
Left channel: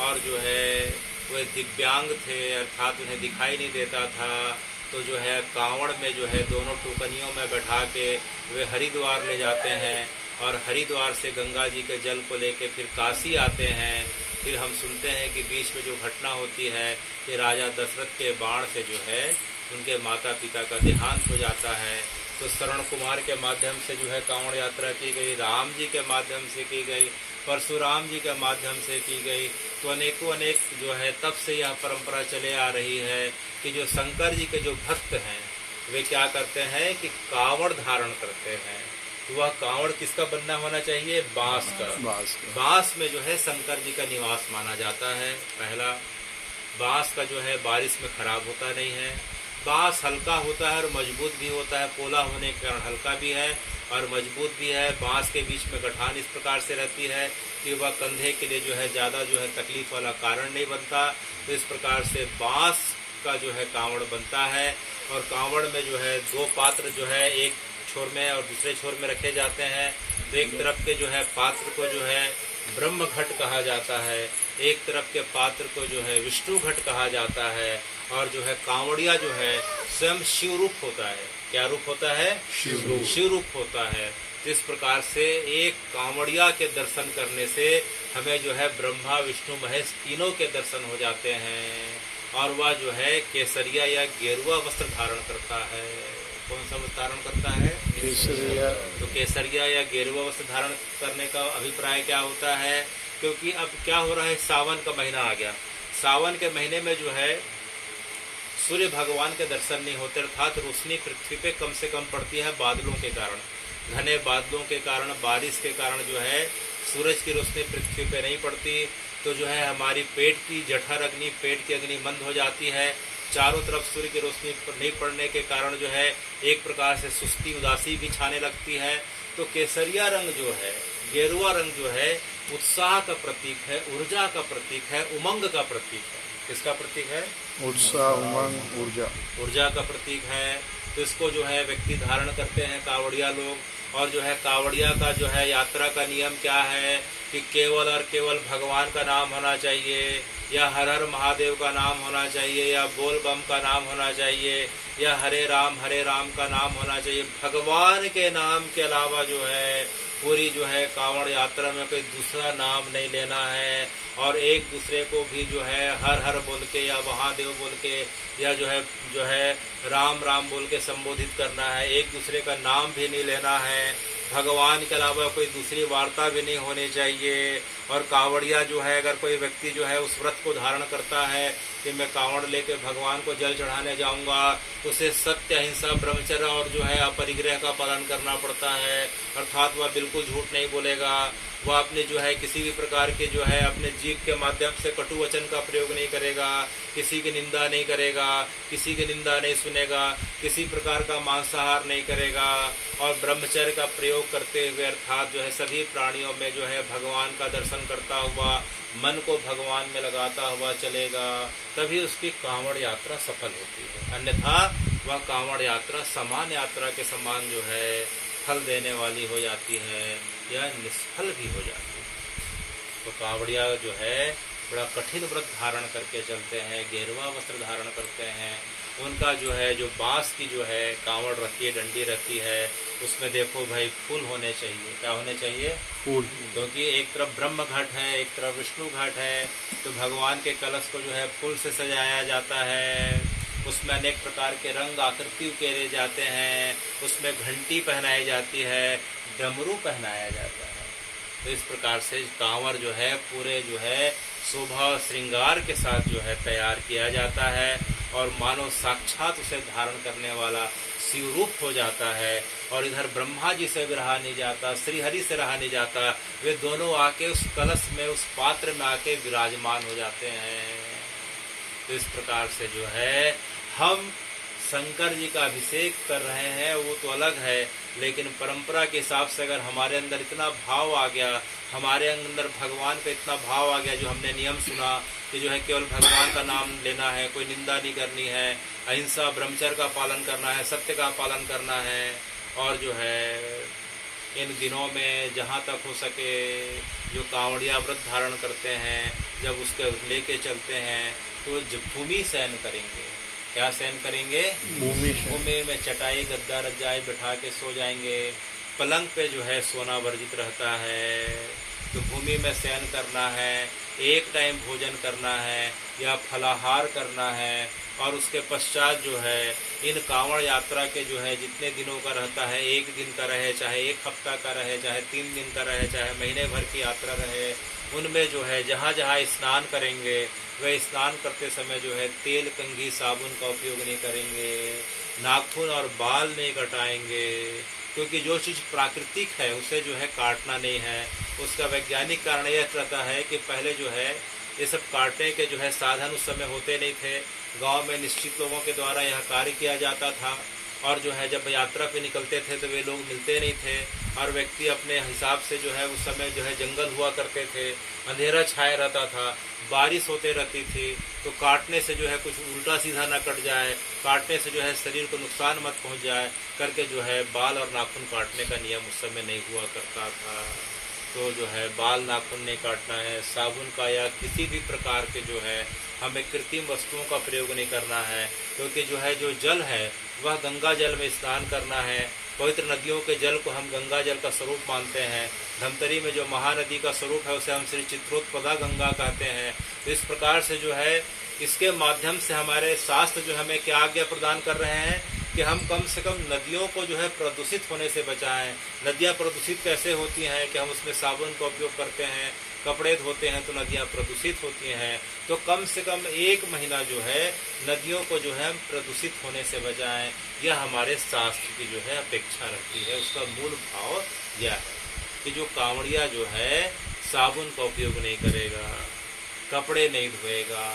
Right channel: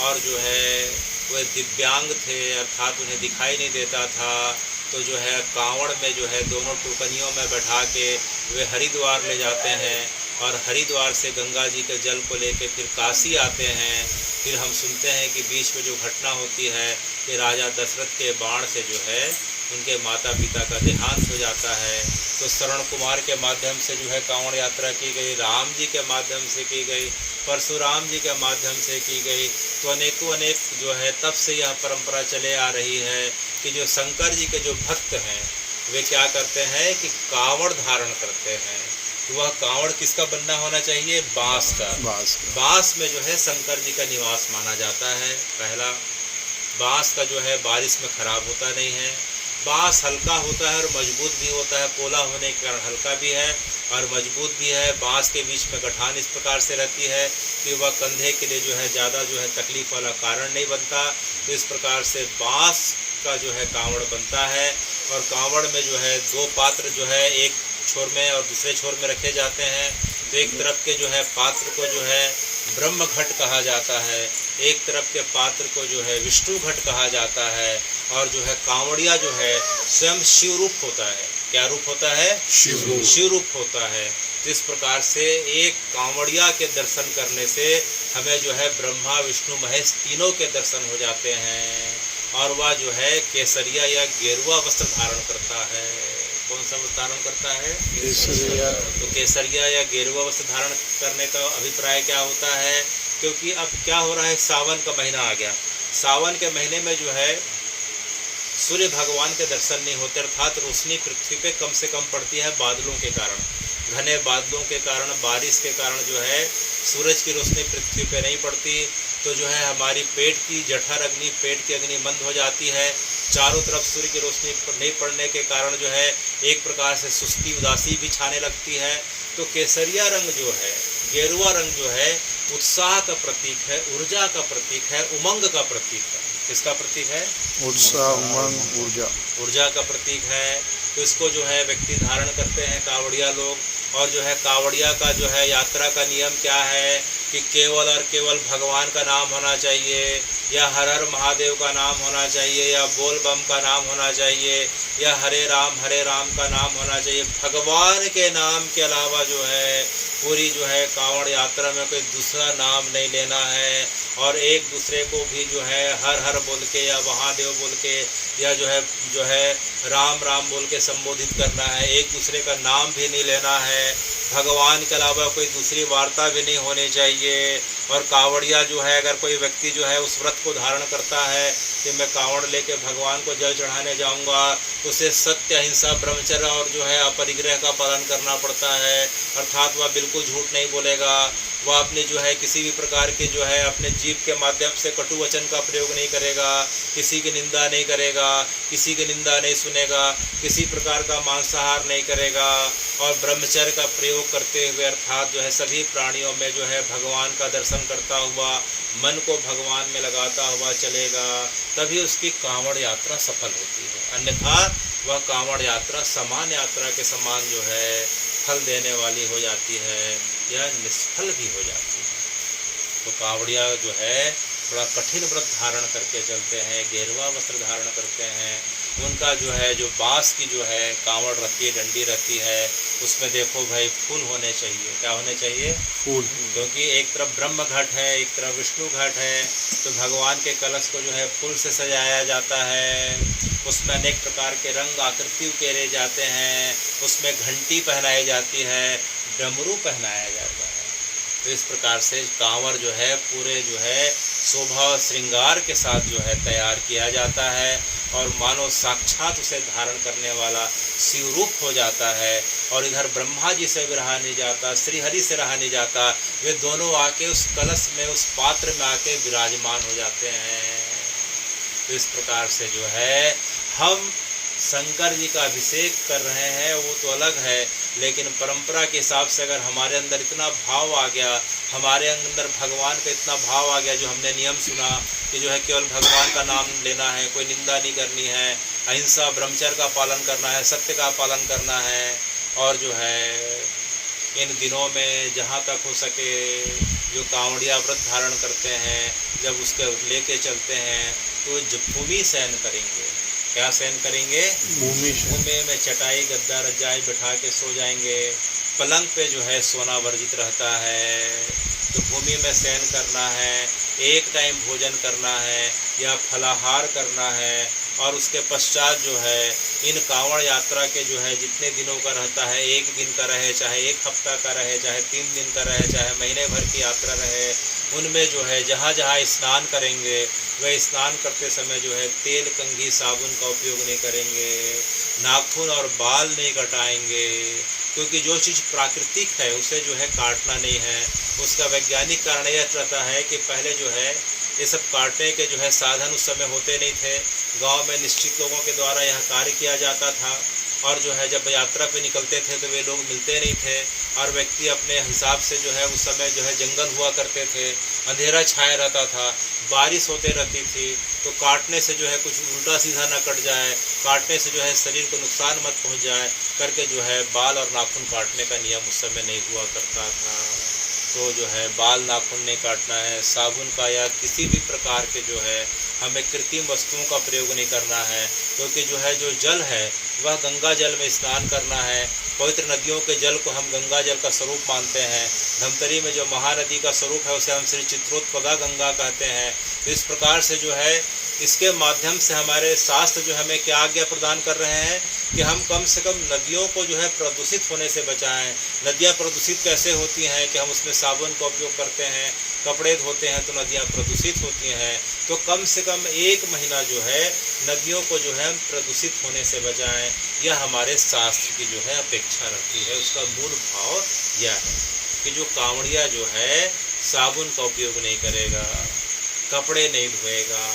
और जो है वे दिव्यांग थे, अर्थात उन्हें दिखाई नहीं देता था। तो जो है कांवड़ में जो है दोनों टुकनियों में बैठा के वे हरिद्वार ले जाते हैं और हरिद्वार से गंगा जी के जल को लेके फिर काशी आते हैं। फिर हम सुनते हैं कि बीच में जो घटना होती है कि राजा दशरथ के बाण से जो है उनके माता पिता का देहांत हो जाता है। तो श्रवण कुमार के माध्यम से जो है कांवड़ यात्रा की गई, राम जी के माध्यम से की गई, परशुराम जी के माध्यम से की गई। तो अनेकों अनेक जो है तब से यह परंपरा चले आ रही है कि जो शंकर जी के जो भक्त हैं वे क्या करते हैं कि कांवड़ धारण करते हैं। तो वह कांवड़ किसका बनना होना चाहिए? बांस का। बांस में जो है शंकर जी का निवास माना जाता है। पहला, बांस का जो है बारिश में खराब होता नहीं है। बांस हल्का होता है और मजबूत भी होता है। पोला होने के कारण हल्का भी है और मजबूत भी है। बांस के बीच में गठान इस प्रकार से रहती है कि वह कंधे के लिए जो है ज़्यादा जो है तकलीफ वाला कारण नहीं बनता। तो इस प्रकार से बांस का जो है कांवड़ बनता है। और कांवड़ में जो है दो पात्र जो है एक छोर में और दूसरे छोर में रखे जाते हैं। तो एक तरफ के जो है पात्र को जो है ब्रह्म घट कहा जाता है, एक तरफ के पात्र को जो है विष्णु घट कहा जाता है। और जो है कांवड़िया जो है स्वयं शिव रूप होता है। क्या रूप होता है? शिव रूप होता है। तो इस प्रकार से एक कांवड़िया के दर्शन करने से हमें जो है ब्रह्मा विष्णु महेश तीनों के दर्शन हो जाते हैं। और वह जो है केसरिया या गेरुआ वस्त्र धारण करता है। कौन सा वस्त्र धारण करता है? केसरिया। तो केसरिया या गेरुआ वस्त्र धारण करने का अभिप्राय क्या होता है? क्योंकि अब क्या हो रहा है, सावन का महीना आ गया। सावन के महीने में जो है सूर्य भगवान के दर्शन नहीं होते, अर्थात रोशनी पृथ्वी पे कम से कम पड़ती है बादलों के कारण, घने बादलों के कारण, बारिश के कारण जो है सूरज की रोशनी पृथ्वी पे नहीं पड़ती। तो जो है हमारी पेट की जठर अग्नि, पेट की अग्नि मंद हो जाती है। चारों तरफ सूर्य की रोशनी नहीं पड़ने के कारण जो है एक प्रकार से सुस्ती उदासी भी छाने लगती है। तो केसरिया रंग जो है, गेरुआ रंग जो है उत्साह का प्रतीक है, ऊर्जा का प्रतीक है, उमंग का प्रतीक है। किसका प्रतीक है? उत्साह, उमंग, ऊर्जा का प्रतीक है। तो इसको जो है व्यक्ति धारण करते हैं कांवड़िया लोग। और जो है कांवड़िया का जो है यात्रा का नियम क्या है कि केवल और केवल भगवान का नाम होना चाहिए, या हर हर महादेव का नाम होना चाहिए, या बोल बम का नाम होना चाहिए, या हरे राम का नाम होना चाहिए। भगवान के नाम के अलावा जो है पूरी जो है कांवड़ यात्रा में कोई दूसरा नाम नहीं लेना है। और एक दूसरे को भी जो है हर हर बोल के या महादेव बोल के या जो है राम बोल के संबोधित करना है। एक दूसरे का नाम भी नहीं लेना है। भगवान के अलावा कोई दूसरी वार्ता भी नहीं होनी चाहिए। और कांवड़िया जो है, अगर कोई व्यक्ति जो है उस व्रत को धारण करता है कि मैं कांवड़ लेके भगवान को जल चढ़ाने जाऊंगा, उसे सत्य, अहिंसा, ब्रह्मचर्य और जो है अपरिग्रह का पालन करना पड़ता है। अर्थात वह बिल्कुल झूठ नहीं बोलेगा। वह अपने जो है किसी भी प्रकार के जो है अपने जीव के माध्यम से कटु वचन का प्रयोग नहीं करेगा, किसी की निंदा नहीं करेगा, किसी की निंदा नहीं सुनेगा, किसी प्रकार का मांसाहार नहीं करेगा। और ब्रह्मचर्य का प्रयोग करते हुए अर्थात जो है सभी प्राणियों में जो है भगवान का दर्शन करता हुआ, मन को भगवान में लगाता हुआ चलेगा, तभी उसकी कांवड़ यात्रा सफल होती है। अन्यथा वह कांवड़ यात्रा समान यात्रा के समान जो है फल देने वाली हो जाती है या निष्फल भी हो जाती है। तो कांवड़िया जो है बड़ा कठिन व्रत धारण करके चलते हैं, गेरुआ वस्त्र धारण करते हैं। उनका जो है जो बांस की जो है कांवड़ रहती है, डंडी रहती है, उसमें देखो भाई फूल होने चाहिए। क्या होने चाहिए? फूल। क्योंकि एक तरफ ब्रह्म घट है, एक तरफ विष्णु घट है। तो भगवान के कलश को जो है फूल से सजाया जाता है। उसमें अनेक प्रकार के रंग आकृति उकेरे जाते हैं, उसमें घंटी पहनाई जाती है, डमरू पहनाया जाता है। तो इस प्रकार से कांवर जो है पूरे जो है शोभा श्रृंगार के साथ जो है तैयार किया जाता है और मानो साक्षात उसे धारण करने वाला शिवरूप हो जाता है। और इधर ब्रह्मा जी से भी रहा नहीं जाता, श्री हरि से रहा नहीं जाता, वे दोनों आके उस कलश में, उस पात्र में आके विराजमान हो जाते हैं। तो इस प्रकार से जो है हम शंकर जी का अभिषेक कर रहे हैं वो तो अलग है, लेकिन परंपरा के हिसाब से अगर हमारे अंदर इतना भाव आ गया, हमारे अंदर भगवान का इतना भाव आ गया, जो हमने नियम सुना कि जो है केवल भगवान का नाम लेना है, कोई निंदा नहीं करनी है, अहिंसा ब्रह्मचर्य का पालन करना है, सत्य का पालन करना है, और जो है इन दिनों में जहाँ तक हो सके जो कांवड़िया व्रत धारण करते हैं, जब उसके लेके चलते हैं तो भूमि शयन करेंगे। क्या शयन करेंगे? भूमि में चटाई गद्दा रजाई बिठा के सो जाएंगे। पलंग पे जो है सोना वर्जित रहता है। तो भूमि में शयन करना है, एक टाइम भोजन करना है या फलाहार करना है। और उसके पश्चात जो है इन कांवड़ यात्रा के जो है जितने दिनों का रहता है, एक दिन का रहे, चाहे एक हफ्ता का रहे, चाहे 3 दिन का रहे, चाहे महीने भर की यात्रा रहे, उनमें जो है जहाँ जहाँ स्नान करेंगे वह स्नान करते समय जो है तेल कंघी साबुन का उपयोग नहीं करेंगे, नाखून और बाल नहीं कटाएंगे, क्योंकि जो चीज़ प्राकृतिक है उसे जो है काटना नहीं है। उसका वैज्ञानिक कारण यह रहता है कि पहले जो है ये सब काटने के जो है साधन उस समय होते नहीं थे। गांव में निश्चित लोगों के द्वारा यह कार्य किया जाता था, और जो है जब यात्रा पे निकलते थे तो वे लोग मिलते नहीं थे, और व्यक्ति अपने हिसाब से जो है उस समय जो है जंगल हुआ करते थे, अंधेरा छाया रहता था, बारिश होते रहती थी, तो काटने से जो है कुछ उल्टा सीधा ना कट जाए, काटने से जो है शरीर को नुकसान मत पहुंच जाए करके जो है बाल और नाखून काटने का नियम उस समय नहीं हुआ करता था। तो जो है बाल नाखून नहीं काटना है, साबुन का या किसी भी प्रकार के जो है हमें कृत्रिम वस्तुओं का प्रयोग नहीं करना है, क्योंकि जो है जो जल है वह गंगा जल में स्नान करना है। पवित्र नदियों के जल को हम गंगा जल का स्वरूप मानते हैं। धमतरी में जो महानदी का स्वरूप है उसे हम श्री चित्रोत्पदा गंगा कहते हैं। तो इस प्रकार से जो है इसके माध्यम से हमारे शास्त्र जो हमें क्या आज्ञा प्रदान कर रहे हैं कि हम कम से कम नदियों को जो है प्रदूषित होने से बचाएं। नदियां प्रदूषित कैसे होती हैं कि हम उसमें साबुन का उपयोग करते हैं, कपड़े धोते हैं तो नदियां प्रदूषित होती हैं। तो कम से कम 1 महीना जो है नदियों को जो है हम प्रदूषित होने से बचाएं, यह हमारे शास्त्र की जो है अपेक्षा रखती है। उसका मूल भाव यह है कि जो कांवड़िया जो है साबुन का उपयोग नहीं करेगा, कपड़े नहीं धोएगा।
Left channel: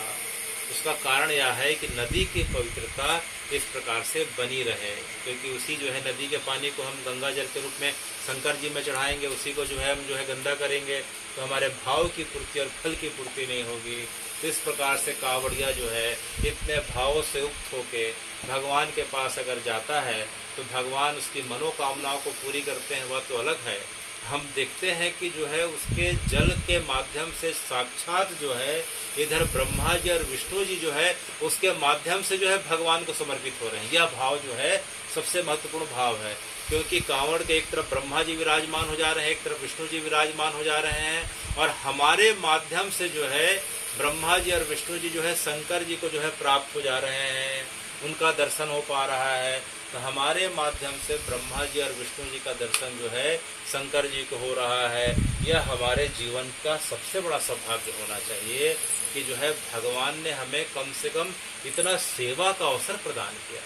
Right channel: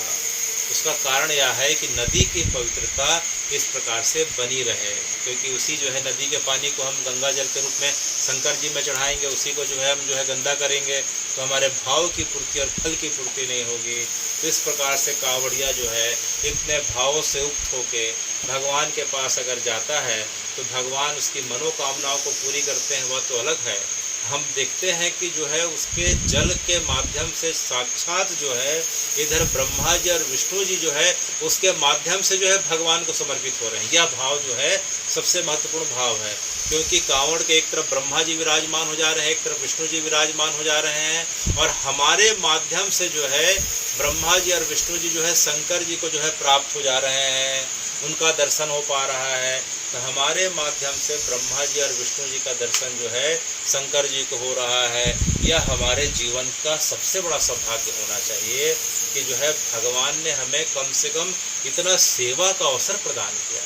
उसका कारण यह है कि नदी की पवित्रता इस प्रकार से बनी रहे, क्योंकि उसी जो है नदी के पानी को हम गंगा जल के रूप में शंकर जी में चढ़ाएंगे, उसी को जो है हम जो है गंदा करेंगे तो हमारे भाव की पूर्ति और फल की पूर्ति नहीं होगी। तो इस प्रकार से कांवड़िया जो है इतने भावों से युक्त होके भगवान के पास अगर जाता है तो भगवान उसकी मनोकामनाओं को पूरी करते हैं, वह तो अलग है। हम देखते हैं कि जो है उसके जल के माध्यम से साक्षात जो है इधर ब्रह्मा जी और विष्णु जी जो है उसके माध्यम से जो है भगवान को समर्पित हो रहे हैं। यह भाव जो है सबसे महत्वपूर्ण भाव है, क्योंकि कांवड़ के एक तरफ ब्रह्मा जी विराजमान हो जा रहे हैं, एक तरफ विष्णु जी विराजमान हो जा रहे हैं, और हमारे माध्यम से जो है ब्रह्मा जी और विष्णु जी जो है शंकर जी को जो है प्राप्त हो जा रहे हैं, उनका दर्शन हो पा रहा है। तो हमारे माध्यम से ब्रह्मा जी और विष्णु जी का दर्शन जो है शंकर जी को हो रहा है। यह हमारे जीवन का सबसे बड़ा सौभाग्य होना चाहिए कि जो है भगवान ने हमें कम से कम इतना सेवा का अवसर प्रदान किया।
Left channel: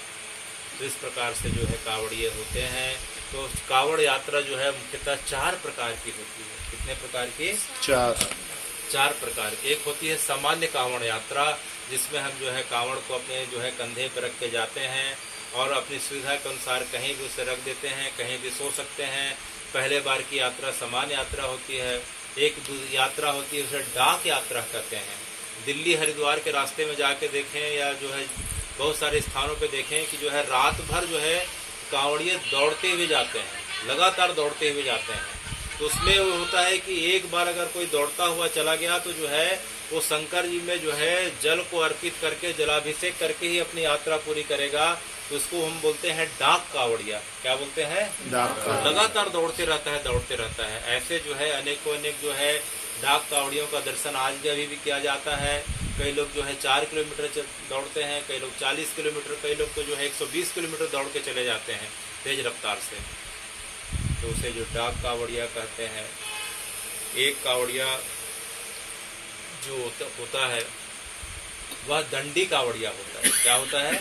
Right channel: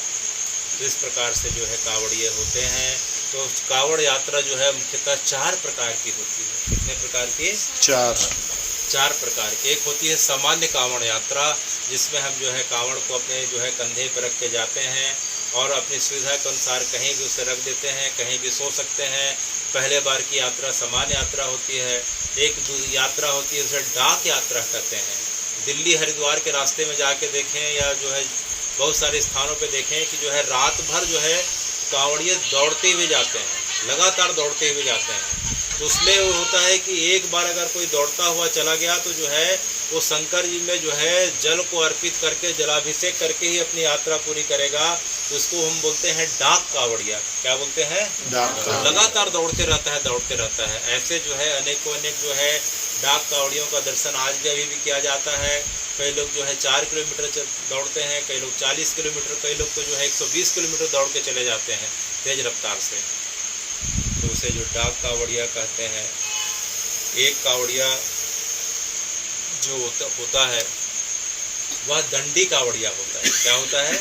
तो इस प्रकार से जो है कांवड़िए होते हैं। तो कांवड़ यात्रा जो है मुख्यतः 4 प्रकार की होती है। कितने प्रकार की? 4 प्रकार की। एक होती है सामान्य कांवड़ यात्रा, जिसमें हम जो है कांवड़ को अपने जो है कंधे पर रख के जाते हैं और अपनी सुविधा के अनुसार कहीं भी उसे रख देते हैं, कहीं भी सो सकते हैं। पहले बार की यात्रा सामान्य यात्रा होती है। एक यात्रा होती है उसे डाक यात्रा कहते हैं। दिल्ली हरिद्वार के रास्ते में जाके देखें या जो है बहुत सारे स्थानों पे देखें कि जो है रात भर जो है कांवड़िए दौड़ते हुए जाते हैं, लगातार दौड़ते हुए जाते हैं। तो उसमें वो होता है कि एक बार अगर कोई दौड़ता हुआ चला गया तो जो है वो शंकर जी में जो है जल को अर्पित करके जलाभिषेक करके ही अपनी यात्रा पूरी करेगा। तो उसको हम बोलते हैं डाक कांवड़िया। क्या बोलते हैं? डाक। लगातार दौड़ते रहता है। ऐसे जो है अनेकों अनेक जो है डाक कांवड़ियों का दर्शन आज भी अभी भी किया जाता है। कई लोग जो है 4 किलोमीटर दौड़ते हैं, कई लोग 40 किलोमीटर, कई लोग तो जो है 120 किलोमीटर दौड़ के चले जाते हैं तेज रफ्तार से। तो उसे जो डाक कांवड़िया कहते हैं। एक कांवड़िया जो होता है वह दंडी कावड़िया होता है। क्या होता है?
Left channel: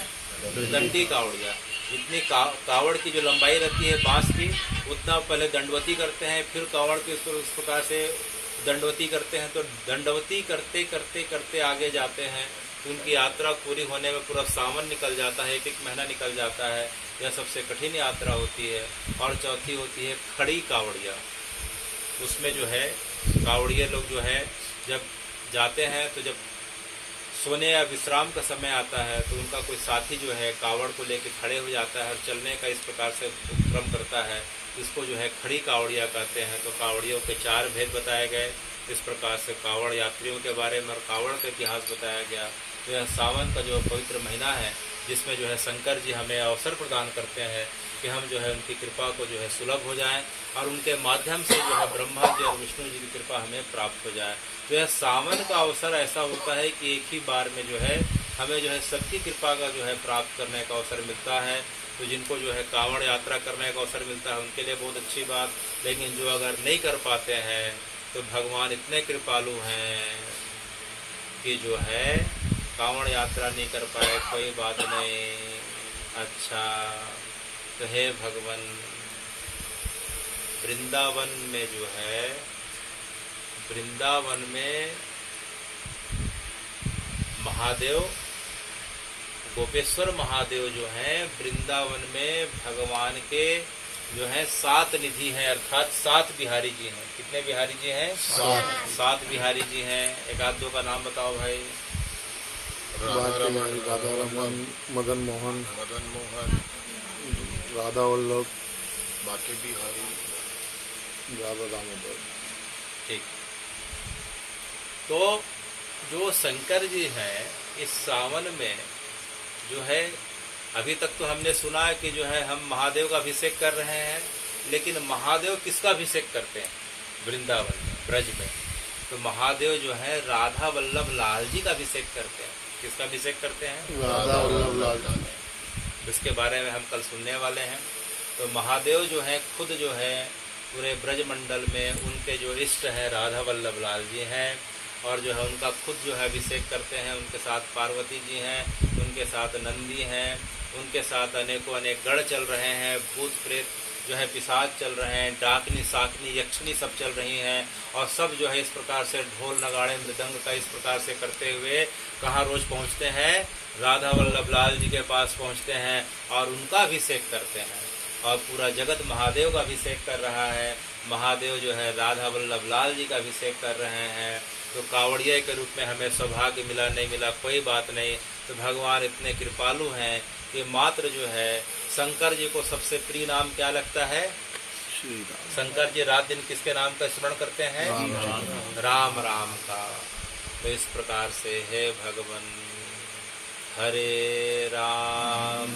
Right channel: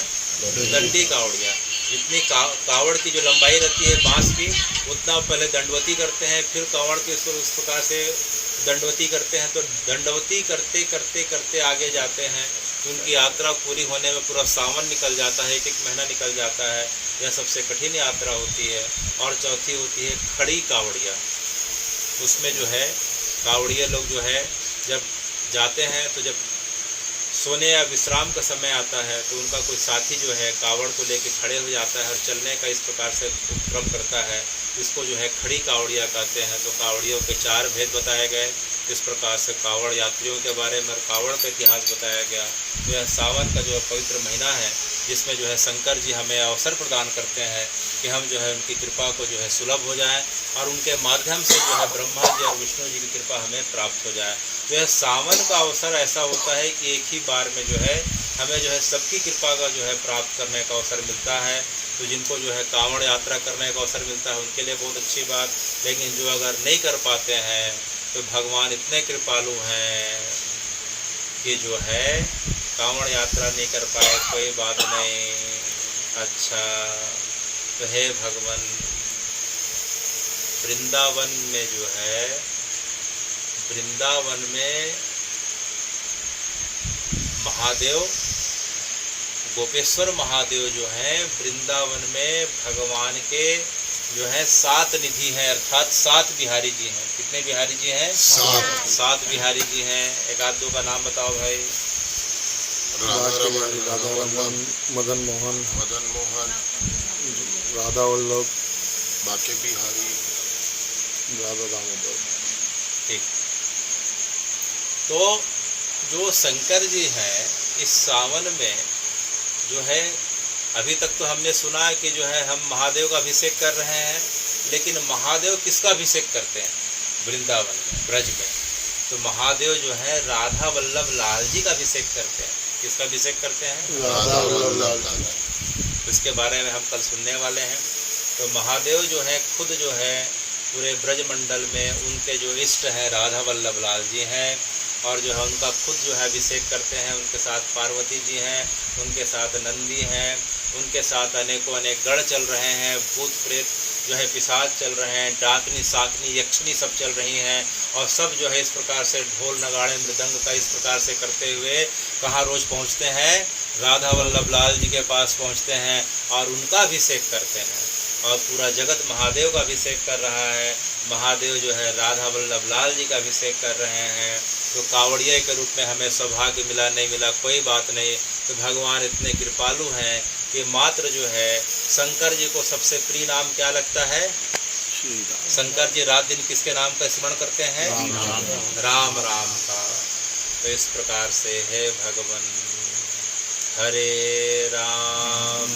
दंडी कावड़िया। जितनी कावड़ की जो लंबाई रहती है बांस की, उतना पहले दंडवती करते हैं, फिर कावड़ के उस प्रकार से दंडवती करते हैं। तो दंडवती करते करते करते आगे जाते हैं तो उनकी यात्रा पूरी होने में पूरा सावन निकल जाता है, 1-1 महीना निकल जाता है। यह सबसे कठिन यात्रा होती है। और चौथी होती है खड़ी कावड़िया। उसमें जो है कावड़िया लोग जो है जब जाते हैं तो जब सोने या विश्राम का समय आता है तो उनका कोई साथी जो है कावड़ को लेकर खड़े हो जाता है और चलने का इस प्रकार से उपक्रम करता है। इसको जो है खड़ी कावड़िया कहते हैं। तो कावड़ियों के 4 भेद बताए गए। इस प्रकार से कावड़ यात्रियों के बारे में और कावड़ का इतिहास बताया गया। तो यह सावन का जो पवित्र महीना है जिसमें जो है शंकर जी हमें अवसर प्रदान करते हैं कि हम जो है उनकी कृपा को जो है सुलभ हो जाएं और उनके माध्यम से जो है ब्रह्मा जी और विष्णु जी की कृपा हमें प्राप्त हो जाए। तो यह सावन का अवसर ऐसा होता है कि एक ही बार में जो है हमें जो है सबकी कृपा का जो है प्राप्त करने का अवसर मिलता है। तो जिनको जो है कांवड़ यात्रा करने का अवसर मिलता है उनके लिए बहुत अच्छी बात। लेकिन जो अगर नहीं कर पाते हैं तो भगवान इतने कृपालु हैं कि जो है कांवड़ यात्रा नहीं कर पाए, कोई बात नहीं। अच्छा, तो हे भगवान, वृंदावन में जो है वृंदावन में महादेव, गोपेश्वर महादेव जो हैं वृंदावन में भगवान के जो है 7 निधि हैं, अर्थात 7 बिहारी जी हैं। कितने बिहारी जी हैं? 7 बिहारी जी हैं। एक आध दो का नाम बताओ भाई। बांके बिहारी, राधा रमन, मदन मोहन, राधा वल्लभ, बांके बिहारी, राधा दामोदर। ठीक। तो जो शंकर जी हैं इस सावन में जो है, अभी तक तो हमने सुना है कि जो है हम महादेव का अभिषेक कर रहे हैं, लेकिन महादेव किसका अभिषेक करते हैं? वृंदावन में, ब्रज में। तो महादेव जो है राधा वल्लभ लाल जी का अभिषेक करते हैं। किसका अभिषेक करते हैं? राधा वल्लभ लाल जी। इसके बारे में हम कल सुनने वाले हैं। तो महादेव जो है खुद जो है पूरे ब्रज मंडल में उनके जो इष्ट हैं राधा वल्लभ लाल जी हैं, और जो है उनका खुद जो है अभिषेक करते हैं। उनके साथ पार्वती जी हैं, उनके साथ नंदी हैं, उनके साथ अनेकों अनेक गण चल रहे हैं, भूत प्रेत जो है पिशाच चल रहे हैं, डाकनी साकनी यक्षनी सब चल रही हैं। और सब जो है इस प्रकार से ढोल नगाड़े मृदंग का इस प्रकार से करते हुए कहाँ रोज़ पहुँचते हैं? राधा वल्लभ लाल जी के पास पहुँचते हैं और उनका अभिषेक करते हैं। और पूरा जगत महादेव का अभिषेक कर रहा है। महादेव जो है राधा वल्लभ लाल जी का अभिषेक कर रहे हैं। तो कावड़िया के रूप में हमें सौभाग्य मिला नहीं मिला कोई बात नहीं। तो भगवान इतने कृपालु हैं कि मात्र जो है शंकर जी को सबसे प्रिय नाम क्या लगता है? शंकर जी रात दिन किसके नाम का स्मरण करते हैं? राम राम का। तो इस प्रकार से हे भगवान, हरे राम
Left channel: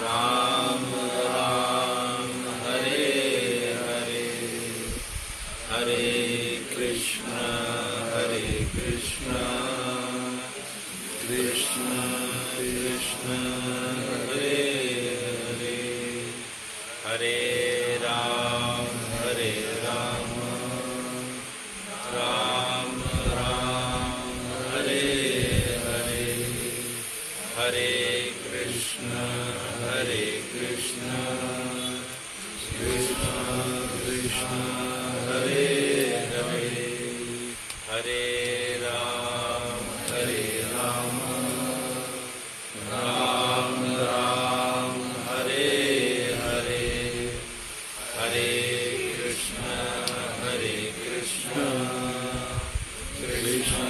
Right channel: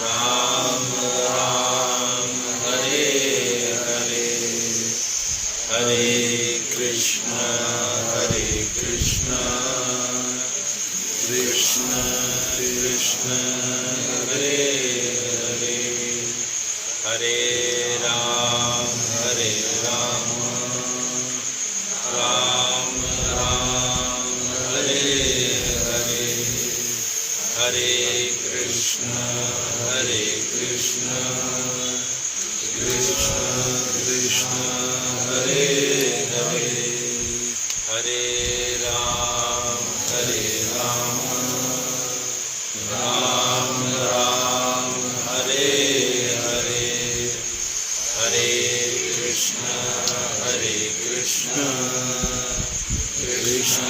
राम राम हरे हरे, हरे कृष्ण कृष्ण कृष्ण हरे हरे, हरे राम राम राम हरे हरे, हरे कृष्ण कृष्ण कृष्ण हरे हरे, हरे राम राम राम हरे हरे, हरे कृष्ण कृष्ण